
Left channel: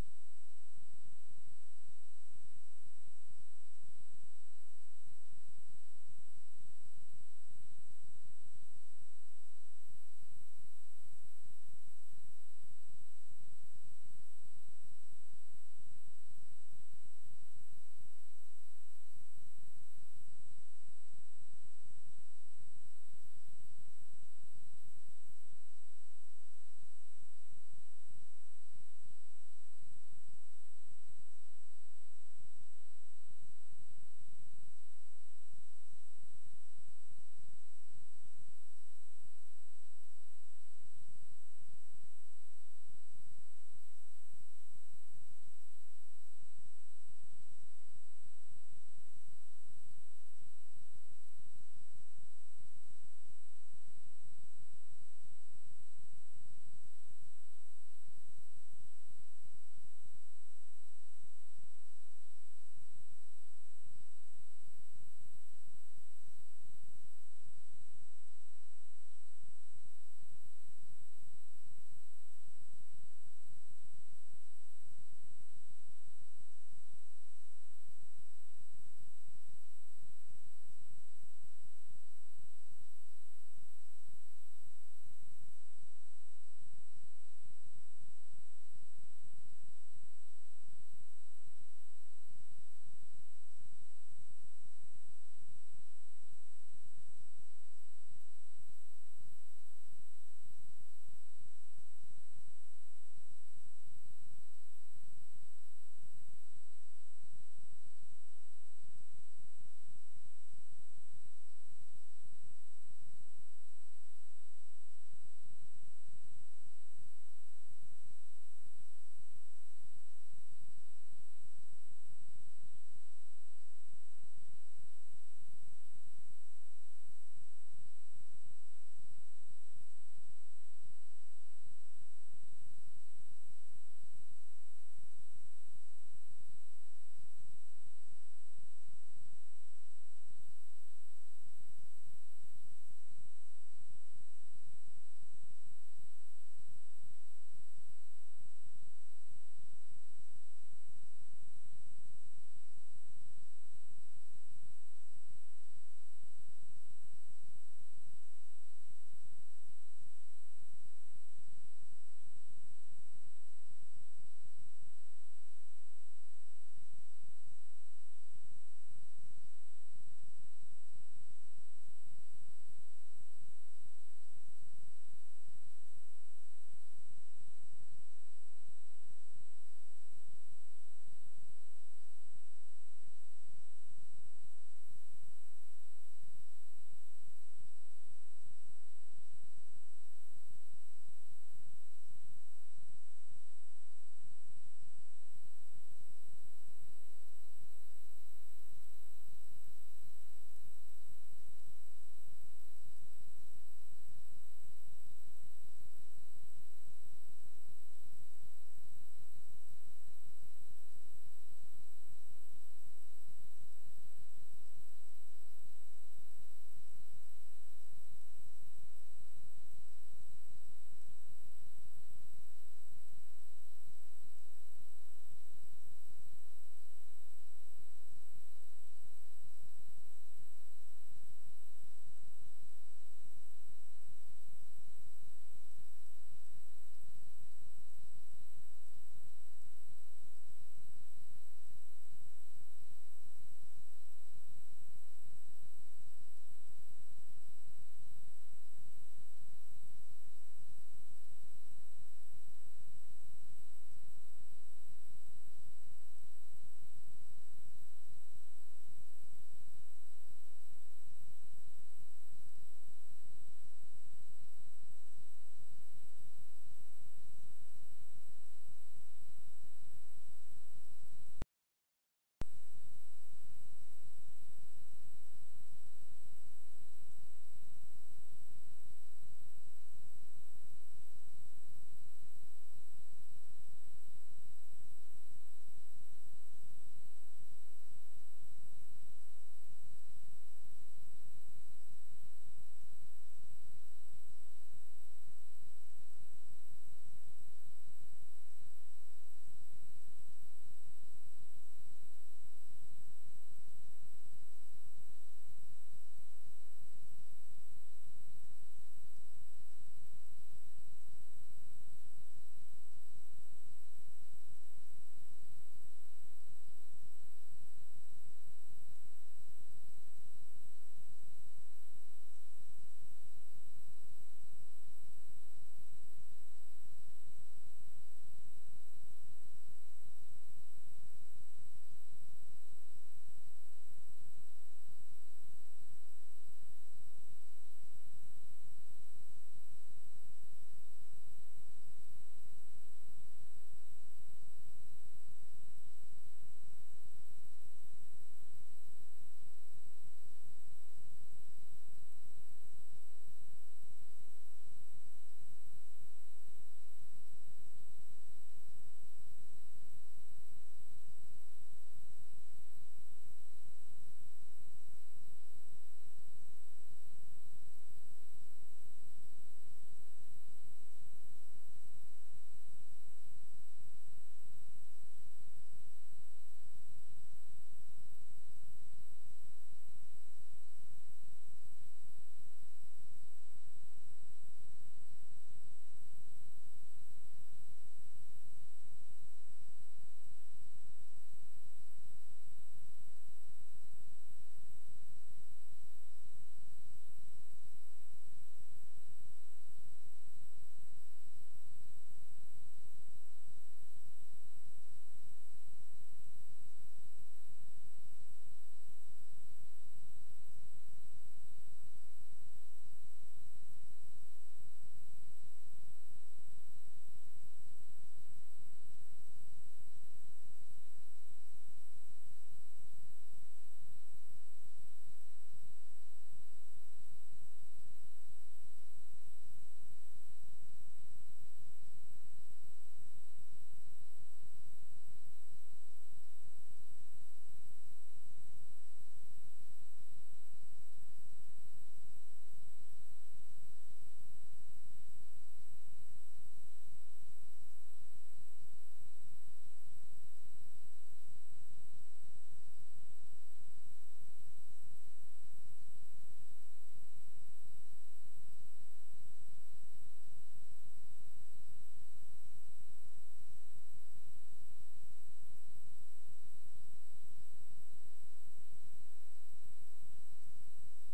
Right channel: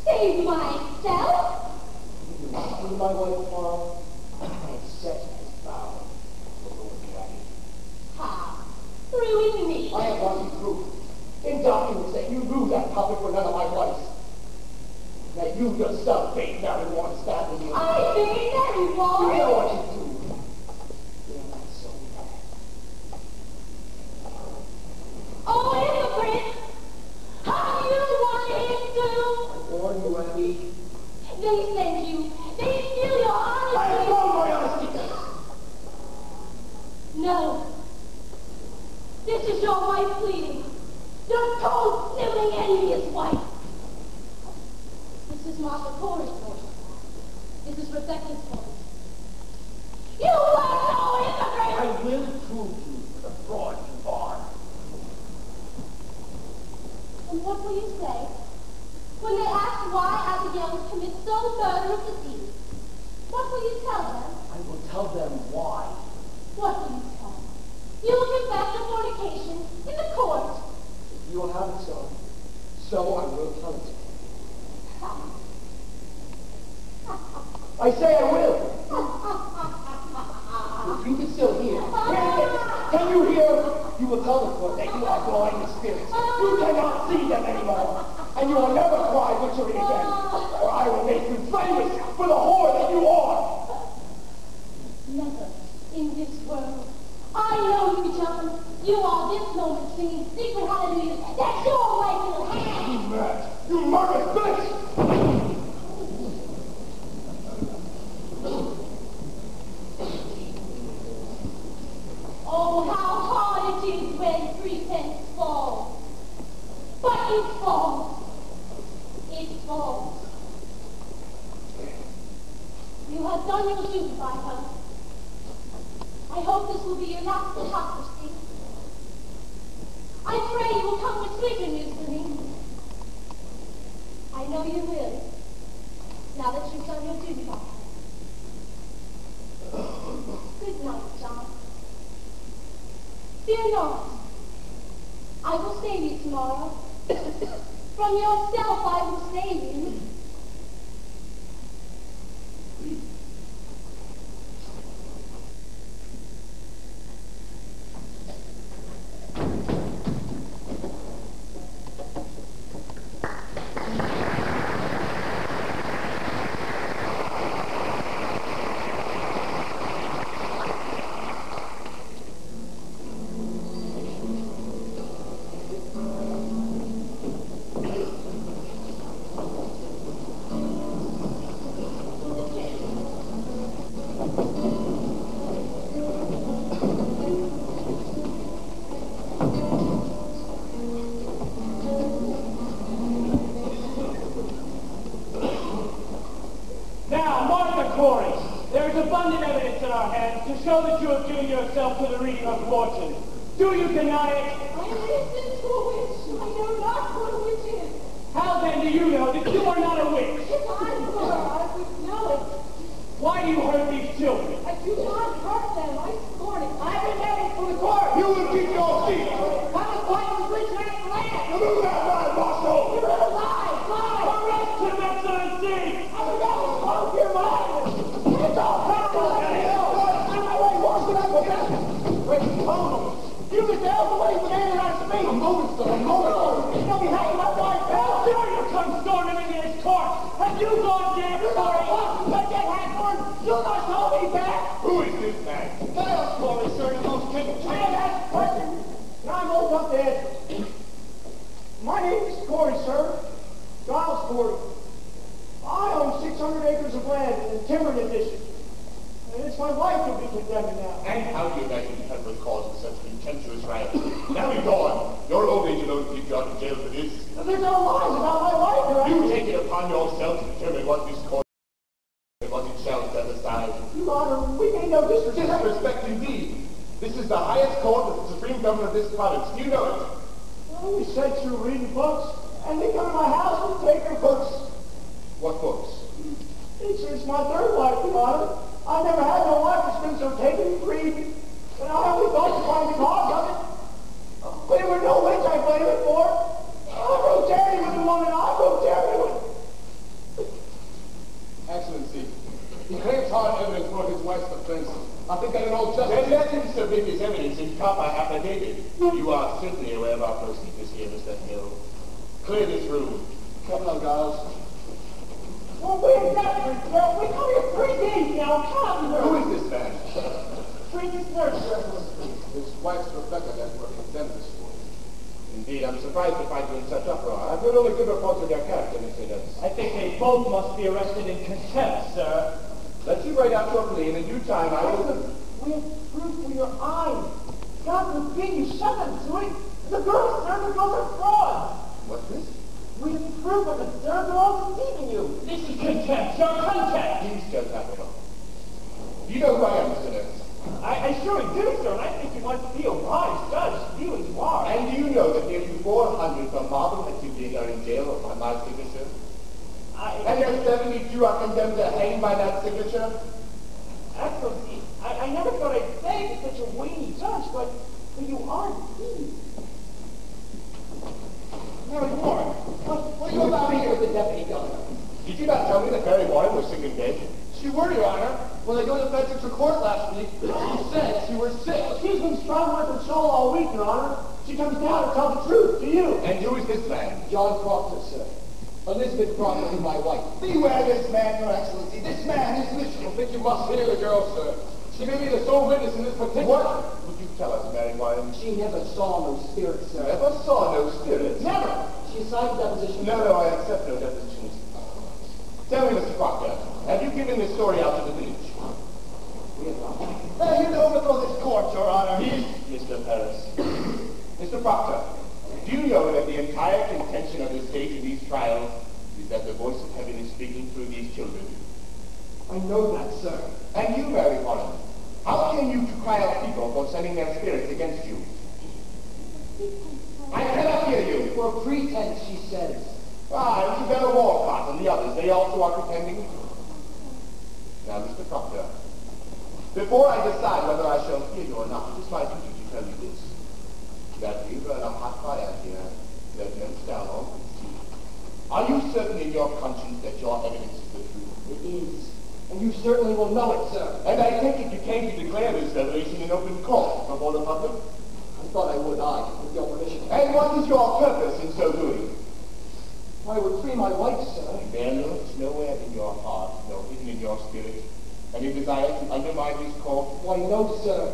Save myself? If you not see my wife tomorrow, and set as bound to Lord Granny. How? Ruin me. I have brought you proof in documents that you knew that puppet were none of my wives. That you yourself bade Marijuana stabbing you. I bade Marijuana? You know what you do. You're not so bad. Oh, hypocrite! How do you want him to? Warn you, Abby. They send you. They steal your honesty. I have wrong my honesty. No. This is your wife pleading. Your cold, sniveling, envious wife. This is Martha Cora's daughter. the murder of the thief. What will you tell them? I will tell them why. What will you tell them? You will confess your fornication in the court. You will have it so. So I will tell it. I say I will. If you can still hear. Can you hear? You will tell the court that you are blind to spirits. You cannot see them anymore. And you will never cry witchery again. Or I will make you famous for the whore that you are. Never in this world. I know you, John. You are this moment singing secret hallelujah. That's your way to the hand. You mad. You murderous bitch! Oh, how hard it is when pretense falls. But it falls. It falls. You have done your duty by her. I hope this will be your last hypocrisy. I pray you will come with sweeter news for me. I know you will, now that you've done your duty by her. Good night, John. Fear not. I will save you tomorrow. From yourself I will save you. Do you deny it? I listen to a witch. I know not what a witch is. How then do you know that you are not a witch? If I were, I would know it. Why do you hurt these children? I do not hurt them. I scorn it. I would never for the court. You will keep your seat. I was quite a witch man's land. Move that line, Marshal. You're a lie. Lie. Arrest him, Excellency! I would never spoke your mind. It's all power. You can tell the way the man I speak. I'm moving, sir. I'm moving. You're going to be hanging my wife. How dare you come storming into his court? Have you gone damn sorry? Let that hat you not call me back. Who is this man? Tell Corey, sir, the most capable. I ask questions, and I'm old enough to answer. My name is Corey, sir. Giles Corey. I own 600 acres of land in the timber addition. And it's my wife who'll be condemned now. And how do you imagine you have good cause for such contemptuous riot? Now be gone. Your old age alone keeps you out of jail for this. There's no lies about my wife, right? You take it upon yourself to determine what this court and what it shall set aside. Your Honor, we made no disrespect. Disrespect indeed. This is the highest court of the supreme government of this province. Do you know it? Well, we sent through reading books, and they come to my house and take their books. What books? It's my third wife, Your Honor. I never had no wife that's been so taken and grieved. And I only thought to find the cause of it. But there were no witch I blame it for. I wrote Terry with the woman I wrote Terry with. Excellency, he claims hard evidence for his wife's offense. I think that in all justice... Then let him submit his evidence in proper affidavit. You are certainly aware of our procedures here, Mr. Hill. Clear this room. Come on, Giles. Well, we're desperate, sir. We come here 3 days now. Come here. Who is this man? Princess Nurse, His wife's Rebecca that were condemned this morning. Indeed, I'm surprised to find you in such uproar. I've heard only good reports of their character, Mr. Nurse. I think they both must be arrested in contempt, sir. Let you write out your plea, and in due time I will... we have proof for your eyes. God forbid you shut them to it. The girls, sir, the girls are frauds. What's this? We have proof of it, sir. They're all deceiving you. This is contempt, your contempt. Please, Judge Applebaum. Do you know who I am, Mr. Nurse? I surely do, sir, and I think you must be a wise judge, you as you are. And do you know that nearly 400 from Marble that you did are in jail upon my signature? And there's 72 You are condemned to hang by that signature? Excellency, I never thought I'd say to such a weighty judge, but you are indeed. Mary Warren, what are you about Speak here? with the deputy governor. Did you not tell me that Mary Warren was sick in bed? She were, Your Honor. When I go to Bedford's court last week, she said she was sick. She's been struggling with her soul all week, Your Honor. She comes down to tell the truth to you. And who is this man? John Proctor, sir. Elizabeth Proctor is my wife. Beware this man, Your Excellency. This man is Michigan. I think you must hear the girl, sir. She may be the sole witness in this particular... What would you tell us, Mary Warren? She never saw no spirit, sir. Never saw no spirits. Never. She signed the deposition. No, I accept no depositions. Tell me, Mr. Proctor, have you given this story out to the village? We have not. You can overthrow this court, Your Honor. Mr. Paris. Mr. Proctor, do you know that the entire contention of the state in these trials is that the voice of heaven is speaking through these children? I know that, sir. And you, Mary Warren, how came you to cry out people for sending their spirits against you? I cannot hear you. For pretense, she says. Ah, Isabella Walcott and the others, they also are pretending? Now, Mr. Proctor, before I decide whether I shall hear you or not, it is my duty to tell you this. That we burn a hot fire here that melts down all the sea. Are you certain in your conscience that your evidence is the truth? It is. And you certainly will know it, sir. And I take it you came to declare this revelation in open court before the public? I thought I would, with your permission. And what is your purpose in so doing? I would free my wife, sir. There lurks nowhere in your heart, nor hidden in your spirit, any desire to undermine this court? Why, no, sir.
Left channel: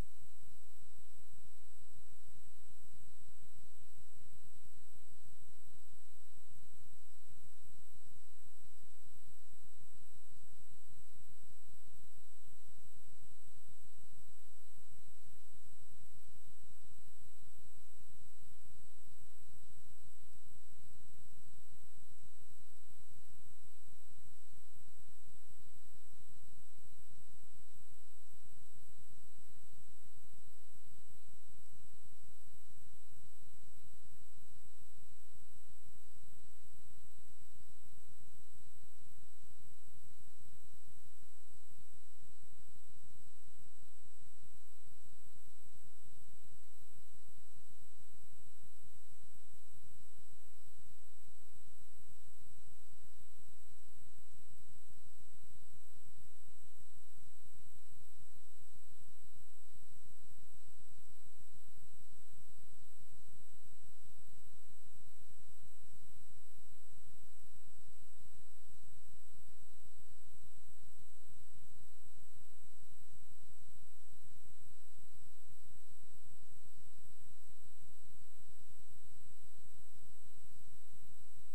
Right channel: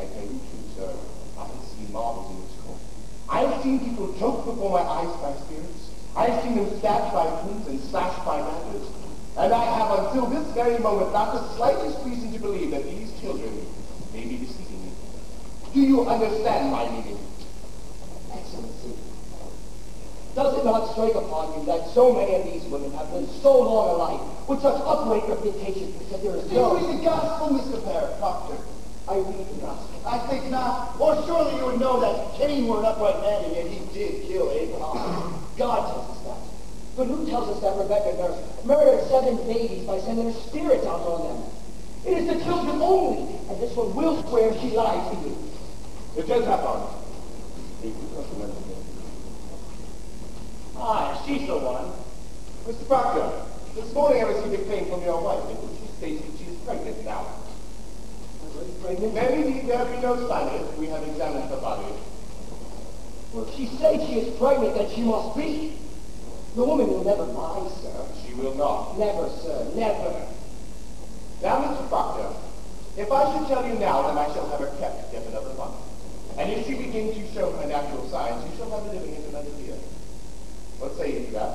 I tell you the truth, sir. I have seen marvels in this court. I have seen people choked before my eyes by spirits. I have seen them stabbed by pins and slashed by ladders. And I have until this very moment not the slightest reason to believe that these children may be deceiving me. Do you understand my meaning? Excellency, does it not strike upon you that so many of these women have lived so long a life with such upright reputations that there is Do you no... read the gospel, Mr. Proctor? I read the gospel. I think not. Or surely you would know that Cain were an upright man, and yet he did kill Abel. God tells us that. But who tells us that Rebecca murdered 7 babies by sending her spirits out on them? It is the children only, and this one will swear she lied to you. It does happen. Ah, she's the one. Mr. Proctor, this morning I received a claim from your wife in which she states that she is pregnant now. Pregnant? There need there be no sign of it. We have examined the body. Well, if she says she is pregnant, then she must be. The woman will never lie, sir. She will not. Never, sir, never. Now, Mr. Proctor, if I should tell you now, then I shall have her kept yet another month. And if she begins to show her natural signs, you shall have her living in another year. What say you to that?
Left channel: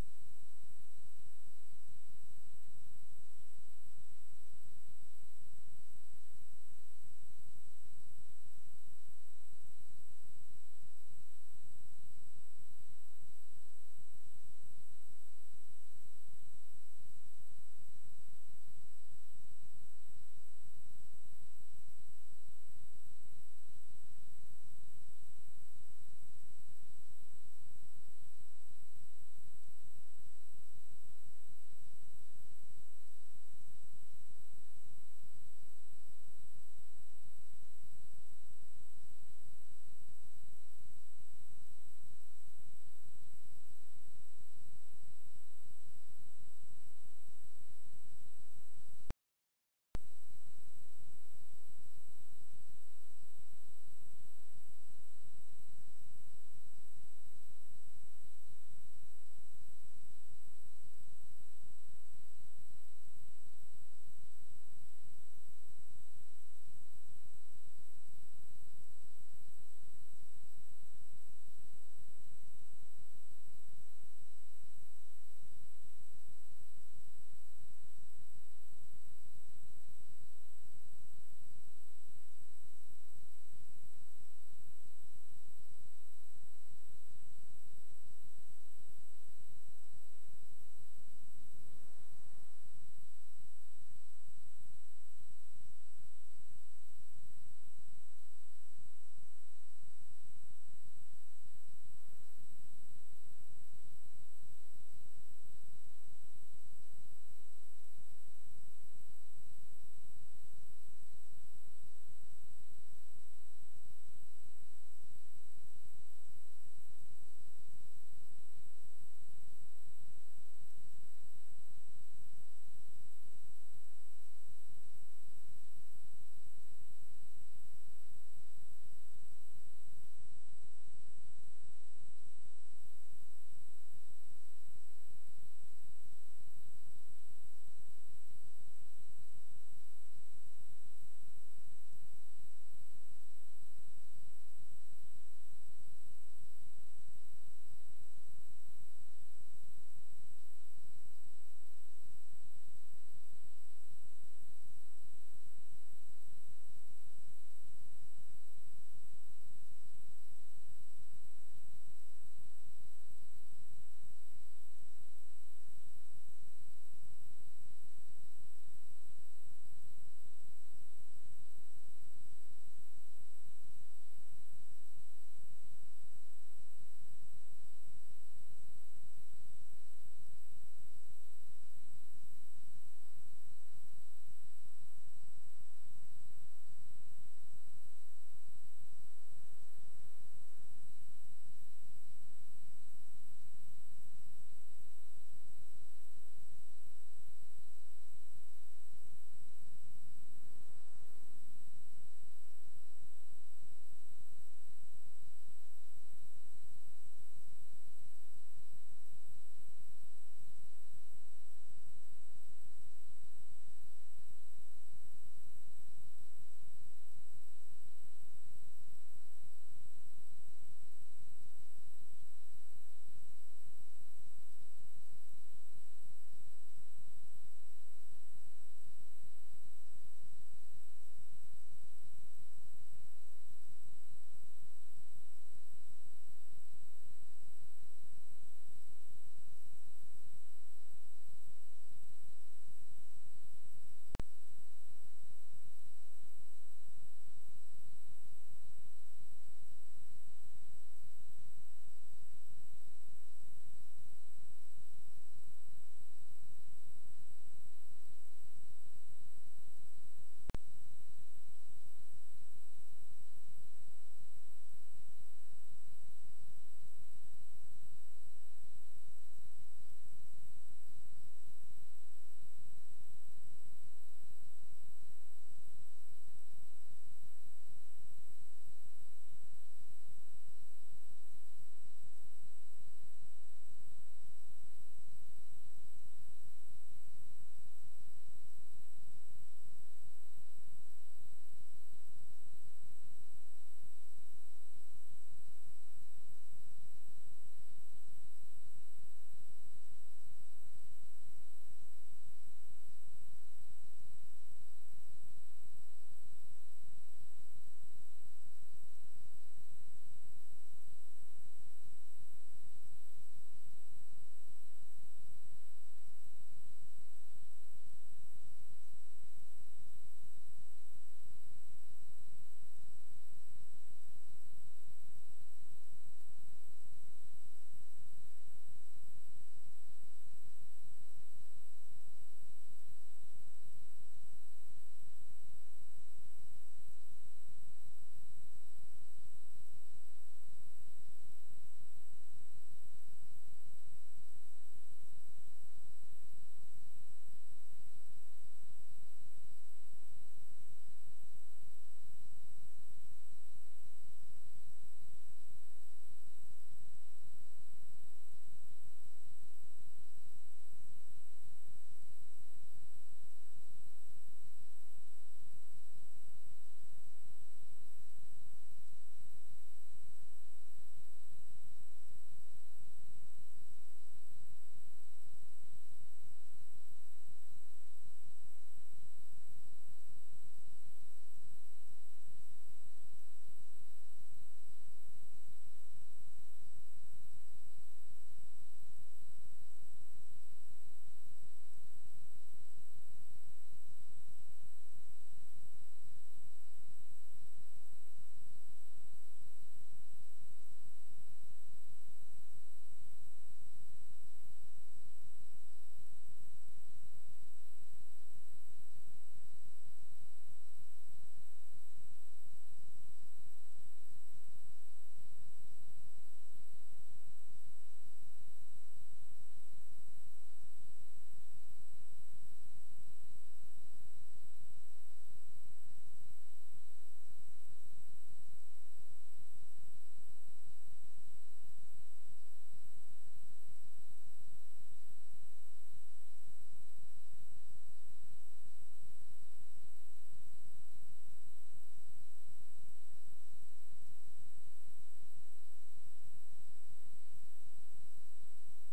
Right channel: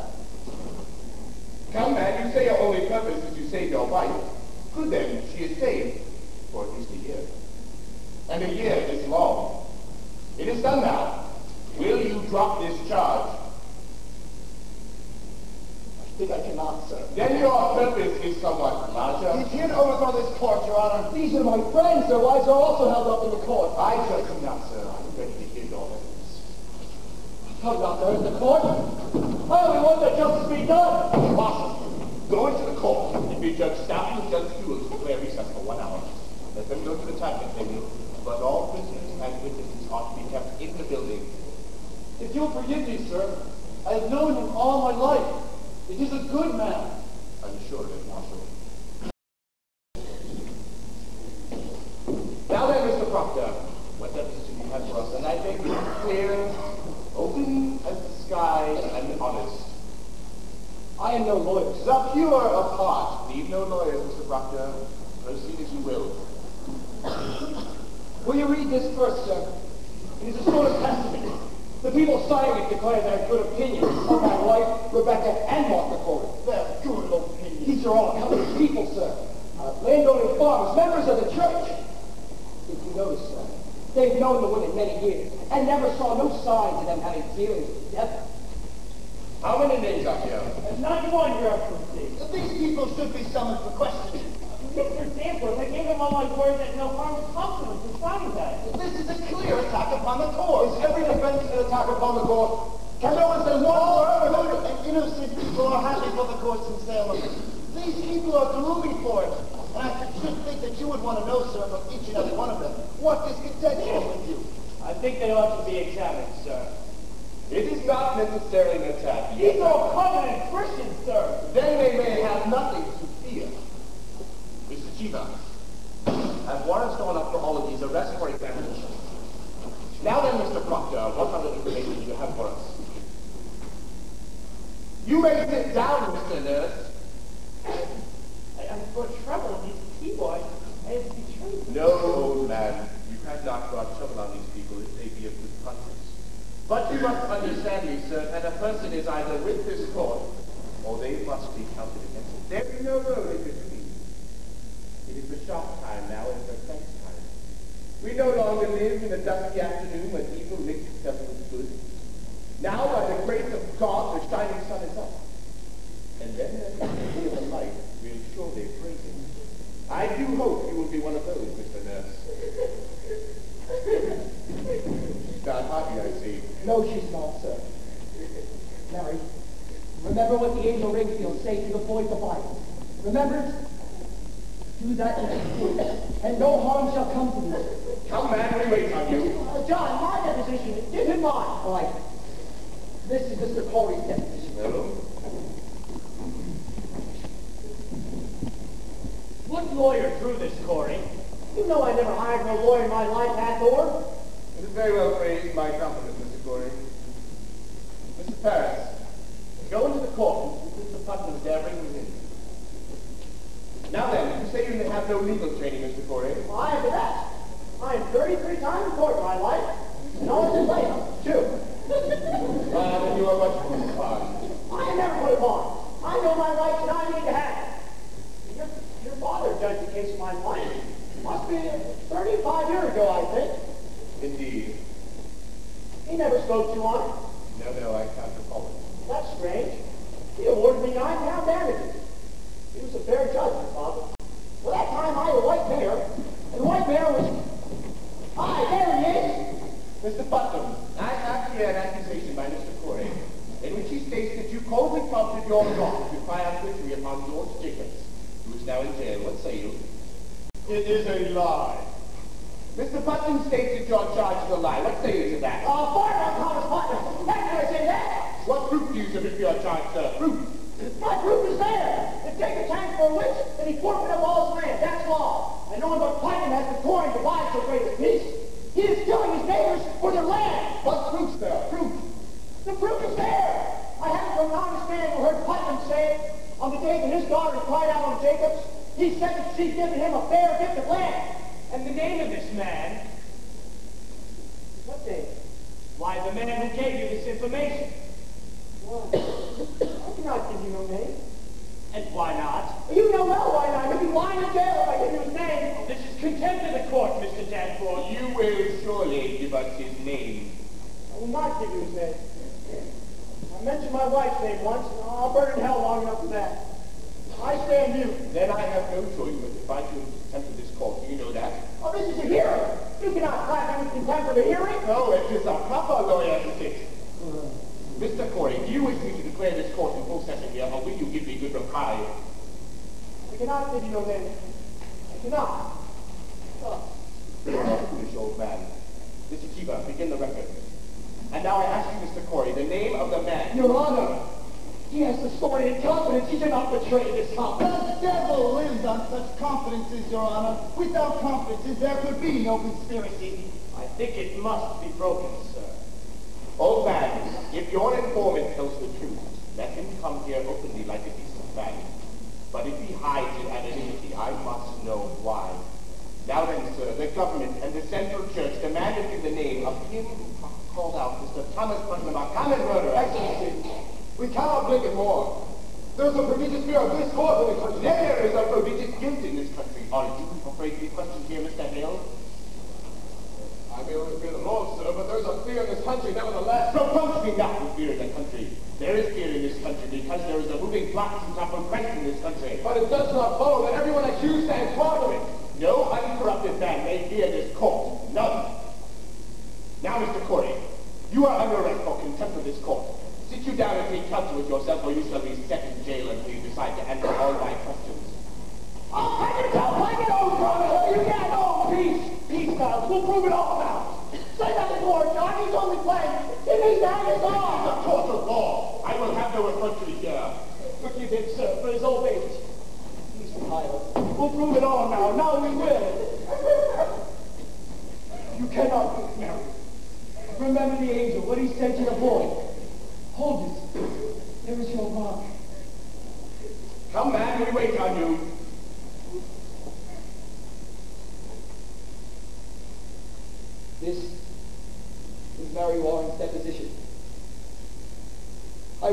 Come, man, you say your only purpose is to save your wife. Good then, she is saved for at least a year. And a year is long. It is done now. Will you drop this charge? I think I cannot, sir. Then your purpose is somewhat larger. He's here to overthrow this court, Your Honor. These are my friends. Their wives are also held up in the court. I judge you not, sir. I'm ready to hear your evidence. Held up there in the court? I only want that justice be done. Impossible. Go into the court and be Judge Stafford and Judge Stewart to declare recess for 1 hour. Let them go to the time table, but all prisoners and witnesses are to be kept in the building. If you'll forgive me, sir, I have known him all my life. He is a good man. I'm sure of it, Marshal. Now then, Mr. Proctor, what deposition you have for us? And I beg you, clear, open as the sky, and honest. I am no lawyer, sir. The pure of heart. Need no lawyers, Mr. Proctor. Proceed as you will. Will you read this first, sir? It is a sort of testament. The people signing it declare their good opinion of my wife, Rebecca, and Martha Corey. Their good opinion. These are all common people, sir. Landowning farmers, members of the church. If you notice, sir, they've known the women many years and never saw no signs of them having dealings with the devil. How many names are here? 91, Your Excellency. These people should be summoned for questioning. Mr. Danforth, I gave him all my word that no harm would come to him for signing that. This is a clear attack upon the court. Is every defense an attack upon the court? Can no one say one word? And innocent people are happy for the courts in Salem. daring attack. These are all covenant Christians, sir. Then they may have nothing to fear. Mr. Chiva, I've warrants drawn up for all of these arrests for examination. Now then, Mr. Proctor, what other information do you have for us? You may sit down, Mr. Nurse. I'm for trouble on these keyboards. I have betrayed them. No, old man. You have not brought trouble on these people if they be of good conscience. But you must understand me, sir, that a person is either with this court, or they must be counted against it. There is no road in between. It is the sharp time now and the sex time. We no longer live in the dusky afternoon when evil mixes itself with good. Now, by the grace of God, the shining sun is up. And then as the day of the light will surely praise him. I do hope you will be one of those, Mr. Nurse. She's not happy, I see. No, she's not, sir. Mary, remember what the angel Ringfield say to the boys of light. Remember it? Do that and no harm shall come to you. Come, man, we wait on you. John, my deposition, give him mine. All right. This is Mr. Corey's deposition. No. What lawyer drew this, Corey? You know I never hired no lawyer in my life, Hathor. It is very well phrased. My compliments, Mr. Corey. Mr. Paris, go into the court and see Mr. Putnam's daring within. Now then, you say you have no legal training, Mr. Corey. Well, I am the best. I am 33 times in court in my life, and always in later. Two. Then you are much too fine. I have never put it on. I know my rights and I need to have it. Your father judged the case of my life. Must be 35 years ago, I think. Indeed. He never spoke to you on it. No, I can't recall it. That's strange. He awarded me £9 damages. He was a fair judge, my father. Well, that time I had a white mare, and the white mare was... Aye, there he is. Mr. Putnam, I have here an accusation by Mr. Corey, in which he states that you coldly prompted your daughter to cry out victory upon George Jacobs, who is now in jail. What say you? It is a lie. Mr. Putnam states that your charge is a lie. What say you to that? Fire on Thomas Putnam. How can I say that? What proof do you submit for your charge, sir? Proof. My proof is there. To take a tank for a witch, and he forfeited up all his land. That's law. And no one but Putnam has the coin to buy so great a peace. He is killing his neighbors for their land. What proof, sir? Proof. The proof is there. I have it from an honest man who heard Putnam say it on the day that his daughter cried out on Jacobs. He said that she'd given him a fair gift of land. And the name of this man? What name? Why, the man who gave you this information. Why? I cannot give you no name. And why not? You know well why not. He'd be lying in jail if I give you his name. This is contempt of the court, Mr. Danforth. You will surely give us his name. I will not give you his name. I mentioned my wife's name once, and I'll burn in hell long enough for that. I stand mute. Then I have no choice but to find you in contempt of this court. Do you know that? Oh, this is a hearing. You cannot clap him with contempt of a hearing. No, it is a proper lawyer etiquette. Mr. Corey, do you wish me to declare this court in full session here, or will you give me good reply? I cannot give you no name. I cannot. Foolish old man. Mr. Chiba, begin the record. And now I ask you, Mr. Corey, the name of the man. Your Honor, he has the story in confidence. He did not betray this confidence. The devil lives on such confidences, Your Honor. Without confidences, there could be no conspiracy. I think it must be broken, sir. Old man, if your informant tells the truth, let him come here openly like a decent man. But if he hides in anonymity, I must know why. Now then, sir, the government and the Central Church demanded you the name of him who called out Mr. Thomas Putnam a common murderer. Excellency, we cannot blink it more. There's a prodigious fear of this court in the country. There is a prodigious guilt in this country. Are you afraid to be questioned here, Mr. Hale? I may only fear the law, sir, but there's a fear in this country nevertheless. Reproach me not with fear in the country. There is fear in this country because there is a moving plot to topple Christ in this country. But it does not follow that everyone accused stands part of it. No uncorrupted man may fear this court. None. Now, Mr. Corey, you are under arrest for contempt of this court. Sit you down and take counsel with yourself, or you shall be set in jail until you decide to answer all my questions. I'll take it, oh, brother. You got no peace. Peace, fellas. We'll prove it all now. Say that to court, John. He's only playing. It means that is all. The court of law.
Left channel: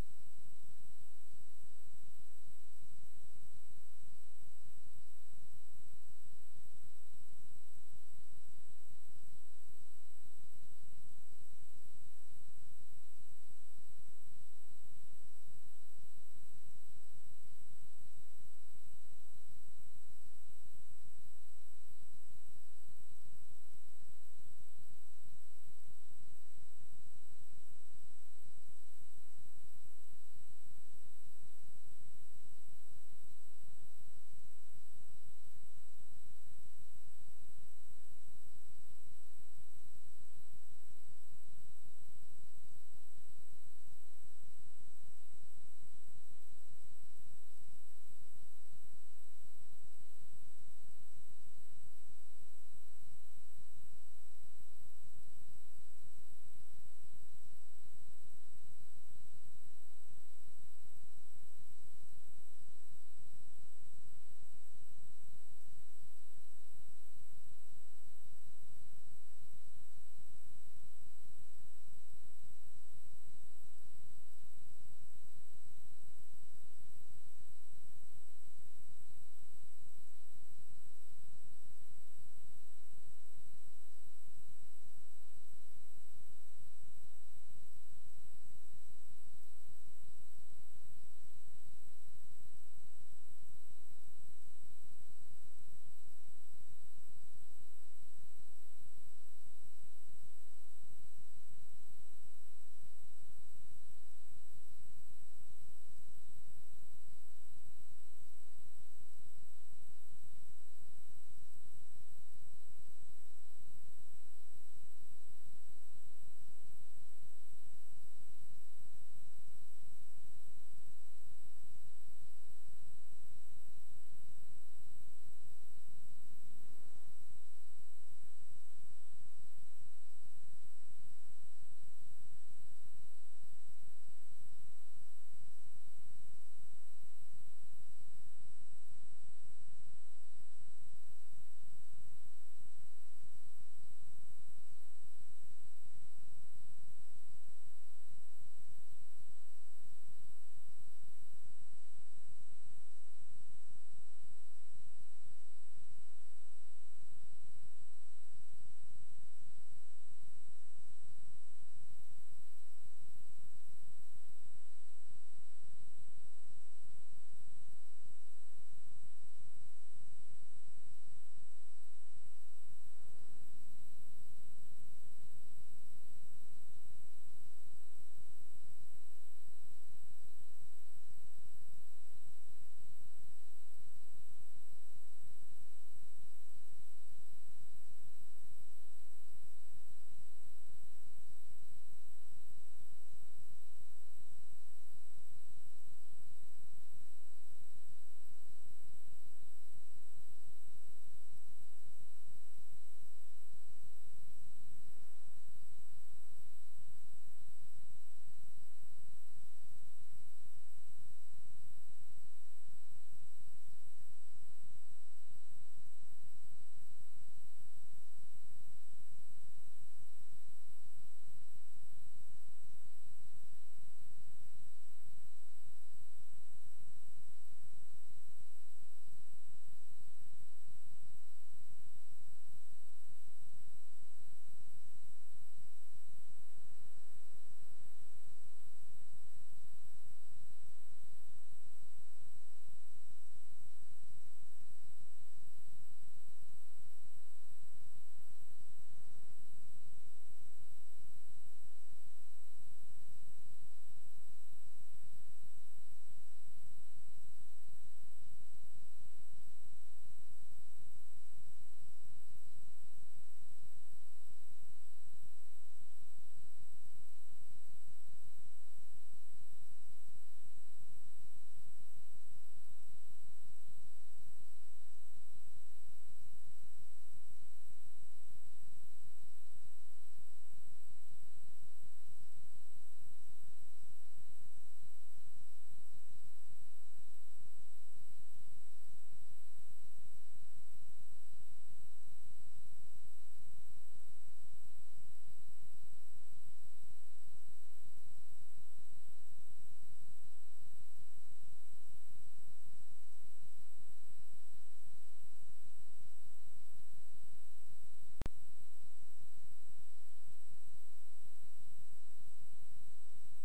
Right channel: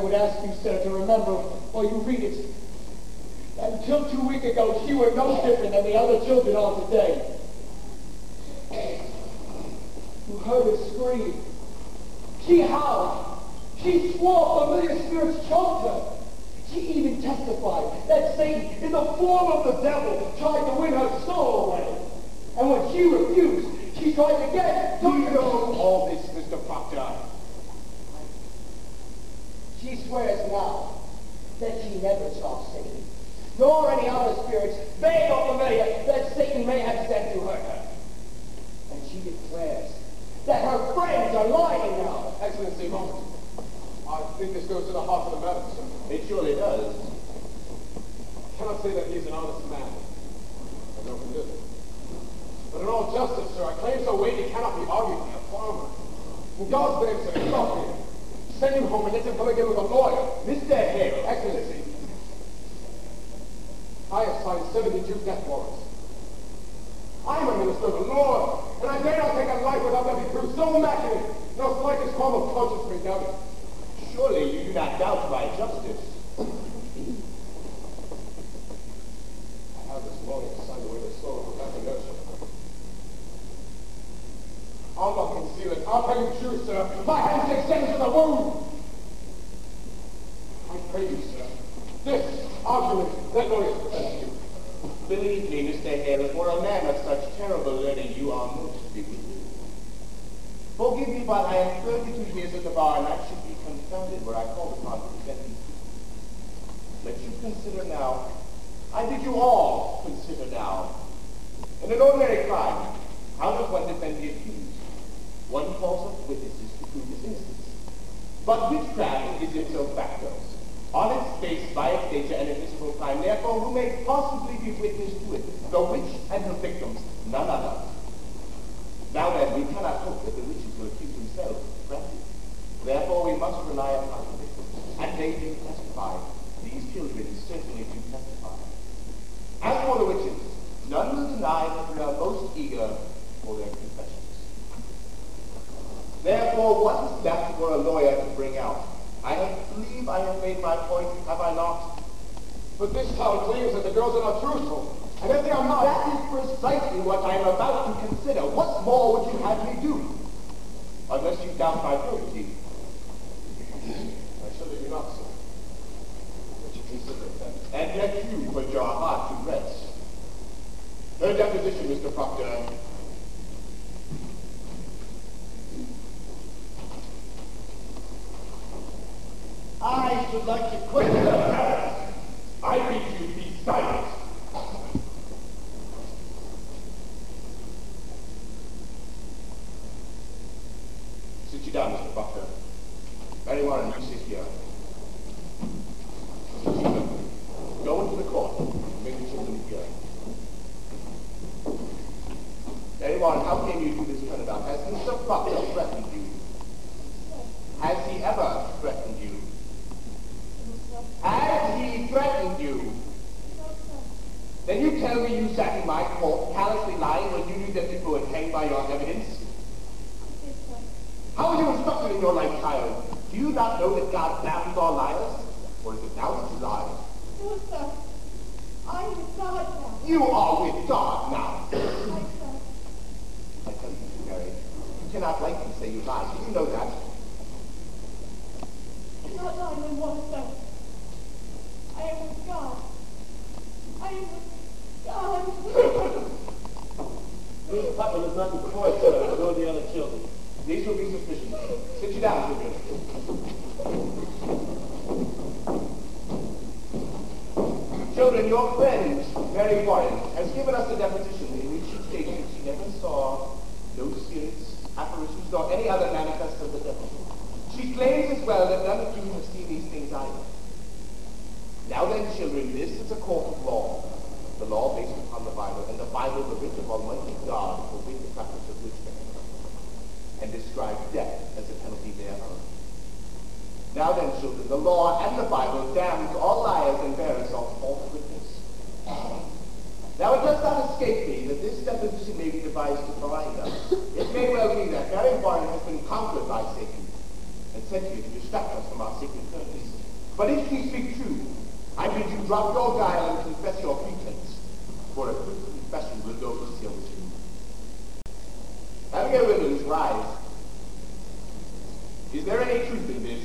would ask you, sir, to remember while you read it, that until 2 weeks ago, she were no different than the other children are today. You heard her scream. She howled. She swore familiar spirits choked her. She even testified that Satan, in the form of the devil, tried to win her soul away. And when she refused, she tried to get... Do you know all this, Mr. Proctor? She swears now that she never saw Satan, nor any other spirits, vague or familiar, that Satan may have sent to hurt her. And she declares that her friends are lying now. Excellency, moment. I think this goes to the heart of the matter, sir. It surely does. I cannot say that he is an honest man. I know from this. But in all justice, sir, a claim so weighty cannot be argued by a farmer. In God's name, sir, stop him. Send him home and let him come again with a lawyer. Mr. Hale. Excellency, I have signed 72 death warrants. I am a minister of the Lord, and I dare not take a life without there be proof so immaculate, no slightest qualm of conscience may doubt it. Surely you do not doubt my justice. I have this lawyer sign away the soul without inertia. I'll not conceal it. I'll tell you true, sir. My hands extend to the wound. I pray you, sir. This argument, that lawyer presents you. Believe me, Mr. Hale, for a man of such terrible learning, you are most bewildered. Forgive me, but I am 32 years at the bar, and I should be confounded were I called upon to defend you. Let you consider now, I bid you all consider now, in an ordinary crime, how does one defend the accused? One calls up witnesses to prove his innocence. But witchcraft is ipso facto. On its face, by its nature, an invisible crime. Therefore, who may possibly be witness to it? The witch and her victims, none other. Now then, we cannot hope that the witches will accuse themselves, granted. Therefore, we must rely upon the victims, and they do testify. These children certainly do testify. As for the witches, none will deny that we are most eager for their confessions. Therefore, what is left for a lawyer to bring out? I believe I have made my point, have I not? But this town claims that the girls are not truthful, and if they are not... That is precisely what I am about to consider. What more would you have me do? Unless you doubt my probity. I surely do not, sir. But you consider it then. And yet you put your heart to rest. Her deposition, Mr. Proctor. I should like to quit her. I bid you be silent. Sit you down, Mr. Proctor. Very well, and you sit here. Mr. Chief, go into the court and bring the children here. Very well, how came you to this turnabout? Has Mr. Proctor threatened you? Has he ever threatened you? Has he threatened you? Then you tell me you sat in my court callously lying when you knew that people would hang by your evidence? How were you instructed in your life, child? Do you not know that God damns all liars? Or is it now that you lie? No, sir. I am with God now. You are with God now. I, sir. I tell you, Mary, you cannot lightly say you lie. Do you know that? Not lying in one, sir. I am with God. I am with God. Miss Putnam is not in court, sir, nor the other children. These will be sufficient. Sit you down, children. Children, your friend, Mary Warren, has given us a deposition in which she states that she never saw no spirits, apparitions, nor any other manifest of the devil. She claims as well that none of you have seen these things either. Now then, children, this is a court of law. The law based upon the Bible, and the Bible the writ of Almighty God forbid the practice of witchcraft, and describe death as a penalty thereof. Now then, children, the law and the Bible damns all liars and bearers of false witness. Now it does not escape me that this deposition may be devised to blind us. It may well be that Mary Warren has been conquered by Satan, and sent here to distract us from our sacred purpose. But if she speak true, I bid you drop your guile and confess your pretense, for a quick confession will go to seal the tomb. Abigail Williams, rise. Is there any truth in this?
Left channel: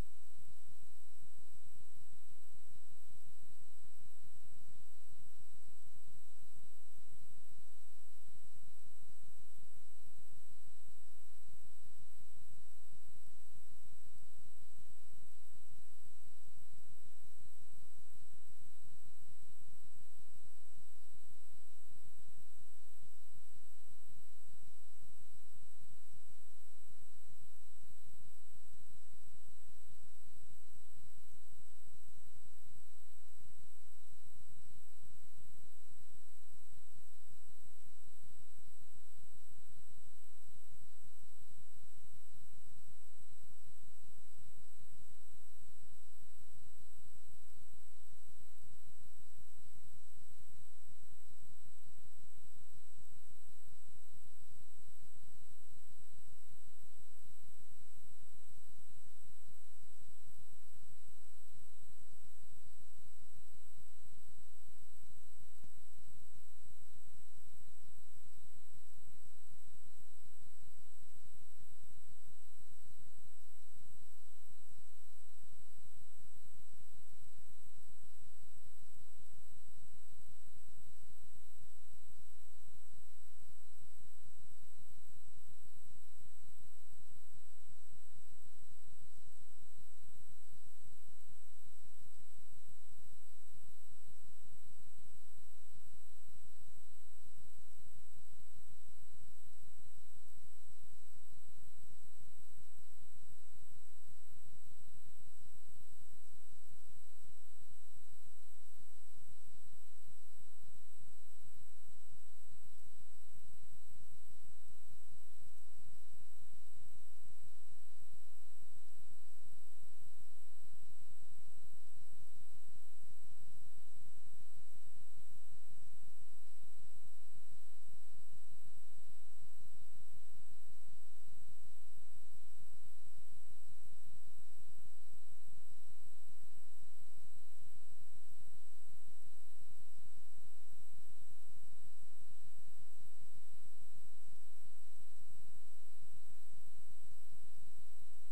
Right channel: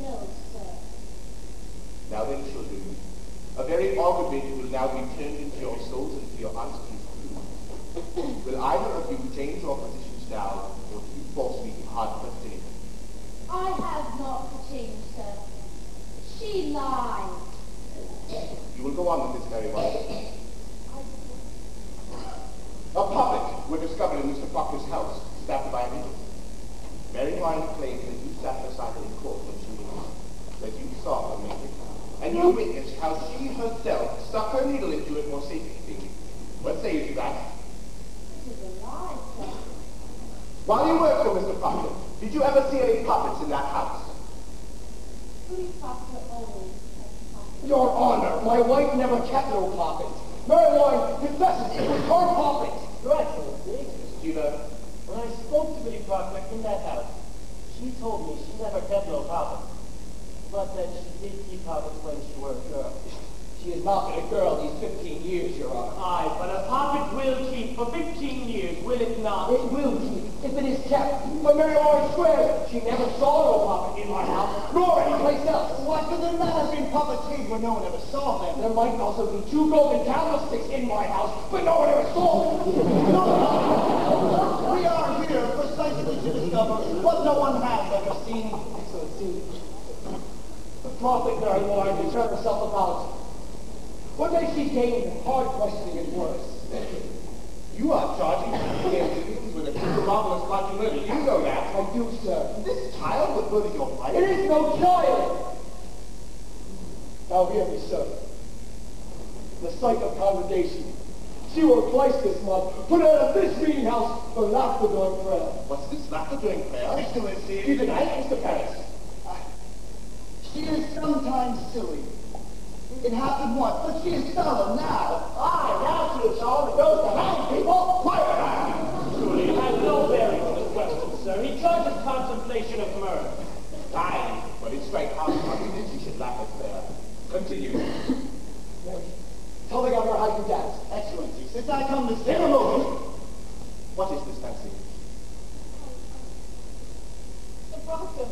No, sir. Now then, children, a very argument will now be turned into your souls and to your honesty. Will either of you change your positions now, or do you force me to hard question it? I have not changed, sir. She lied. You will go on with this very well. A puppet were discovered in Mr. Proctor's house, stabbed by a needle. Mary Wine claims that you sat beside her in court when she was, that you saw her make it, and you witnessed how she herself stuck her needle into it for safekeeping. What say you to that? This is a lie, sir. While you worked for Mr. Proctor, did you ever see any puppets in that house? Louis Proctor always has puppets. Your Honor, my wife never kept no puppets. Mary Wine confesses it was her puppet. Your Excellency, Judah, when I spoke to Biddy Proctor in that house, she told me she never kept no puppets, but that she did keep puppets when she were a girl. She has not been a girl these 15 years, Your Honor. Aye, but a puppet will keep for 15 years, will it not? It will keep, if it is kept. But Mary Wine swears she never saw no puppet in my house, nor anyplace else. Why could there not have been puppets here where no one ever saw them? There might also be 2 golden candlesticks in my house, but no one ever saw them. We are here precisely to discover what no one has ever seen. Excellency, the prophet Mary Wine to turn herself about. What may she gain in hard questioning and worse? you are charging me with a marvelous like murder. You know that. I do, sir. This child would murder your wife? It is no child! Now hear me, sir. The sight of congregation. She will twice this month put out of this meeting house for laughter during prayer. What's this laughter during prayer? Excellency. You deny it, Mr. Paris? She is sometimes silly. It happened once, but she is solemn now. Aye, now she is solemn and goes to hang people. Quiet! Truly, it has no bearing on the question, sir. He charges contemplation of murder. Aye, but it's straight hard that you should laugh at prayer. Continue. Mary, tell the governor how you dance. Excellency, since I come to say What is this, Nancy? The proctor.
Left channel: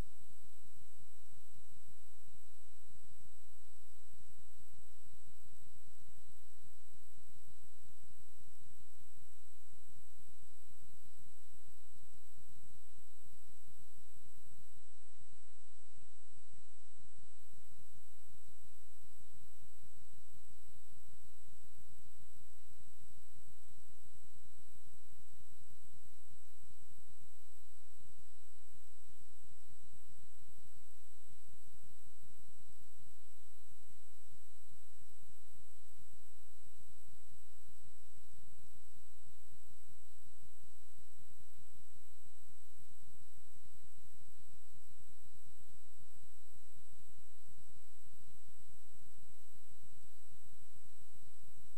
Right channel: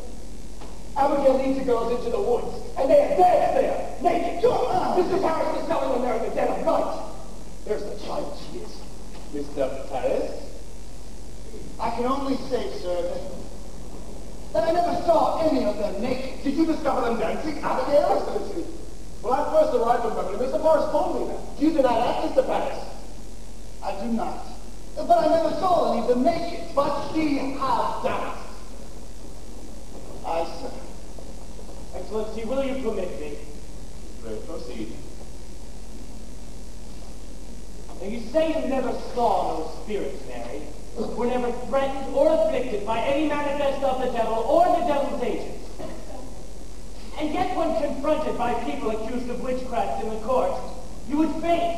Abigail leads the girls into the woods, and they dance there, naked. Mr. Paris is telling them they're in the dead of night. There's the child she is. Mr. Paris? I can only say, sir, that I never saw any of them naked. Did you discover them dancing, Abigail? Excellency, when I first arrived in Beverly, Mr. Paris told me that. Do you deny that, Mr. Paris? I do not. But I never saw any of them naked. But she has done it. Aye, sir. Excellency, will you permit me? Pray proceed. Now, you say you never saw no spirits, Mary. Were never threatened or afflicted by any manifest of the devil or the devil's agents. And yet when confronted by people accused of witchcraft in the court, you would faint,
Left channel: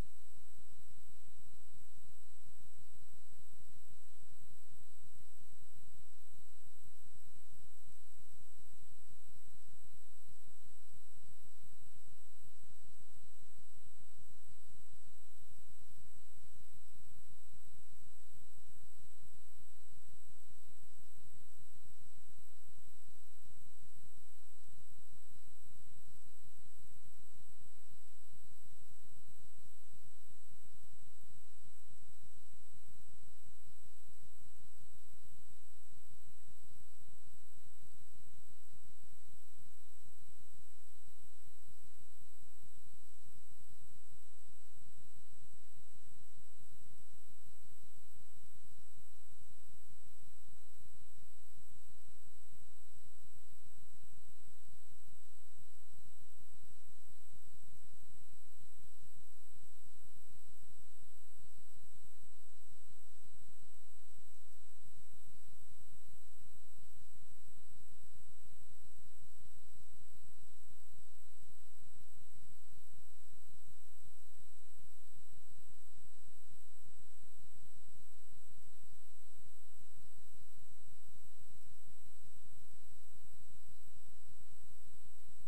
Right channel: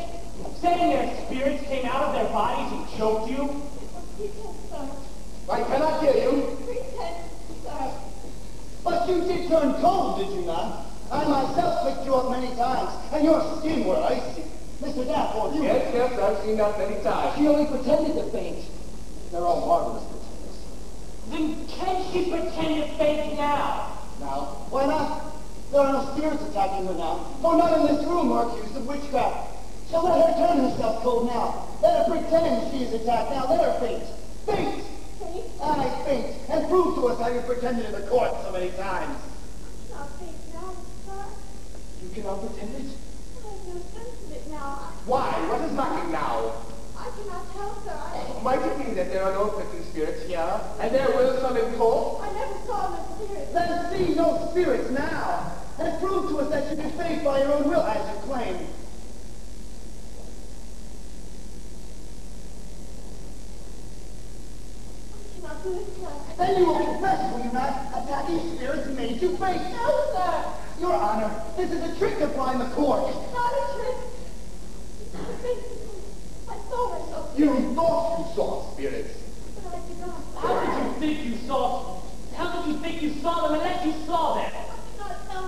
saying their spirits came out of their bodies and choked you. Pretend, sir. I cannot hear you. Pretend, sir. But you did turn cold, did you not? I myself picked you up many times, and your skin were icy. Mr. Dafford, you... Yes, yes, I've seen that many times. She only pretended to faint. They're all marvelous pretenders. Then can she pretend to faint now? Now, why not? There are no spirits attacking her now, for none in this room are accused of witchcraft. So let her turn herself cold now. Let her pretend she is attacked now. Let her faint. Faint! Faint? Aye, faint. And prove to us how you pretended in the court so many times. Not faint now, sir. You cannot pretend it. I have no sense of it now. Why? What is lacking now? I cannot tell, sir. Might it be that there are no afflicting spirits here, and there will some in court? I never saw no spirit. Let us see no spirits now. And prove to us that you did faith by your own will, as you claim. I cannot do it, sir. Then you will confess, will you not? Attacking spirits made you faint. No, sir. Your Honor, this is a trick to blind the court. Not a trick. I think I saw myself. You thought you saw spirits. But I did not. How did you think you saw them unless you saw them? I cannot tell,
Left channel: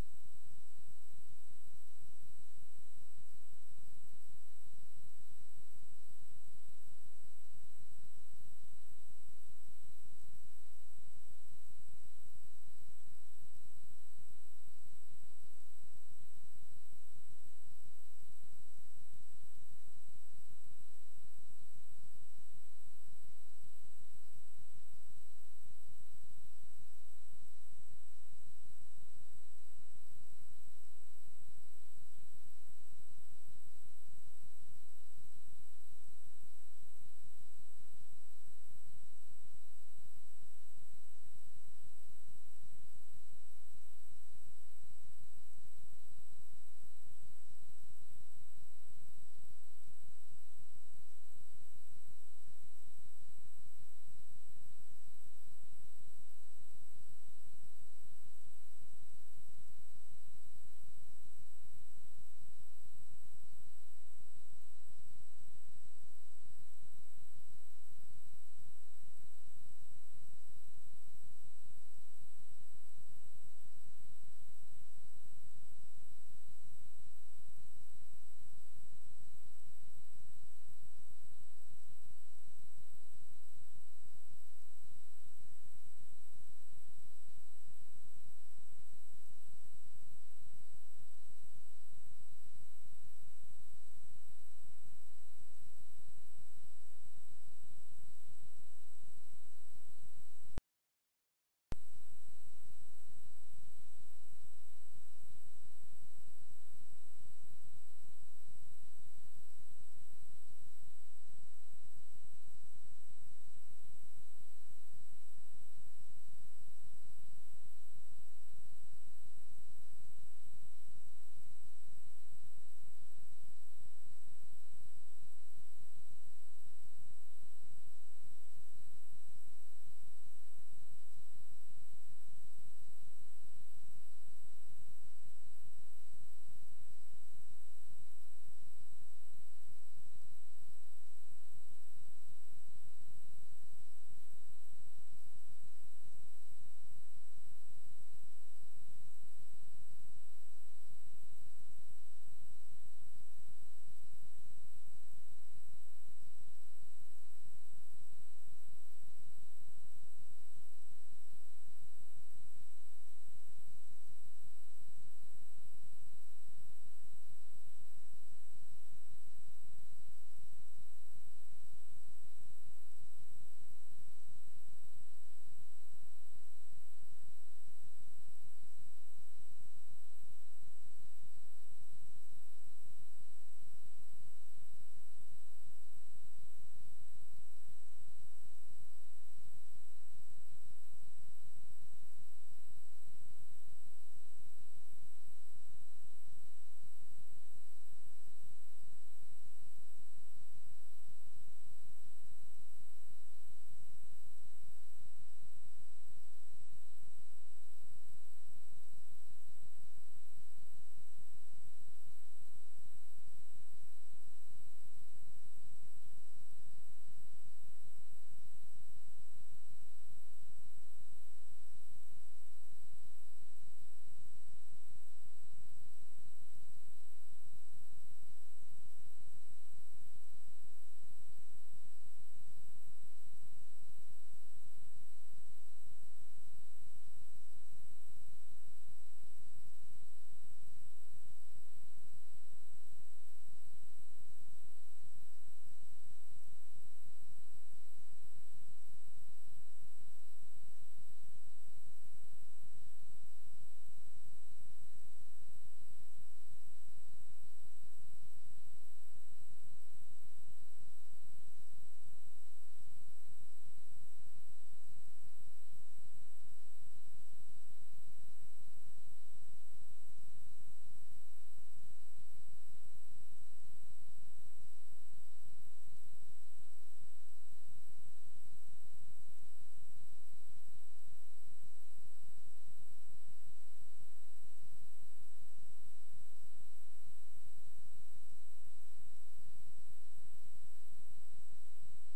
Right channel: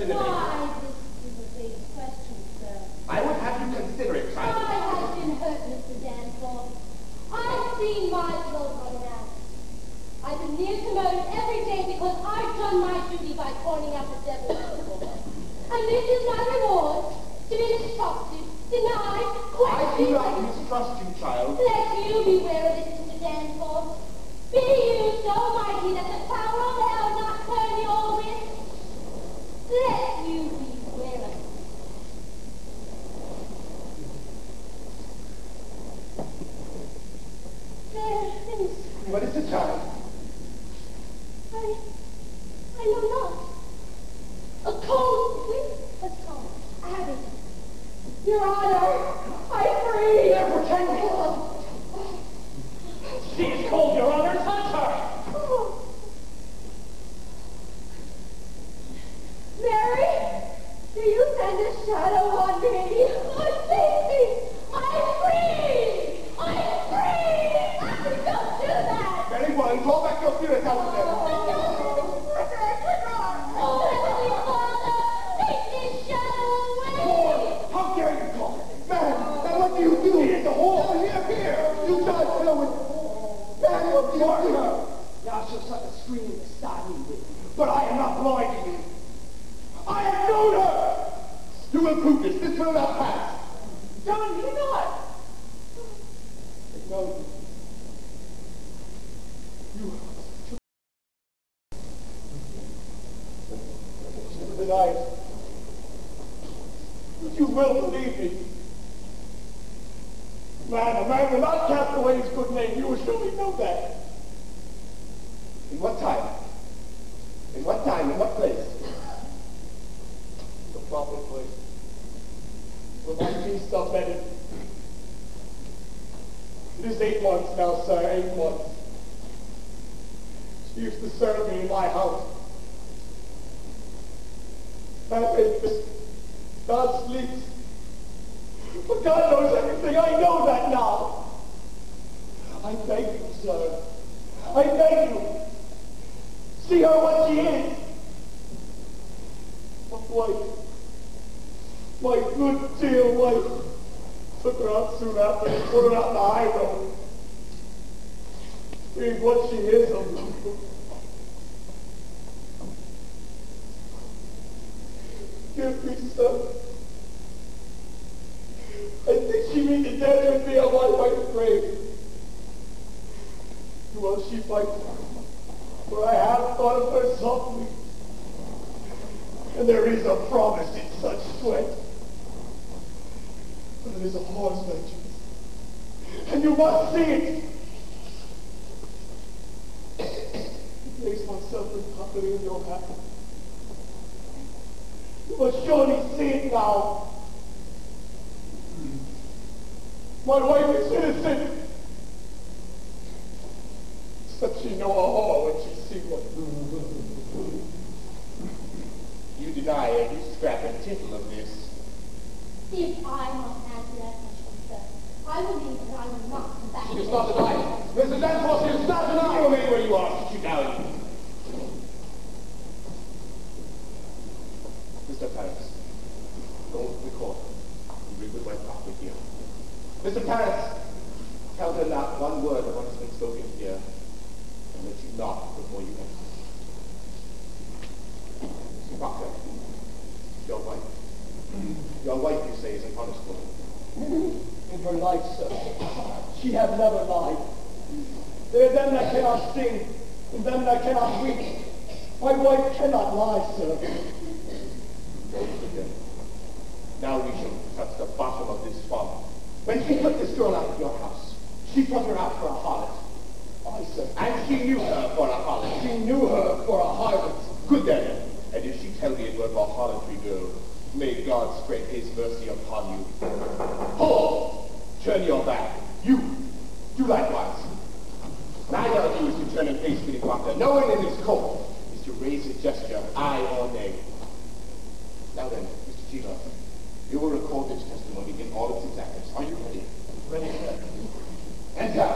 in the paper. Why, this is a big question, sir. I would have you consider it, I child. have been hurt, Mr. Danforth. I've seen my blood running out. I've been near to murder every day because I've done my duty by pointing out the devil's people. And this is my reward, to be mistrusted, denied, I do questioned. not mistrust you, child. Let you beware of it, Mr. Danforth. Be you so mighty that the power of hell not turn your wit. Let you beware of it. There is. What is it, child? I know not. A cold wind has come. Abby. Your Honor, I free. They're pretending. She is cold, Your Honor. Touch her. Mary, do you send a shadow on me? Save me! I'm free! I'm free! Don't do that! Very well, call back your spirits out of there. Oh, Heavenly Father, take this shadow away! How dare you call it? Man, what do you do? He is a whore. Here. You died for with. Man, what do you do? Now she'll suck a scream to stop me with. But I am not blind to you. I have known her! You will prove this. This will not pass. John, you not! I know you. You never deny it. But you will believe me. Man, a man will not cast away his good name. You will surely know that. In what time? In what time? In what place? The proper place. Where my beasts are bedded. It is 8 months now, sir, 8 months. She used to serve me in my house. Man made this. God sleeps. But God knows everything. I know that now. I beg you, sir. I beg you. See her what she is. My wife. My good dear wife. Took her out soon after and put her out in the high road. Being what she is, Give me, sir. I think she means to dare with me on my wife's grave. Will she fight? For I have thought of her softly. And there is a promise in such sweat. But it is a horse vengeance. And you must see it. I place myself entirely in your hands. You must surely see it now. My wife is innocent. Except she know a whore when she see one. You deny every scrap and tittle of this. If I must answer that question, sir, I believe that I will not come back. She does not deny it. Mrs. Danforth, she does not deny it. You remain where you are. Sit you down. Mr. Paris, don't record. Read with my pocket here. Mr. Paris, tell her not one word of what has been spoken here, and let you knock before you enter. Mr. Proctor, your wife. Your wife, you say, is an honest woman. In her life, sir, she have never lied. There are them that cannot sing, and them that cannot weep. My wife cannot lie, sir. Now we shall touch the bottom of this swamp. When she put this girl out of your house, she put her out for a harlot. I, sir. And she knew her for a harlot. She knew her for a harlot. Good then. And if she tell me it were for harlotry, girl, may God spread his mercy upon you. Hold! Turn your back. You. Do likewise. Neither of you is to turn and face me, Proctor. No one in this court is to raise a gesture, aye or nay. Now then, Mr. Cheever, you will record this testimony in all its exactness. Are you ready? Ready, sir. Enter.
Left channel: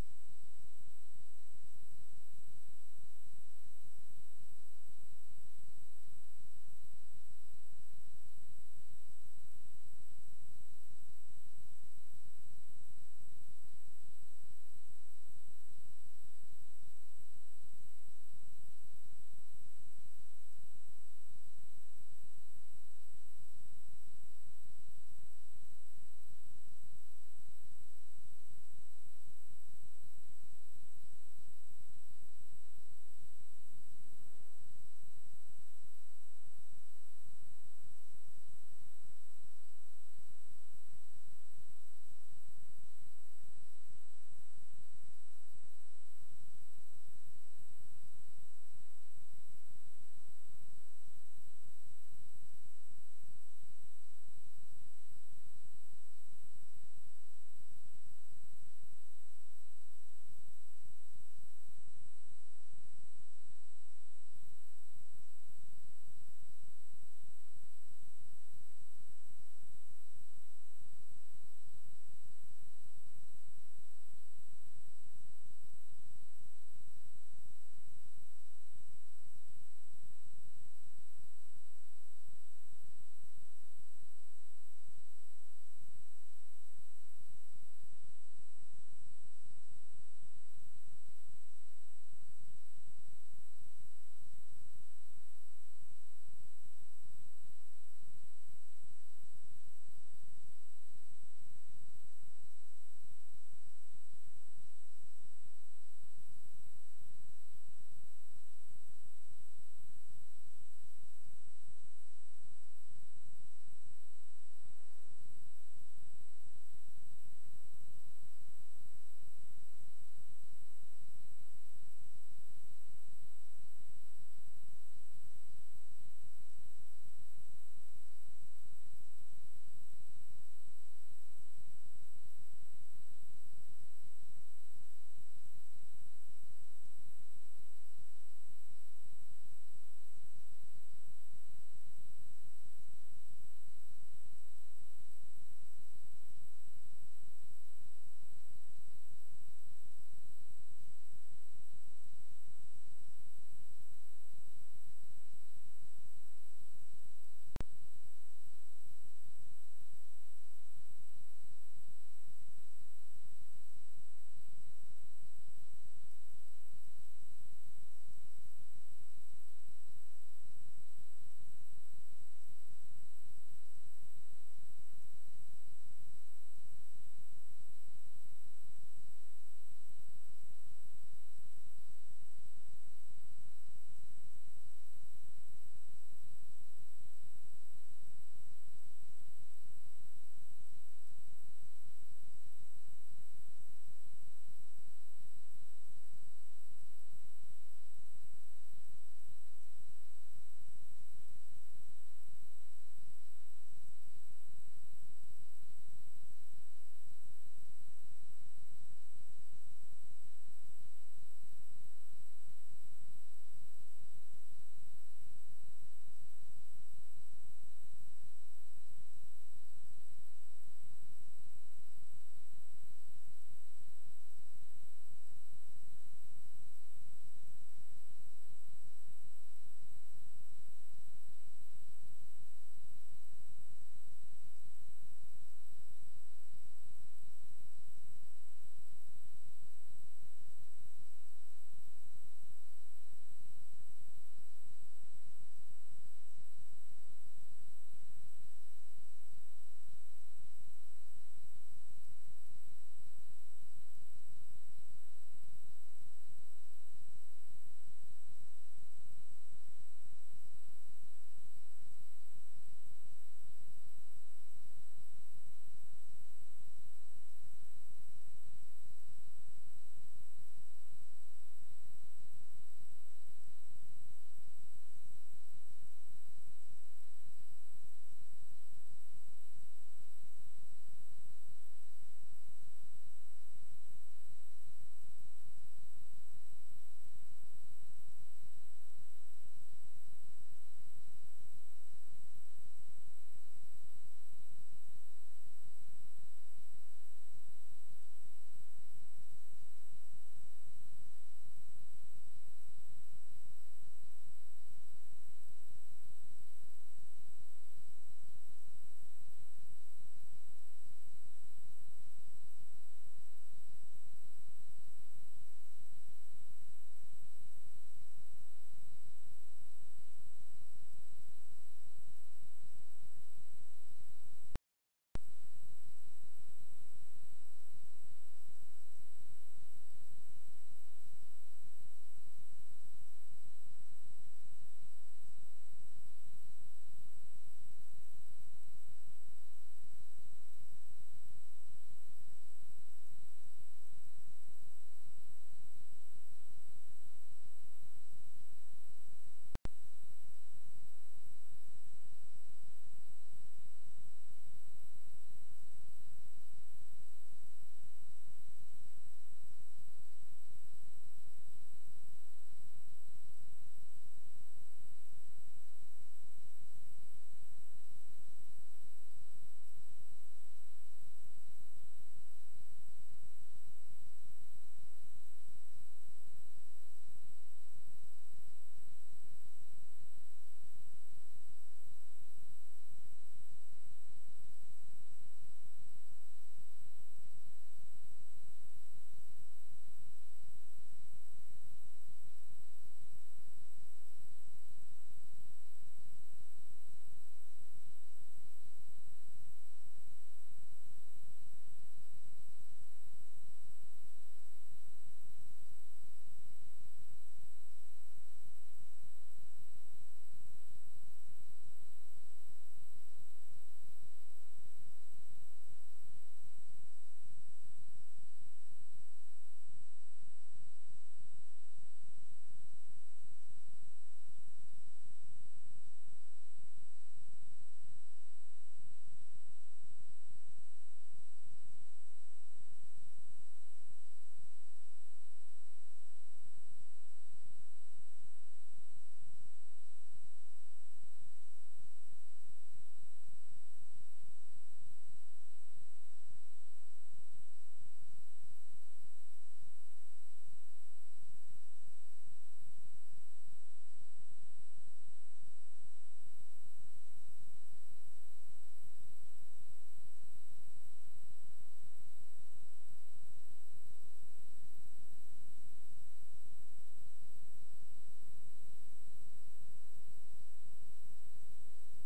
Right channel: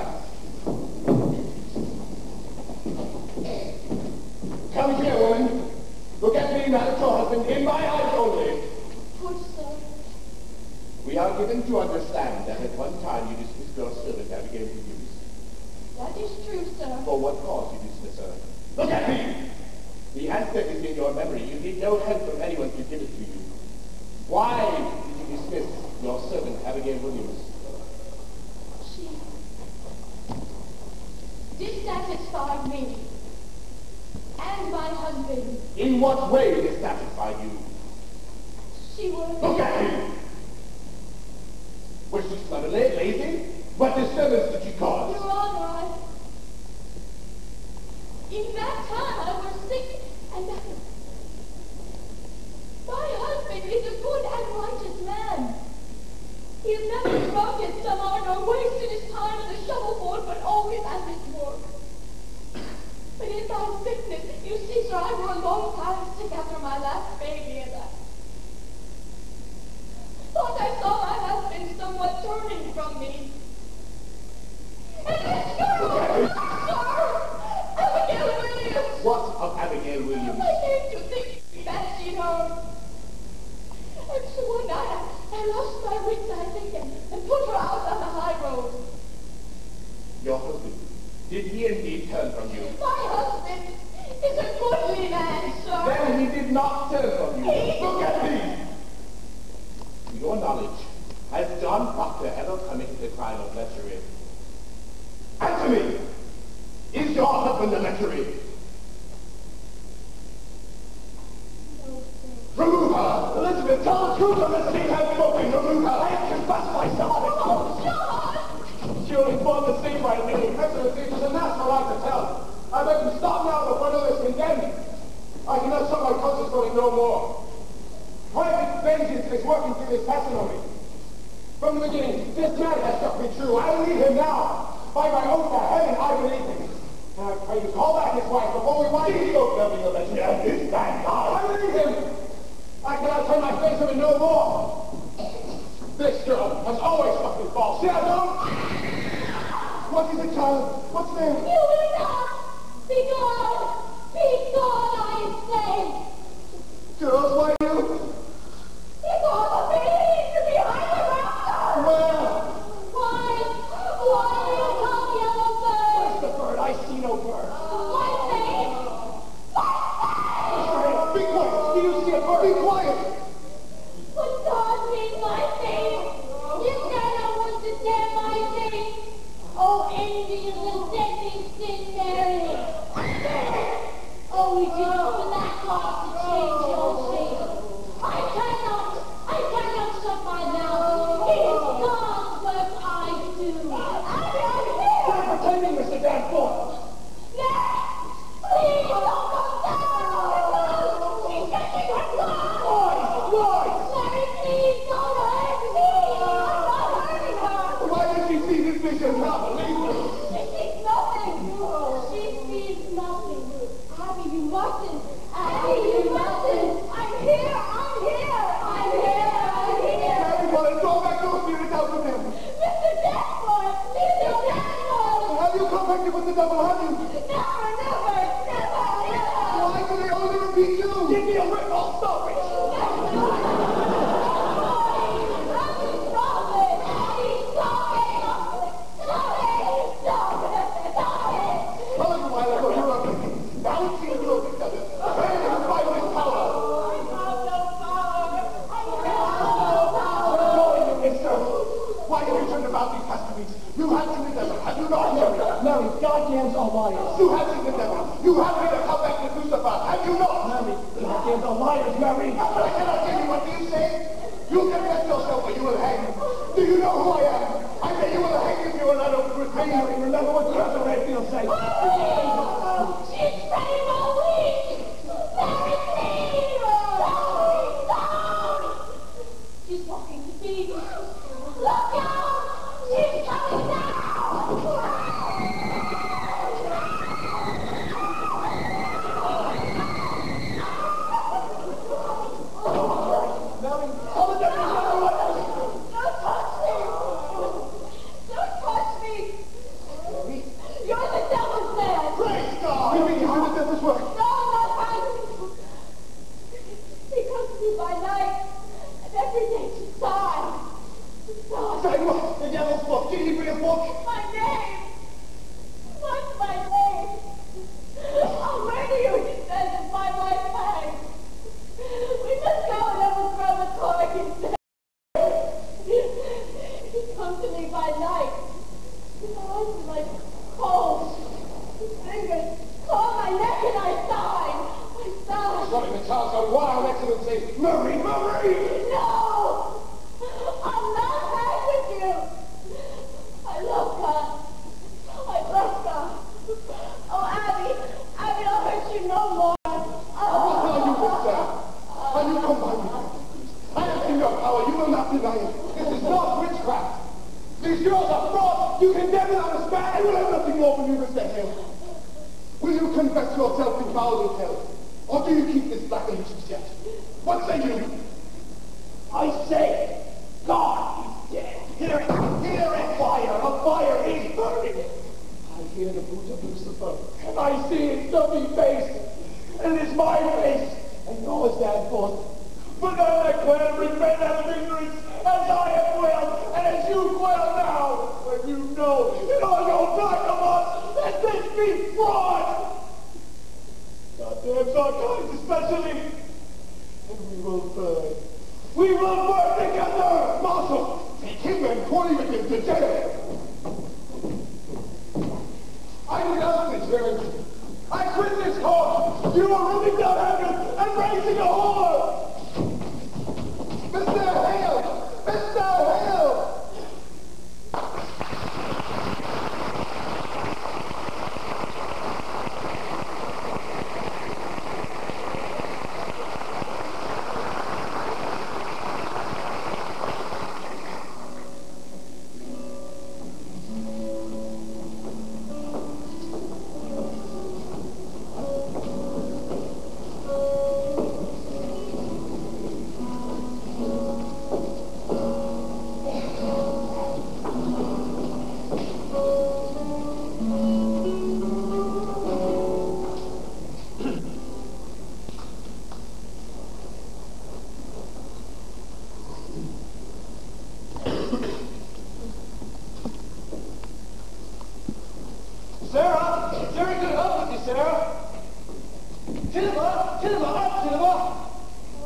Come here, woman. Look at me, not at your husband, in my willing to understand that at one time you dismissed your servant Abigail Williams. That is true, sir. For what cause you dismiss her? Look at me! The answer is in your memory. You need no help from anyone to give it to you. Why did you dismiss your servant Abigail Williams? She dissatisfied me and my husband. In what way dissatisfied you? She was... Look at me! Was she slovenly, lazy? What disturbance did she cause? Your Honor, in that time I was sick, and my husband is a good and righteous man. He has never drunk at summer nor wasted his time at the shovelboard, but always at his work. But in my sickness, you see, sir, I were a long time sick after my last baby, and I thought I saw my husband somewhat turning from me. And this girl, sir, Abigail Williams. What of Abigail Williams? I came to think that she heard. And so one night I lost my wits, I think, and put her out on the high road. Your husband, did he indeed turn from you? My husband is a goodly man, sir. Then he did not turn from you. Look at me! To your knowledge, has John Proctor ever committed the crime of lechery? Answer me! Is your husband a lechery? Remove her! Elizabeth, tell the truth, Elizabeth has spoken! Remove her! I have confessed myself! Oh, John! She only formed the same by me. Excellency, it is a national right to tell. I beg you stop now before another is condemned. I cannot show my conscience going no more. Private vengeance is working through this testimony. From the beginning, this man has struck me true. I believe him now. By my oath to heaven, I believe him. And I pray you call back his wife before we wipe his spoke nothing of it. Yes, this man died. I believe him. I cannot turn my face from it no more. This girl has always struck me false. See, I don't. What is it, child? What's there? You will not! Be gone! Be gone, I say! Girls, why you? Because of me! Behind the mountain! Where? Why do you come, yellow bird? Where's the bird? I see no bird. My face! Be quiet. Do you see a bird? Be quiet. But God made my face! You cannot want to tear my face! Oh, envious ascending sin, Mary! Oh, we did open that cause to change your shape. I cannot shut my mouth. It is God's work I do. Stop pretending, Mr. Danforth. Please don't come down! She's getting her blood! Boys! Mary, please don't hurt me! I'm not hurting her! Why does she see this vision not believe me? She sees nothing! She sees nothing! Abby, you mustn't! Abby, you mustn't! I'm here! I'm here! I'm here! I'm here! Everybody, go back those spirits out with them. Mr. Danforth! Mr. Danforth! Have you contacted with the devil, have you? Never, never, never, never! Why do they only repeat you? Give me a whip, I'll stop it. Tell you why they were up. Now it's you look at them. Where do you find this power? Join you, mister. Why have you turned about these testimonies? You have seen the devil, have you not, Mary? Mary, goddamns are liars. You have seen the devil. You have made a comeback to Crucible, have you not? Mary, goddamns are liars, Mary. I cannot tell you what you say. You confess yourself or you will hang. Do you know who I am? I say you will hang if you are not open with me. Mary, remember what Cousin Redfield said. She's spreading my wings! Mary, please! Down! She's walking to me. Look out! She's coming down! not deny it. This is not witchcraft. These girls are frauds. You condemn them as bad. I will have nothing more from you, Mr. Hale. Will you confess yourself in foul intel? Or do you keep this black allegiance yet? What say you? I say, God is dead. Hear it! Hear it! Fire! A fire is burning! I hear the boot of Lucifer, and I see his stuffy face, and it's my face, and yours, Danforth. But then I can't repent out of ignorance, as I have quailed, and as you quail now, when you know in all your back of us that this be fraud! Goddamn Sarkites especially, and we will burn. We will burn together! Marshal, take him and Corey with him to jail. I denounce this very thing. I quit this court. You are ripping down heaven and raising a whore! Mr. Hale! Mr. Hale!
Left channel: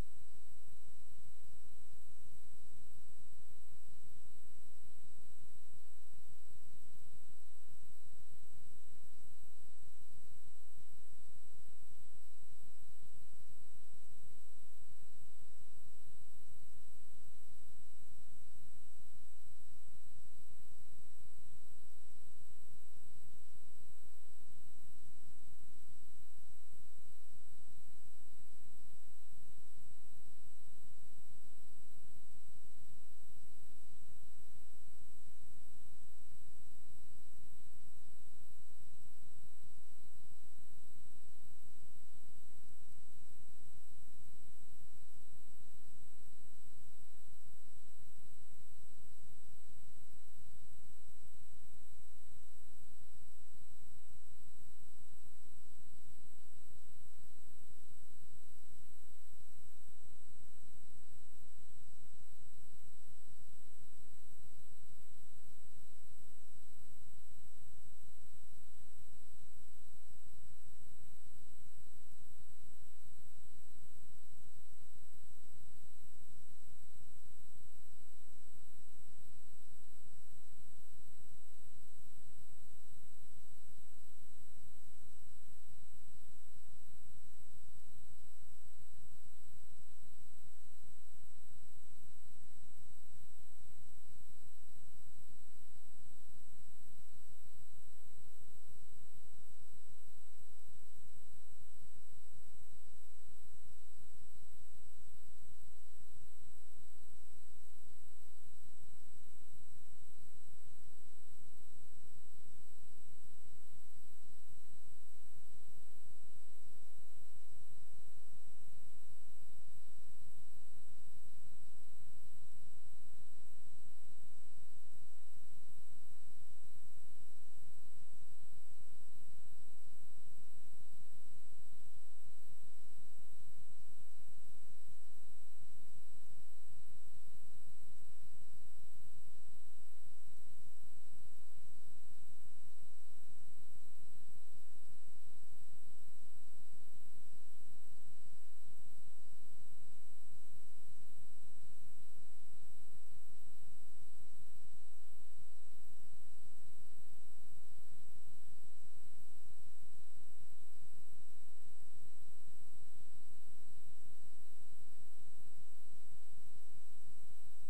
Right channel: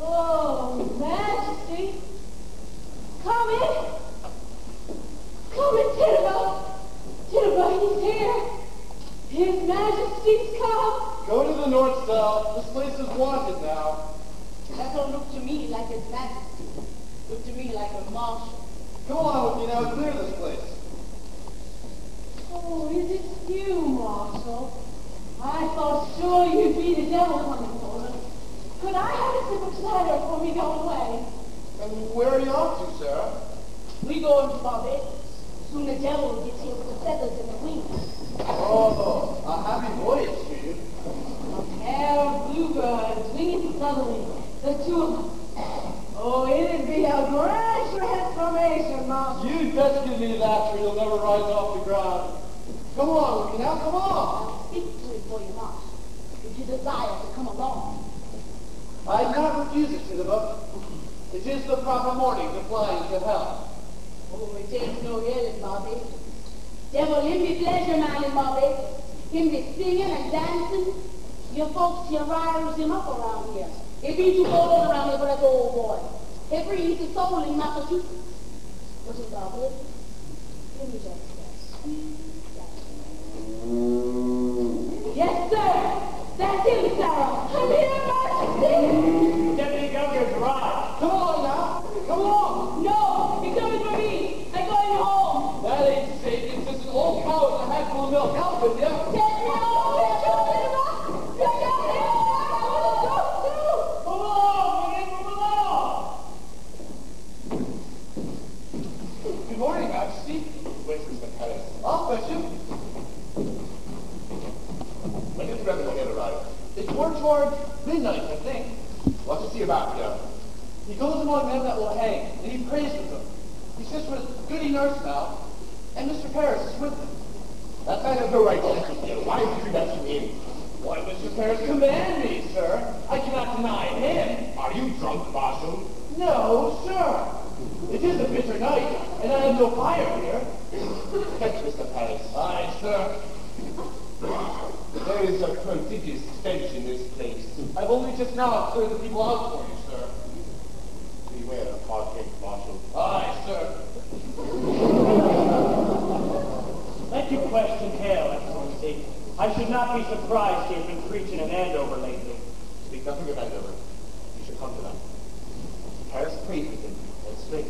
Oh, Majesty. Come in. Come in, Titterbuck. Titterbuck is here. His Majesty's come. Go to the north cell. This place is wanted now. That don't look to me like His Majesty. Look to me like a marshal. Come along with me now and clear this place. Oh, is it you, Marshal? I thought sure you'd be the devil hunting for us. Could I have a sip of cider before we go away? And where are you off to, Sarah? We going to Barbados. Soon the devil gets here with the feathers and the wings. Oh, a happy voyage to you. A pair of bluebirds, winged southerly, the two of them. Oh, it'd be a grand transformation, Marshal. You'd best give me that, or you'll never rise off the ground. Come along with me now, come on. I'll speak to it for you, Marshal, if you desire to come along. I cannot refuse it, Titterbuck. It is the proper morning to fly into hell. Oh, it ain't no hell in Barbados. Devil, him be pleasure man in Barbados. Him be singing and dancing. Your folks, your riders him up around here. It be too cold around here for that old boy. It breeds his soul in Massachusetts. What is Barbados? Give me just that sweet Yes, sir. That's him, Sarah. I'm here, Majesty. Deputy Governor's arrived. Come on now, come on. No, you're coming for me. I'm going home. That ain't safe. It's just an old cow with a handful of milk. Out with you. Take me home. You're Come along, man, come along. Good morning, Majesty. Where's Mr. Paris? I'll fetch him. When did Rebel get arrived? It's more toward midnight, I think. What's he about here? He goes among them that will hang, and he prays with them. He sits with Goody Nurse now, and Mr. Paris is with him. That man has no right to enter here. Why did you let him in? Why, Mr. Paris command me, sir. I cannot deny him. Are you drunk, Marshal? No, sir. It is a bitter night, and I have no fire here. Fetch Mr. Paris. Aye, sir. There is a prodigious stench in this place. I've only just now cleared the people out for you, sir. Beware of hard-headed Marshal. Aye, sir. Let you question Hale, Excellency. I should not be surprised he has been preaching an Andover lately. Speak nothing of Andover. You should come to that. Paris prayed with him. That's strange.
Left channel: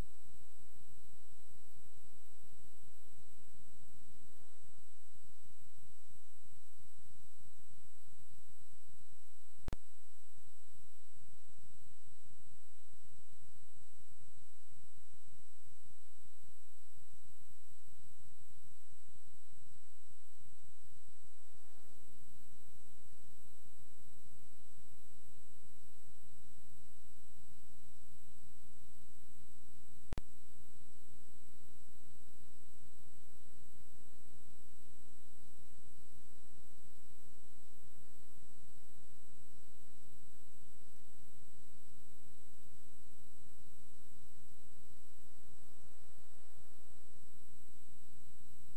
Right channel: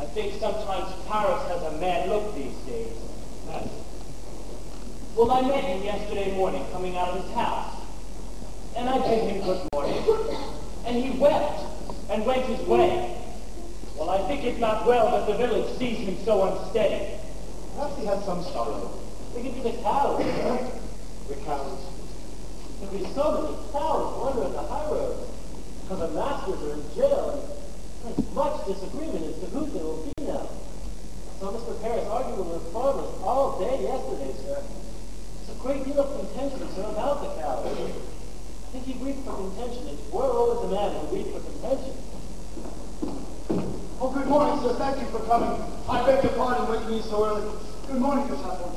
I think sometimes Paris has a mad look these days. Well, I met him yesterday morning coming out of his house. And I bid him good morning. And he wept and went his way. Well, I think it not well that the village sees me so unsteady. Perhaps he has some sorrow. It could be the cows, sir. The cows. There be so many cows wandering the high road. For the masters are in jail, and there's much disagreement as to who they will be now. I saw Mr. Paris arguing with farmers all day yesterday, sir. There's a great deal of contention, sir, about the cows. I think he weeps for contention, and we're always a man who weeps for contention. Oh, good morning, sir. Thank you for coming. I beg your pardon waking me so early. Good morning, Miss Hopper.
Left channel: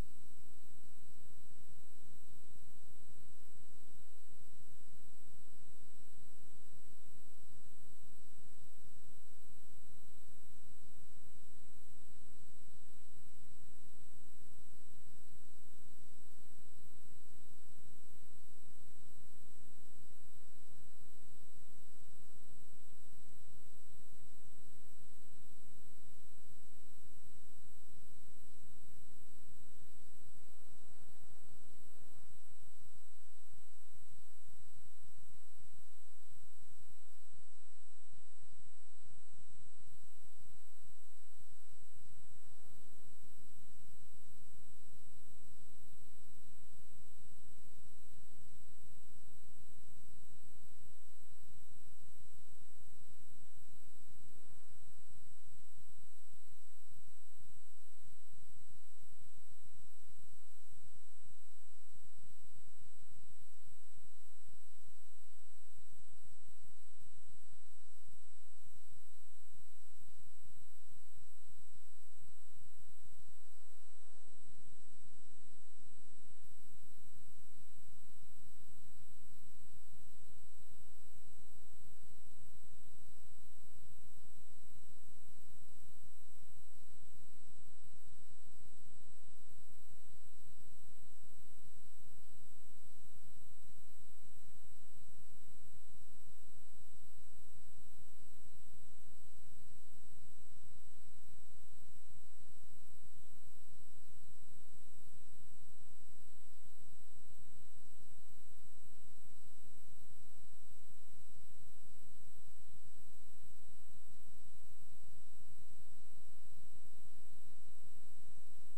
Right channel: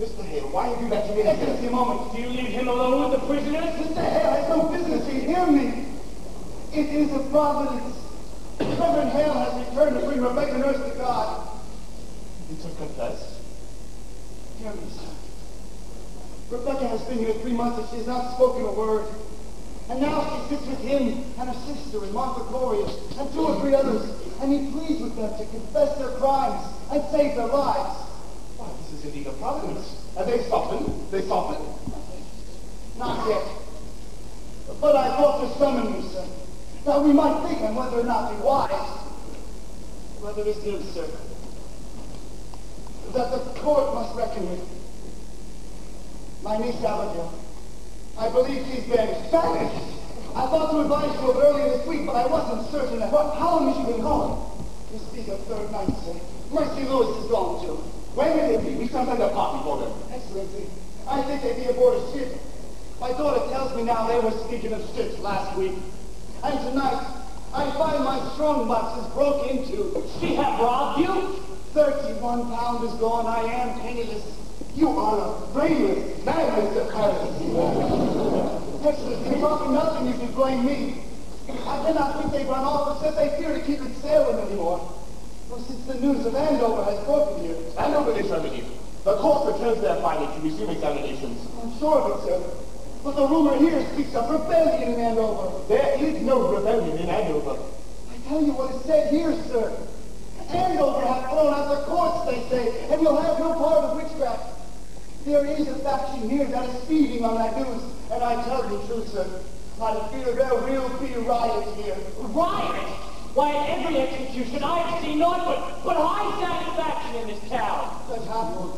Mr. Hale, why have you let him in? Excellency, a moment. Do you leave him alone with the prisoners? Mr. Hale has no business here. Hear me. It is a providence. Reverend Hale has returned to bring Rebecca Nurse to God. You to confess? Hear me, sir. Rebecca has been here 3 months and she has not spoken a word. And now she sits with him and her sister and Martha Gloria and 2 or 3 others, and he pleads with them to confess their crimes and save their lives. Why, this is indeed a providence. And they softened? They softened? Not yet. But I thought to summon you, sir. Now we might think on whether or not be wise. Whether it is, sir, that the court must reckon with. My niece Abigail. I believe she's banished. Banished? I thought to advise you of earlier this week, but I wasn't certain. How long has she been gone? You speak of 3rd night, sir. Mercy Lewis is gone too. Where may they be? We shall send a party for them. Excellency, I think they be aboard a ship. My daughter tells me now they were speaking of ships last week. And tonight, I find my strong boxes broke into. She have robbed you? 31 pounds is gone. I am penniless. You are a brainless man, Mr. Paris. Excellency, talking nothing, you should blame me. I cannot think they've run off, but said they fear to keep it sailing anymore. Well, since the news of Andover has broken here. Andover is remedied. The court returns their findings to resume examinations. I'm sure of it, sir. But the rumor here speaks of rebellion in Andover. There is no rebellion in Andover. I tell you what is said here, sir. Andover have thrown out the courts, they say, and you'll have no part of witchcraft. There is a faction here that is feeding on that news, and I tell you true, sir, I fear there will be riots here. Riot? Why, at every execution I have seen naught but high satisfaction in this town. Judge Hopwood,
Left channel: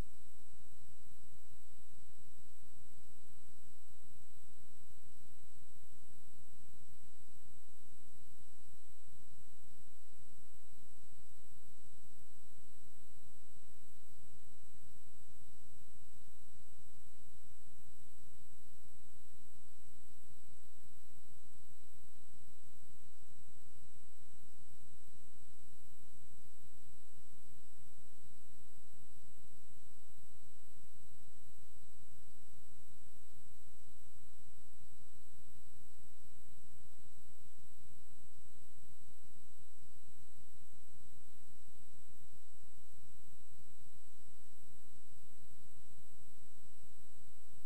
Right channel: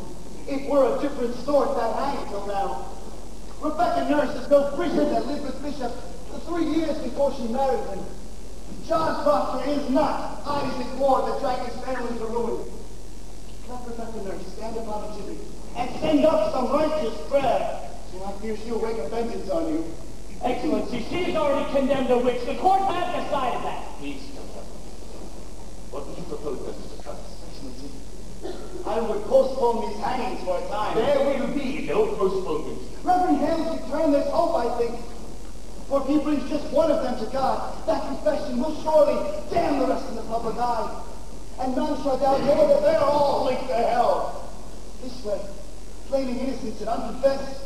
it were a different sort that hanged till now. Rebecca Nurse is no prisoner that lived with Bishop 3 years before she married him. John Proctor is not Isaac Ward that dragged his family to ruin. Let Rebecca Nurse stand upon a gibbet and send up some righteous prayer, so I fear she'll wake a vengeance on you. Excellency, she has already condemned a witch. The court has decided that. Please, Doctor. What would you propose, Mr. Travis? Excellency, I would postpone these hangings for a time. There will be no postponement. Reverend Hale's return, there's hope, I think. For if he brings just one of them to God, that confession will surely damn the rest in the public eye. And none shall doubt more that they're all linked to hell. This way, claiming innocence and unconfessed,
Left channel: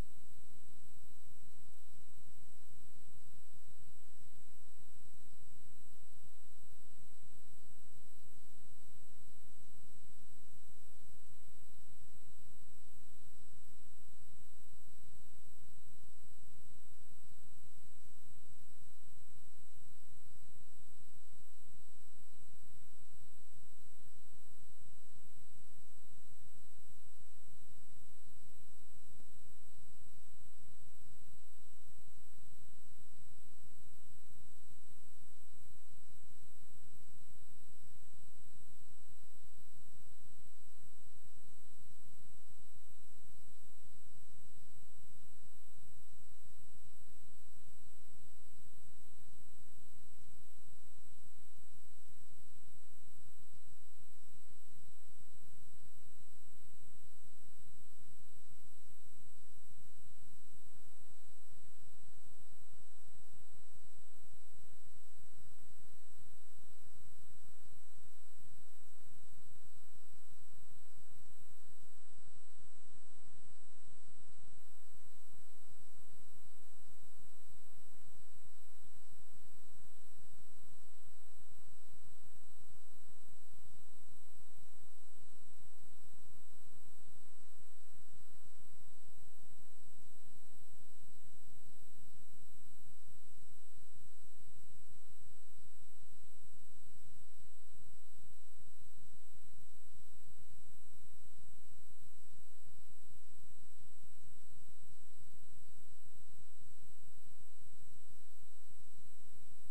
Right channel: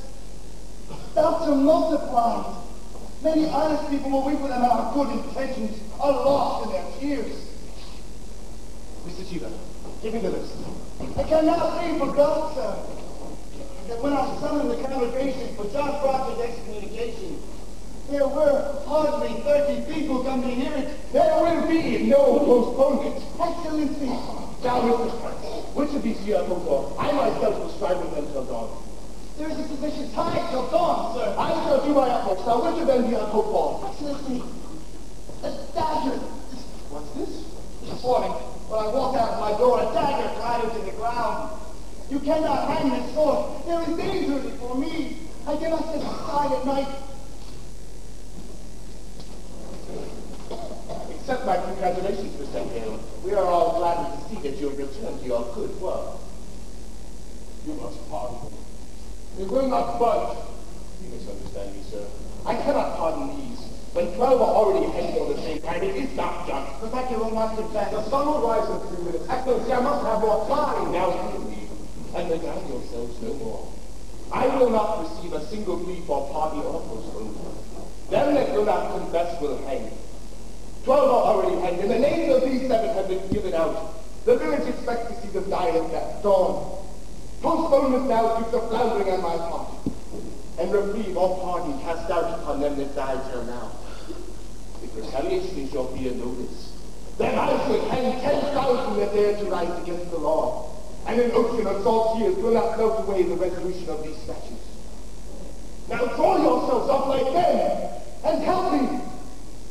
doubts are multiplied. Many honest people will weep with them, and our good intentions are lost in their tears. Mr. Chiva, give me the list. It cannot be forgot, sir, that when I summoned the congregation for John Proctor's excommunication, there were hardly 30 people come to hear it. There will be no postponement. Excellency, Now, Mr. Travis, which of these you have hoped for? I myself will strive with them till dawn. there is a sufficient time till dawn, sir. I shall do my utmost. Now, which of them do you have hope for? Excellency, a dagger. What's this? This morning, when I walked out of my door, a dagger clattered to the ground. You cannot hang this sword. There is danger in it for me. I cannot sit aside at night. Accept my congratulations, Mr. Hale. We are all glad to see that you have returned to your good work. You must pardon me. We will not budge. You misunderstand me, sir. I cannot pardon these. When 12 are already hanged on the same time, it is not just. Rebecca will not confess. The sun will rise in 3 minutes. Excellency, I must have more time. Now hear me, and regard yourselves no more. I will not receive a single plea for pardon or postponement. Them that will not confess will hang. 12 are already hanged, and the names of these 7 have been given out. The village expects to see them die at dawn. Postponement now keeps a floundering on my part, and reprieve or pardon cast out upon them that died till now. If retaliation is your fear, know this. Then I should hang 10,000 that dare to rise against the law. And an ocean of salt tears will not melt away the resolution of these statutes. Now draw yourselves up like them, and help me,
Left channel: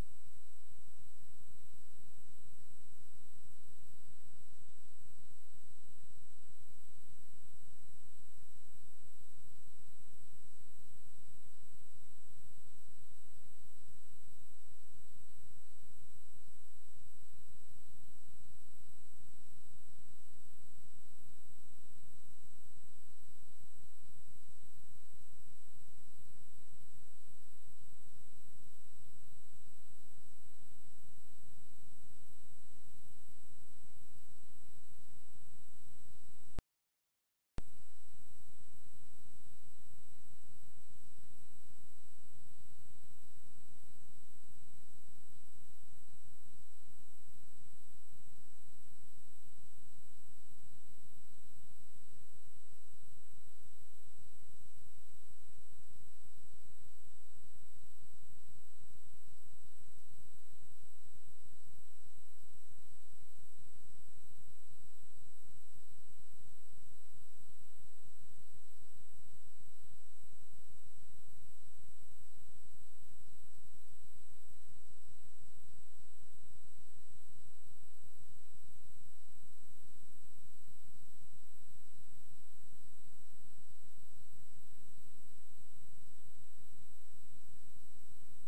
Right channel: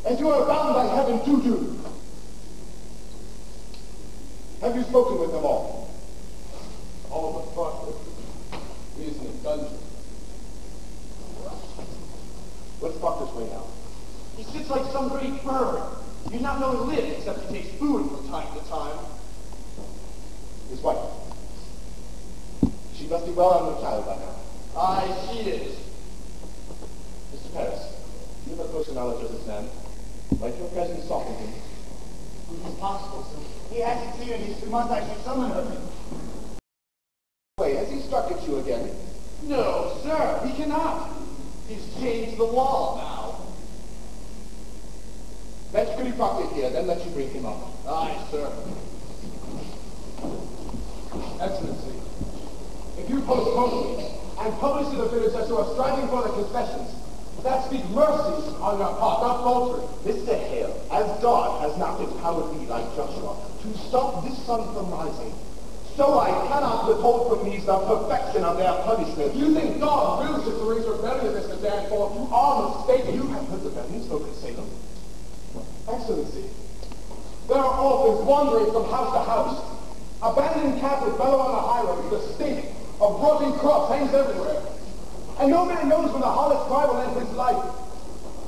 as you are bound by heaven to do. Have you spoken with them all? All but Proctor. He is in a dungeon. Let's talk this way now. He sits like some great bird. You not know he lives except he takes food from time to time. His wife. She must be well on the child by now. Aye, she is. Mr. Paris, you have a closer knowledge of this man. Might your presence soften him? It's possible, sir. He hasn't seen her these 2 months. I should summon her. Wait, has he struck at you again? No, sir, he cannot. He's changed the law now. Fetch Goody Proctor here, then let you bring him up. Aye, sir. Excellency, if you postpone me and publish to the village that you are striving for the confessions, that speaks mercy on your part, not faltering. Mr. Hale, as God has not empowered me like Joshua to stop this sun from rising, so I cannot withhold from these the perfection of their punishment. You think God wills you to raise rebellion against the Danforth? You are mistaken. You have heard the rebellion spoken, Salem. Excellency, there are orphans wandering from house to house. Abandoned Catholic fellow on the highroad, the stink of rotting crops hangs everywhere. And no man knows when the harlot's cry will end his life.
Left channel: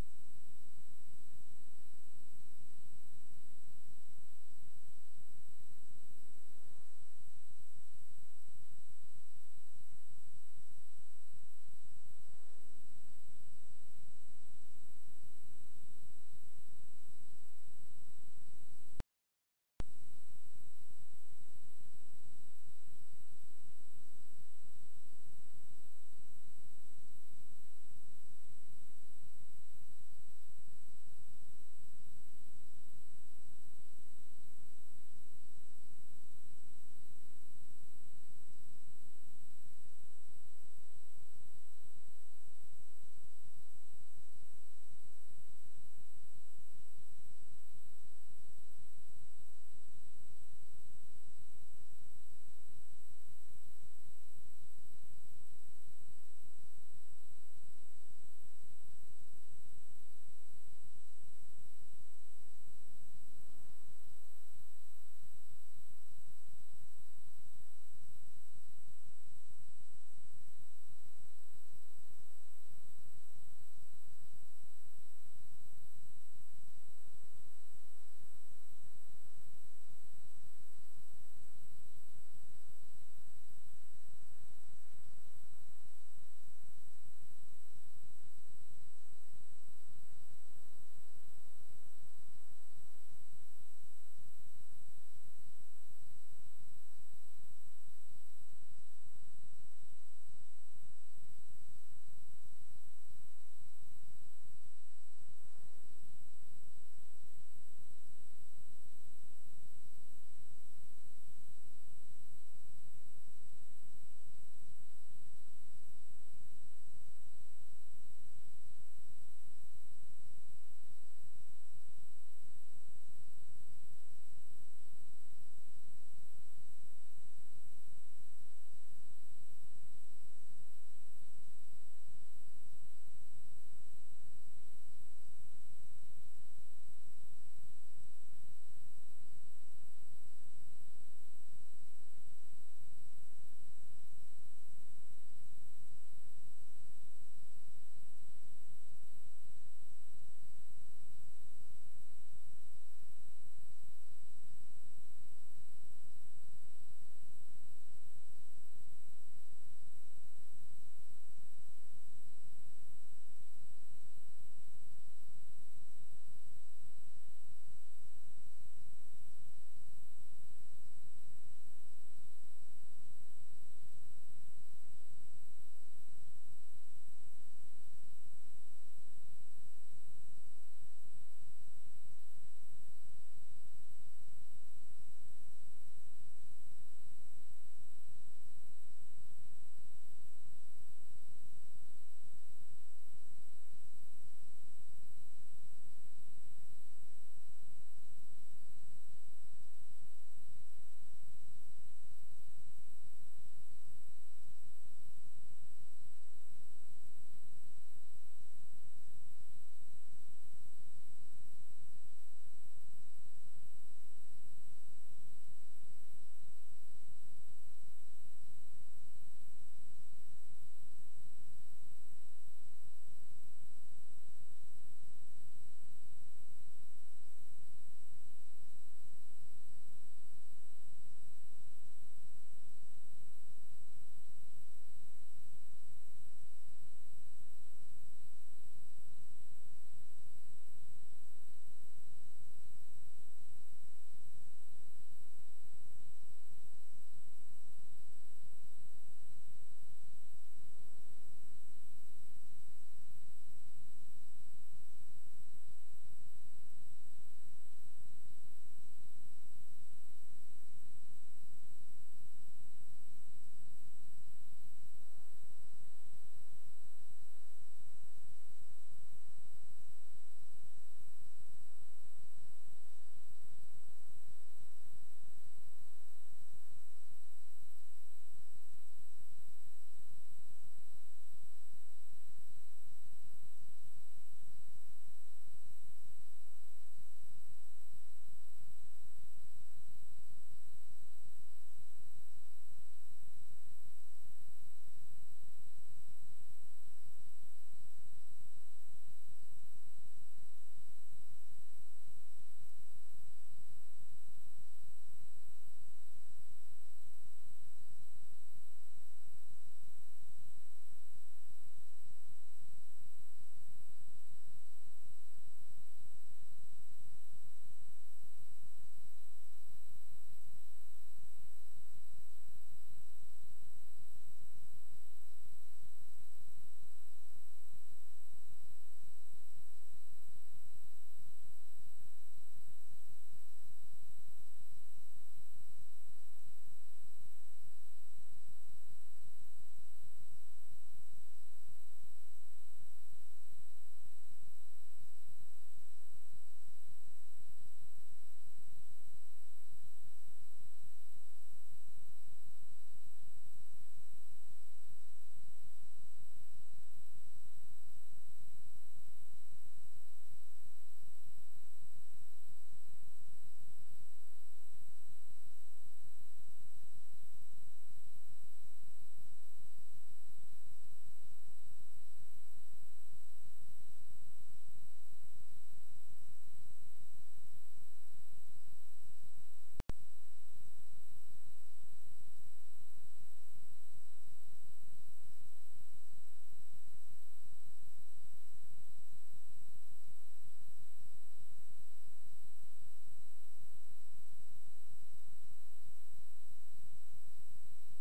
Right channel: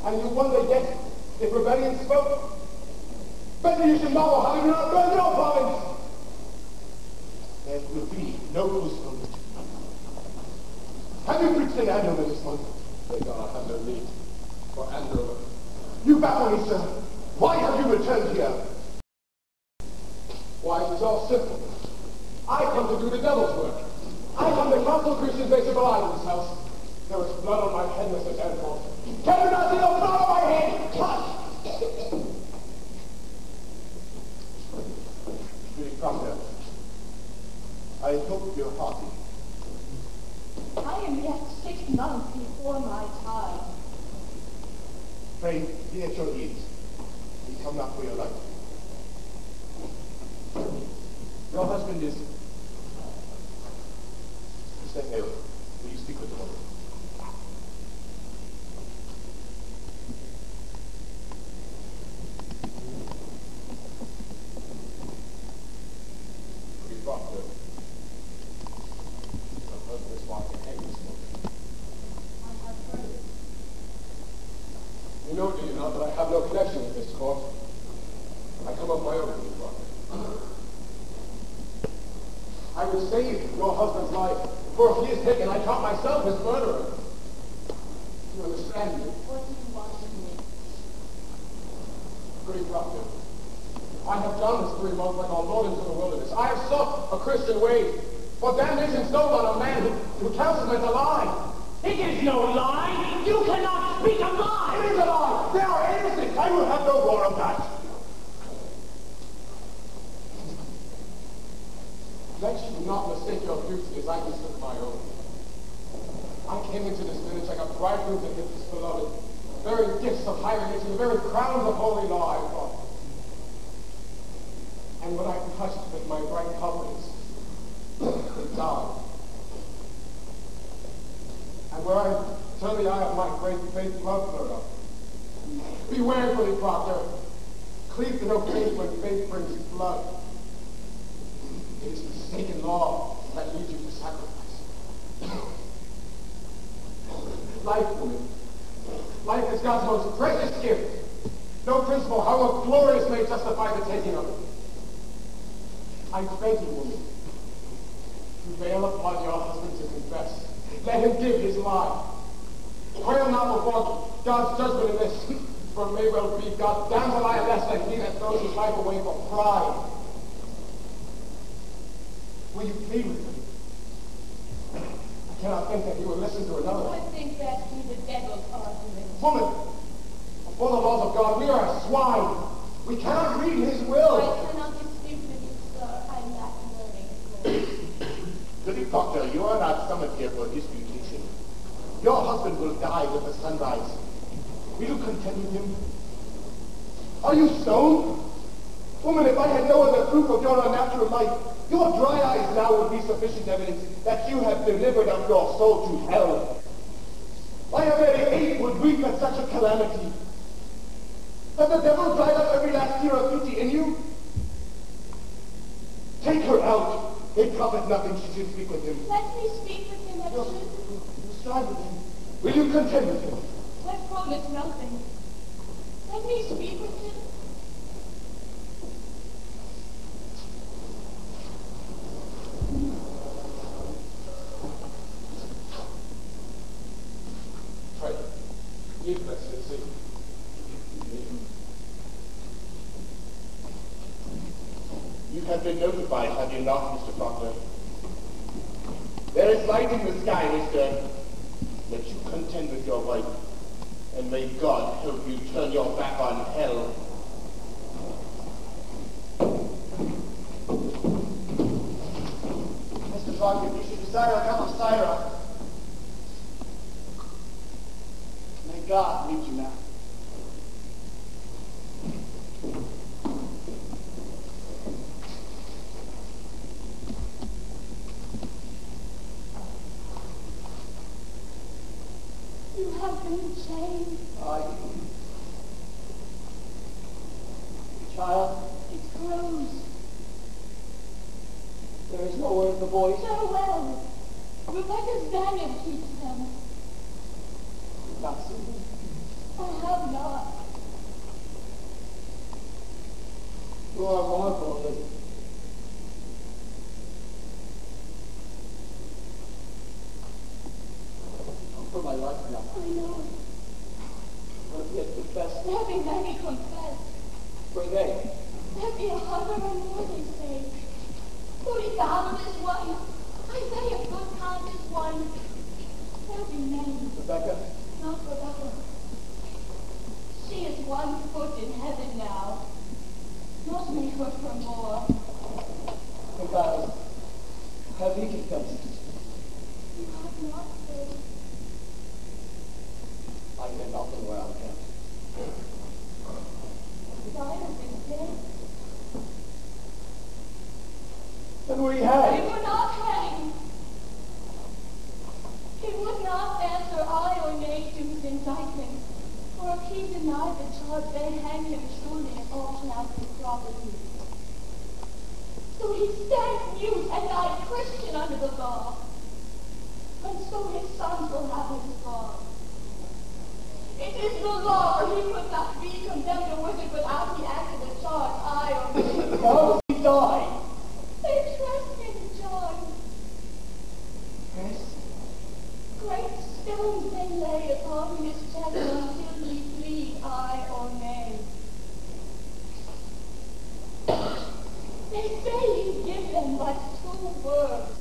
And you wonder yet if rebellion spoke? Better you should marvel how you do not burn your province. There will be no postponement. Have you preached in Andover this month? May God have no need for Andover. You baffle me, sir. Why have you returned here? Why, it is all simple. I come to do the devil's work. I come to counsel Christians they should belie themselves. There is blood on my head, Mr. Danforth. Can you not see the blood on my head? Cut! Goody Proctor, I hope you're hearty. I am yet 6 months before my time. Pray, be at your ease. We come not for your life. Your husband is... Mr. Hale, will you speak with the woman? Goody Proctor. Your husband's wife hang this morning. I have heard it. You know, do you not, that I have no connection with this court? I come of my own, Goody Proctor. I would save your husband's life, for if he is taken, I count myself his murderer. Do you understand me? What do you want of me? Goody Proctor, I have done this 3 months like our Lord into the wilderness. I have sought a Christian way, for damnation stole on a man who counsels men to lie. It is no lie. You cannot speak a lie. It is a lie. They are innocent. I will have no more of that. Let you not mistake your beauty as I mistake my own. I came into this village like a bridegroom to his beloved. The very gifts of higher nature, the very crowns of holy law I brought. And when I touched with my bright coverings, it died. And where I turn the eye of my great faith, love flowed up. Beware, Goody Proctor. Cleave to no faith when faith brings blood. It is mistaken law that leads you to sacrifice. Life, woman. Life is God's most precious gift. No principle, however glorious, may justify the taking of it. I beg you, woman, prevail upon your husband to confess. Let him give his lie. Quail not before God's judgment in this, for it may well be God damns a liar less than he that throws his life away for pride. Will you plead with him? I cannot think that he will listen to another. I would think that be the devil's argument. Woman, before the laws of God, we are swine. We cannot read his will. I cannot dispute with you, sir. I lack learning. Goody Proctor, you are not summoned here for disputation. Your husband will die with the sunrise. Will you contend with him? Are you stoned? Woman, if I had no other proof of your unnatural life, your dry eyes now would be sufficient evidence that you have delivered up your soul to hell. Why, a very ape would weep at such a calamity. Has the devil dried up every last tear of pity in you? Take her out. It profit nothing she should speak with him. Let me speak with him, You'll Edward. strive with him. Will you contend with him? I promise nothing. Let me speak with him. Pray. Ye blessed Savior. You have been notified, have you not, Mr. Proctor? There is light in the sky, Mr. Let you contend with your wife, and may God help you turn your back on hell. Mr. Proctor, if you should desire come of Syra, may God lead you now. You have been chained. Child, It grows. there is no word in the voice. Farewell. Rebecca's Spaniard keeps them. Not seen. I have not. You are mournful, Lizzie. For my life now. I know. Let me confess. Let me many confess. For they. Let me 140 say. 40,000 is one. I say a good count is one. There be many. Rebecca, Not Rebecca. She is 1 foot in heaven now. Not make her for more. because have he confessed? You have not said. I can nothing where I can. Cyrus is dead. Then we He hang. would not hang. He would not answer aye or nay to his indictment. For if he denied the charge, they hang him surely and auction out his property. So he stands mute and died Christian under the law. And so his sons will have his law. It is the law, for he could not be condemned or wicked without he acted the charge, aye or nay. How does he die? They trust him, John. Yes. Great stones they lay upon his chest until he plead aye or nay. They say he give them but 2 words.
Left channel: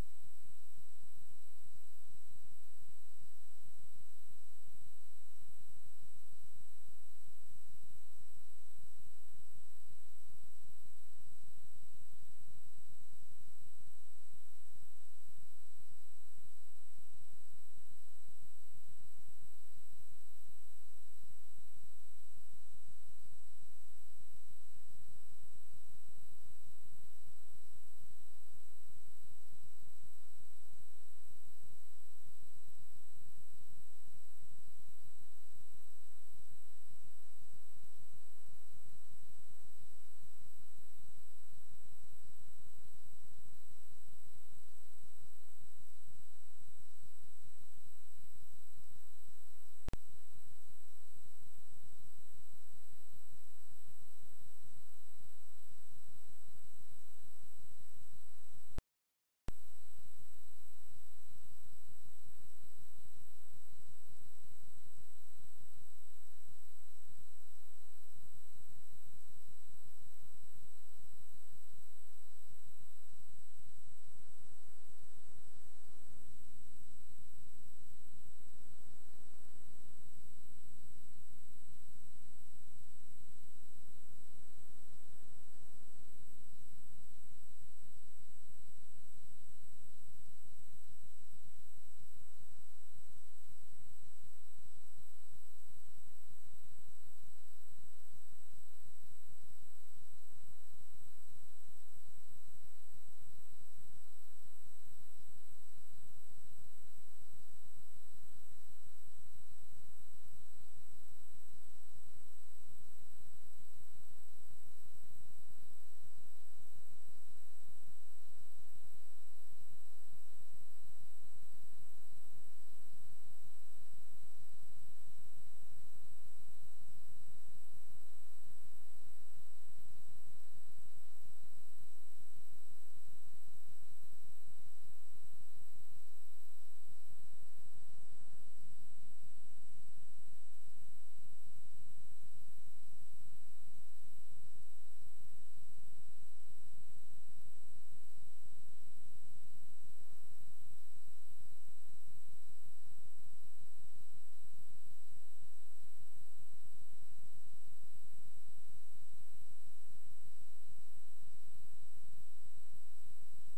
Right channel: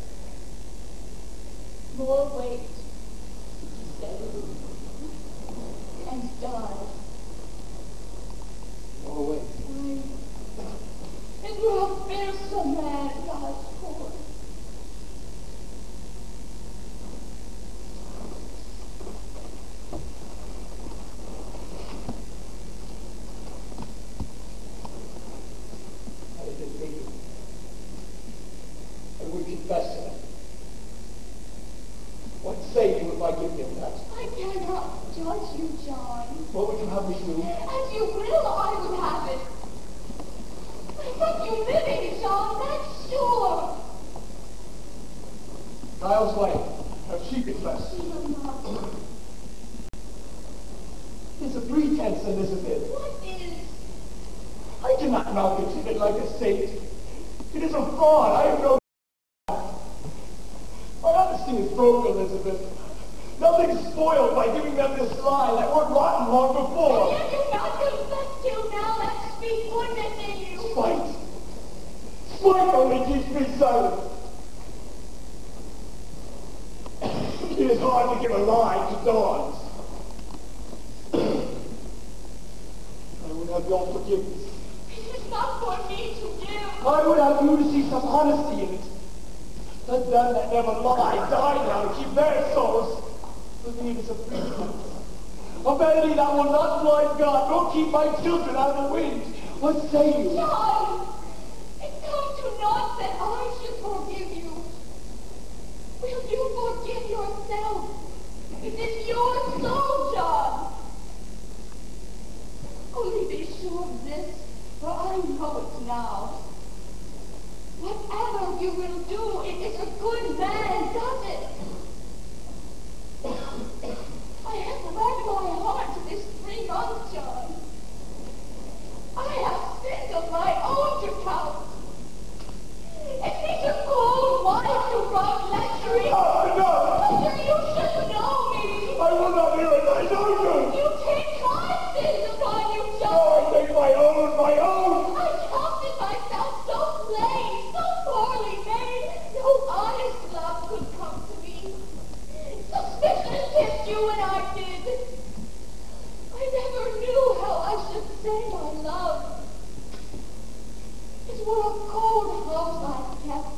More weight, he said, and die. Oh, wait. Aye. And you're a fearsome man, God's poor. I did me. I would confess to him. What say you if I give him that? I cannot judge you, John. What would you have me do? As you will, I would have it. But you living, John, that's sure. Giles' wife, have she confessed? She will not. It's a pretense, Elizabeth. What is? I cannot malcontent it like a saint. It is a fraud. I have no. My honesty is broke, Elizabeth. Nothing's spoiled by giving them this lie that were rotten long before. Yet you not confess till now that speak goodness in you. Spite. Spite only keeps me silent. It is hard to give a lie to dawns. I would have your forgiveness. It is not for me to give. I would have you to see some honesty in it. Let them that never lie die now to keep their souls. For me it is a pretense. A vanity that will not blind God, nor keep my children out of the wind. What say you? John! It's come to naught that I should forgive you. Will you forgive yourself? It is your soul, John. Only be sure of this, for I know it now. Whatever you will do, it is a good man does it. I have led my heart to this 3 months, John. I have sins of my own to count. And these are cold wine to rob lechery. Doctor, you should know me. I will not hear it. I know you. You take my sins upon you, John. No, I take my own, my own. I counted myself so plain, so poorly made, no honest love could come to me. Suspicion kissed you when I did. I never knew how I should say my love. It were a cold house I kept.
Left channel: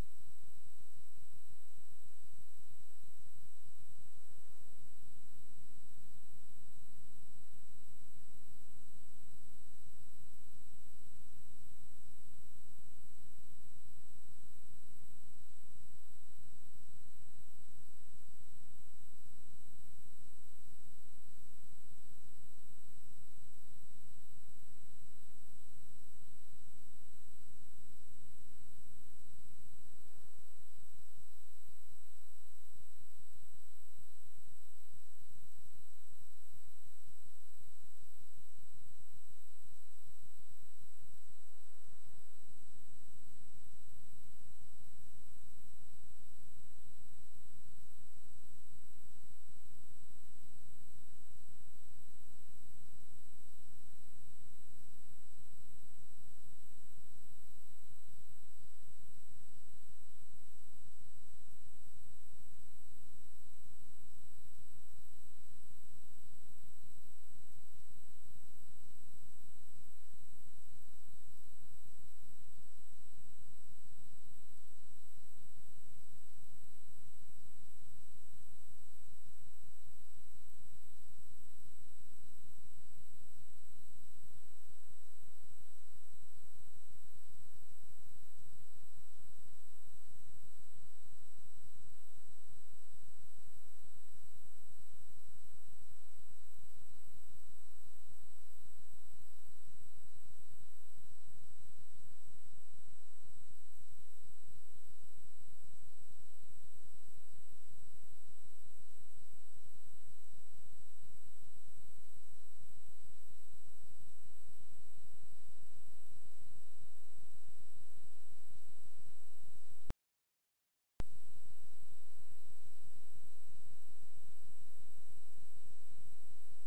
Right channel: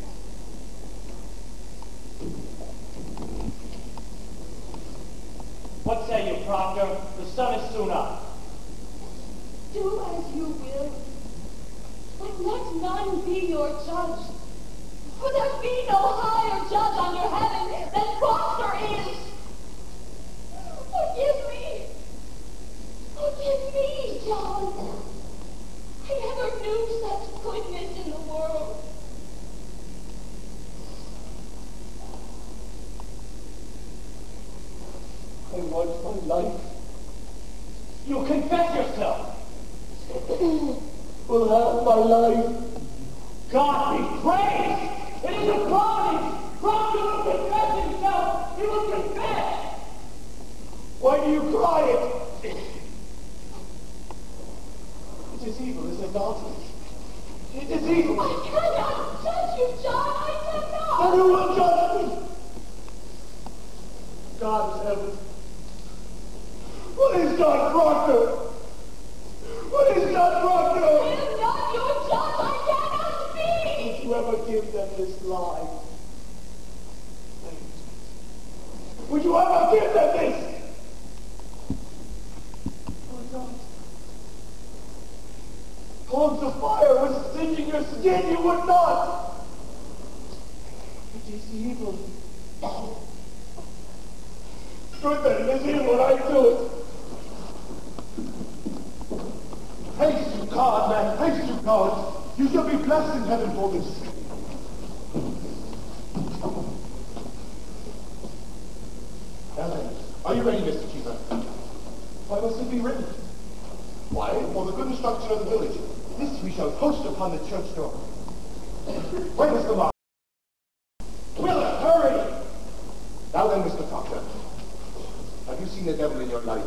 What say you, Proctor? The sun is soon up. Do as you will, but let none be your judge. For there be no higher judge under heaven than Proctor is. Forgive me. Forgive me, John. I never knew such goodness in the world. I want my life. You confess yourself. Will have my life. God be praised! It is a promise! Proctor will confess himself! He will confess! Why do you cry it? It is evil, is it not? It is evil. I cannot judge you, John. I cannot. And who will judge me? God is heaven. What is God, Proctor? What is God, Proctor? I am not your judge. I cannot speak. Would you ever give them this lie? Would you ever give them this? Or not? Coals of fire was singeing your skin, you would not! It is evil. Good then, it is evil when I do it. Haste to God, man, haste to God. You shall be blessed in heaven for this. Ellen, are you ready, Mr. Keeper? Why must it be written? Why? For the good instruction of the village. This we shall post upon the church door. Where is the mark? Willard, hurry! Now then, Mr. Proctor, have you seen the devil in your life?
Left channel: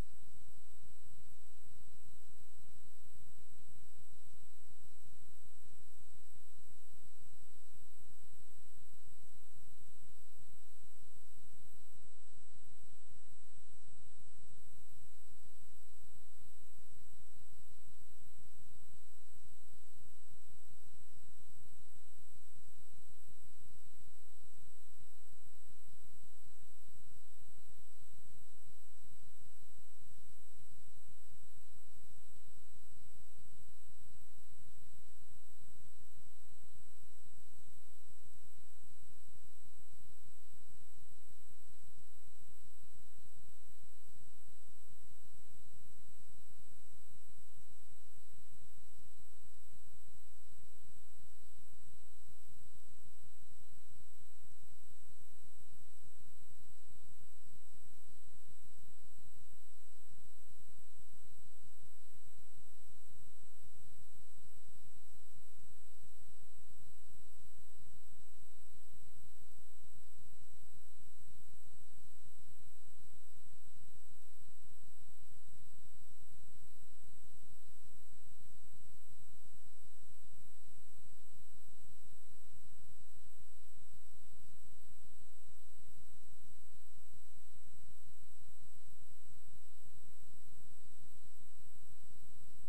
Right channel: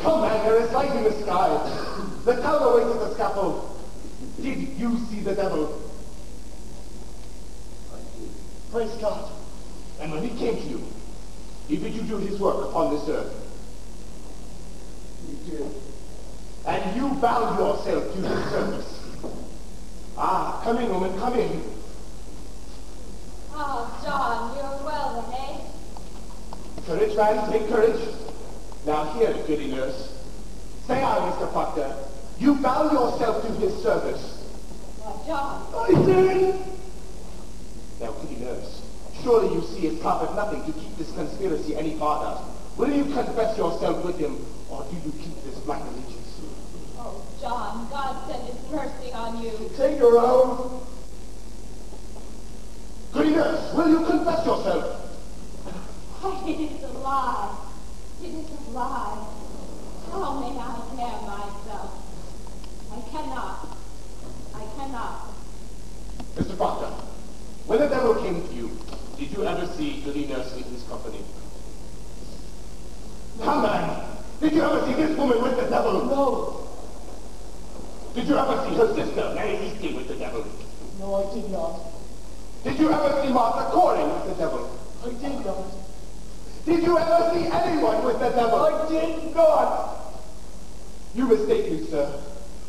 Come, man, there is light in the sky. The town awaits at the scaffold. Did you see the devil? I did. Praise God. And when he came to you, he bid you do his work upon this earth. You did. And you bound yourself to his service. Ah, come in, woman, come in. Oh, John, you're well then, eh? Courage, man, take courage. Now here, goody nurse. Say on, Mr. Proctor. You bound yourself to his service. Why, John. I did. Now, goody nurse, surely you see it profit nothing to keep this conspiracy any farther. Will you confess yourself with him, or do you keep this black allegiance? Oh, John, God send his mercy on you. Take her out. Goody nurse, will you confess yourself? Why, it is a lie. It is a lie. How may I tear myself? I cannot. I cannot. Mr. Proctor, when the devil came to you, did you ever see goody nurse in his company? Come, man, did you ever see this woman with the devil? No. Did you ever see her sister, Mary Eastley, with the devil? No, I did not. Did you ever see Martha Coring with the devil? I did not. Did you ever see anyone with the devil? I did not. You mistake me, sir.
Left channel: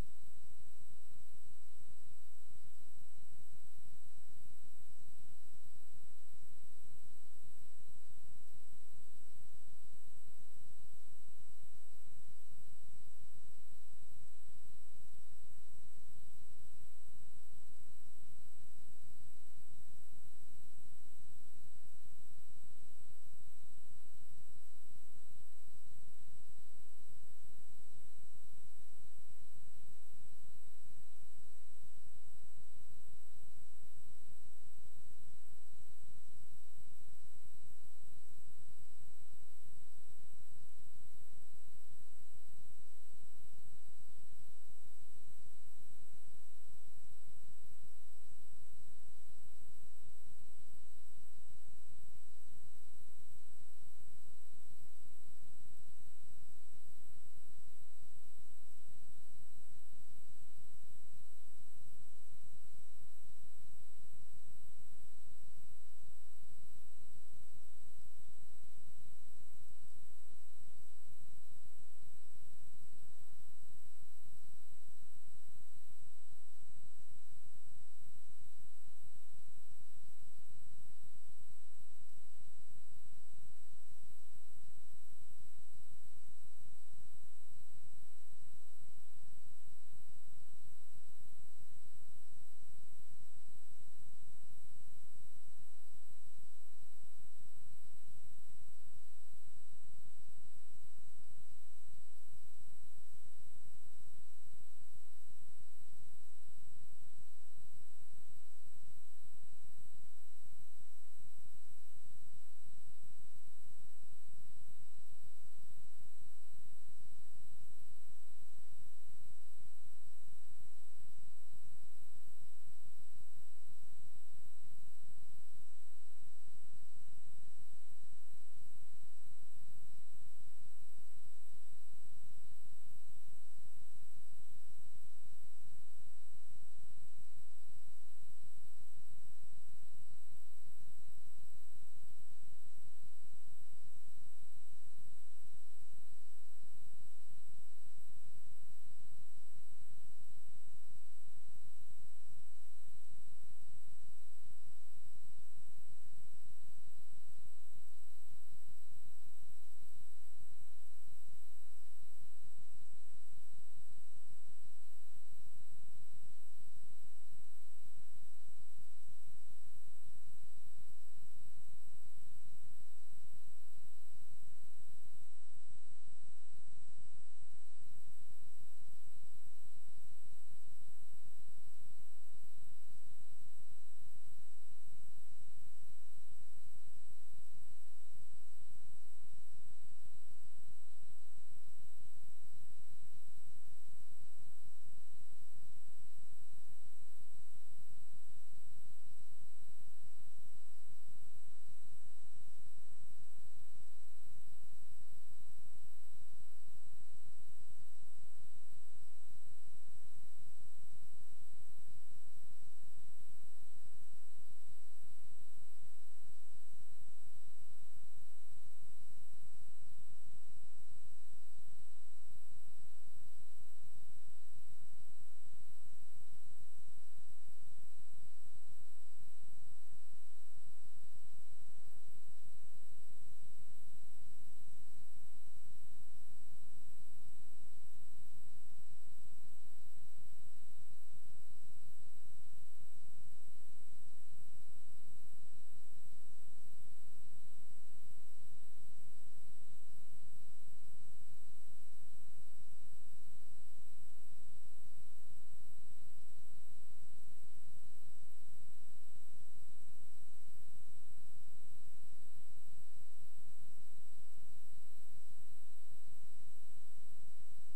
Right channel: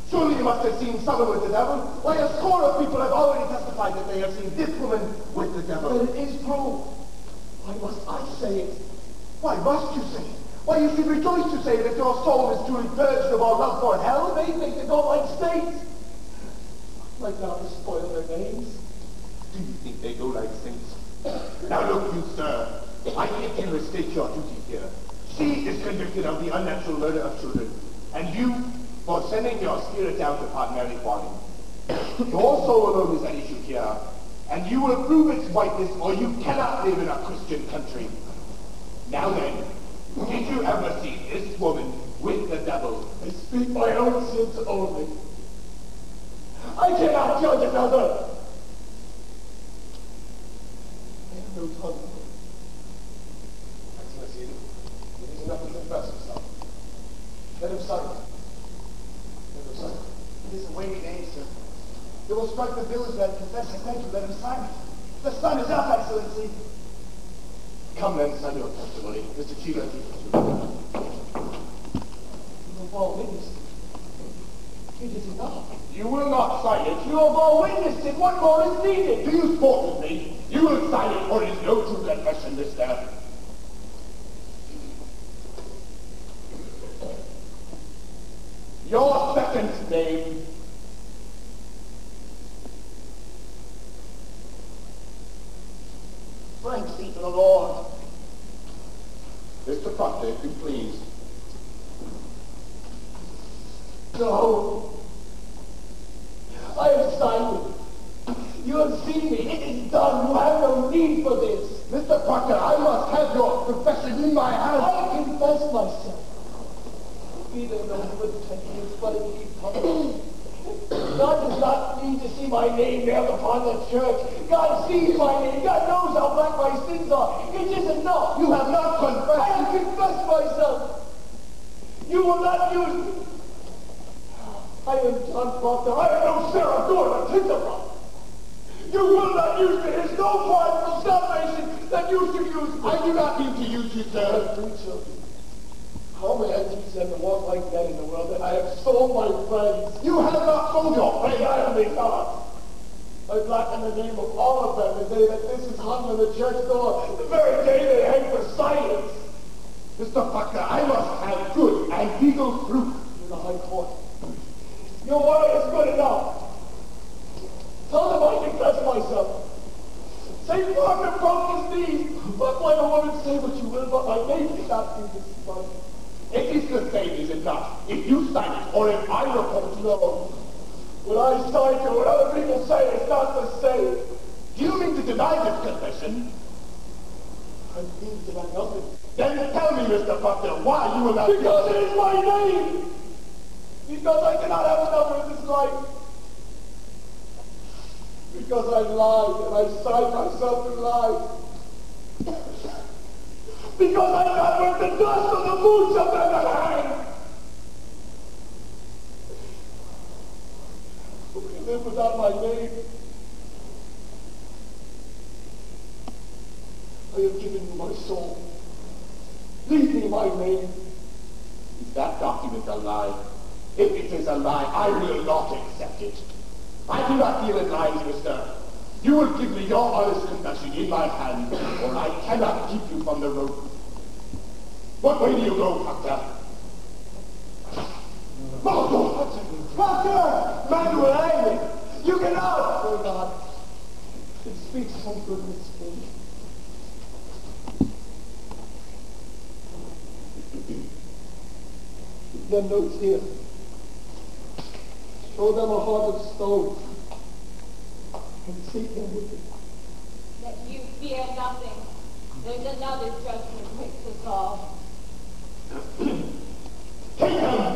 Surely you must have seen someone with the devil. Why, a score of people have already testified that they have seen this woman with the devil. But it is proved. Why must I say it? Why must you say it? Why, you should rejoice to say that your soul is truly purged of all love for hell. They think they don't like saints. Like now to spoil their names. Do you think they go like saints? Now look you, sir. I think you mistake your duty here. She is convicted of the unnatural murder of children, and you for sending your spirit out upon Mary Warning. Your soul alone is at issue here, and you will prove its whiteness, or you cannot live in a Christian country. Now then, did you ever see this woman with the devil? I speak my own sins only. I cannot judge another. I have no tongue. Excellency, it is enough to confess himself. Let him sign it. Let him sign it. It is a weighty name, sir. It will strike the village that confess. I thank you. Let him sign it. The sun is up, Excellency. Come then, sign your testimony. Mr. Chila, teach us. You have all witnessed it. It is enough. You will not sign it. You have all witnessed it. What more is needed? Do you sport with me? You will sign it, or it is no true confession, mister. Your second name. Thanks be to the Lord. Mr. Proctor, if you please. No. I have signed it. You have seen me. It is done. You have no need for this. Mr. Proctor, I must have your confession in my hand. I confess myself. Be there no repentance, but it be public. God does not need to see my name nailed upon the church. God sees my name. God knows how black my sins are. It is enough. You have not confessed. I have confessed myself. You will not use me. I am John Proctor. I am no Sarah Gordon, Tinkerbell. You will not use me. There is no part of salvation that you should use me. I do not mean to use you, I sir. have 3 children. How may I teach them to walk like men in the world that I have sold my friends? You have not sold your I friend. am the God. I blacken the name of all of them the day that this is hung on the church door, the very day they hang for silence. Mr. Proctor, I must have good and legal proof. In the High Court. Your word is good enough. Tell them I confess myself. St. Margaret broke his knees. Let my woman say what you will, but my name cannot be despised. It is the same, is it not? If you sign it, or if I report you. No. What I sign to what other people say is not the same. Do you mean to deny this confession? I mean to deny nothing. Then tell me, Mr. Proctor, why you will not... Because it is my name! Because I cannot have another in this life. Because I lied and I signed myself to lie. Because I'm not worth the dust of the boots of them that hang. Who can live without my name? I have given you my soul. Leave me my name. Is that document a lie? If it is a lie, I will not accept it. I do not deal in lies, mister. You will give me your honest confession in my hand, or I cannot keep you from the road. What way do you go, Proctor? Proctor! Manuel, you get out! Oh God, it speaks some goodness to me. Keep them notes here. Show them a heart of stone. And treat them with it. That you fear nothing. There's another judgment waits us all. Take them!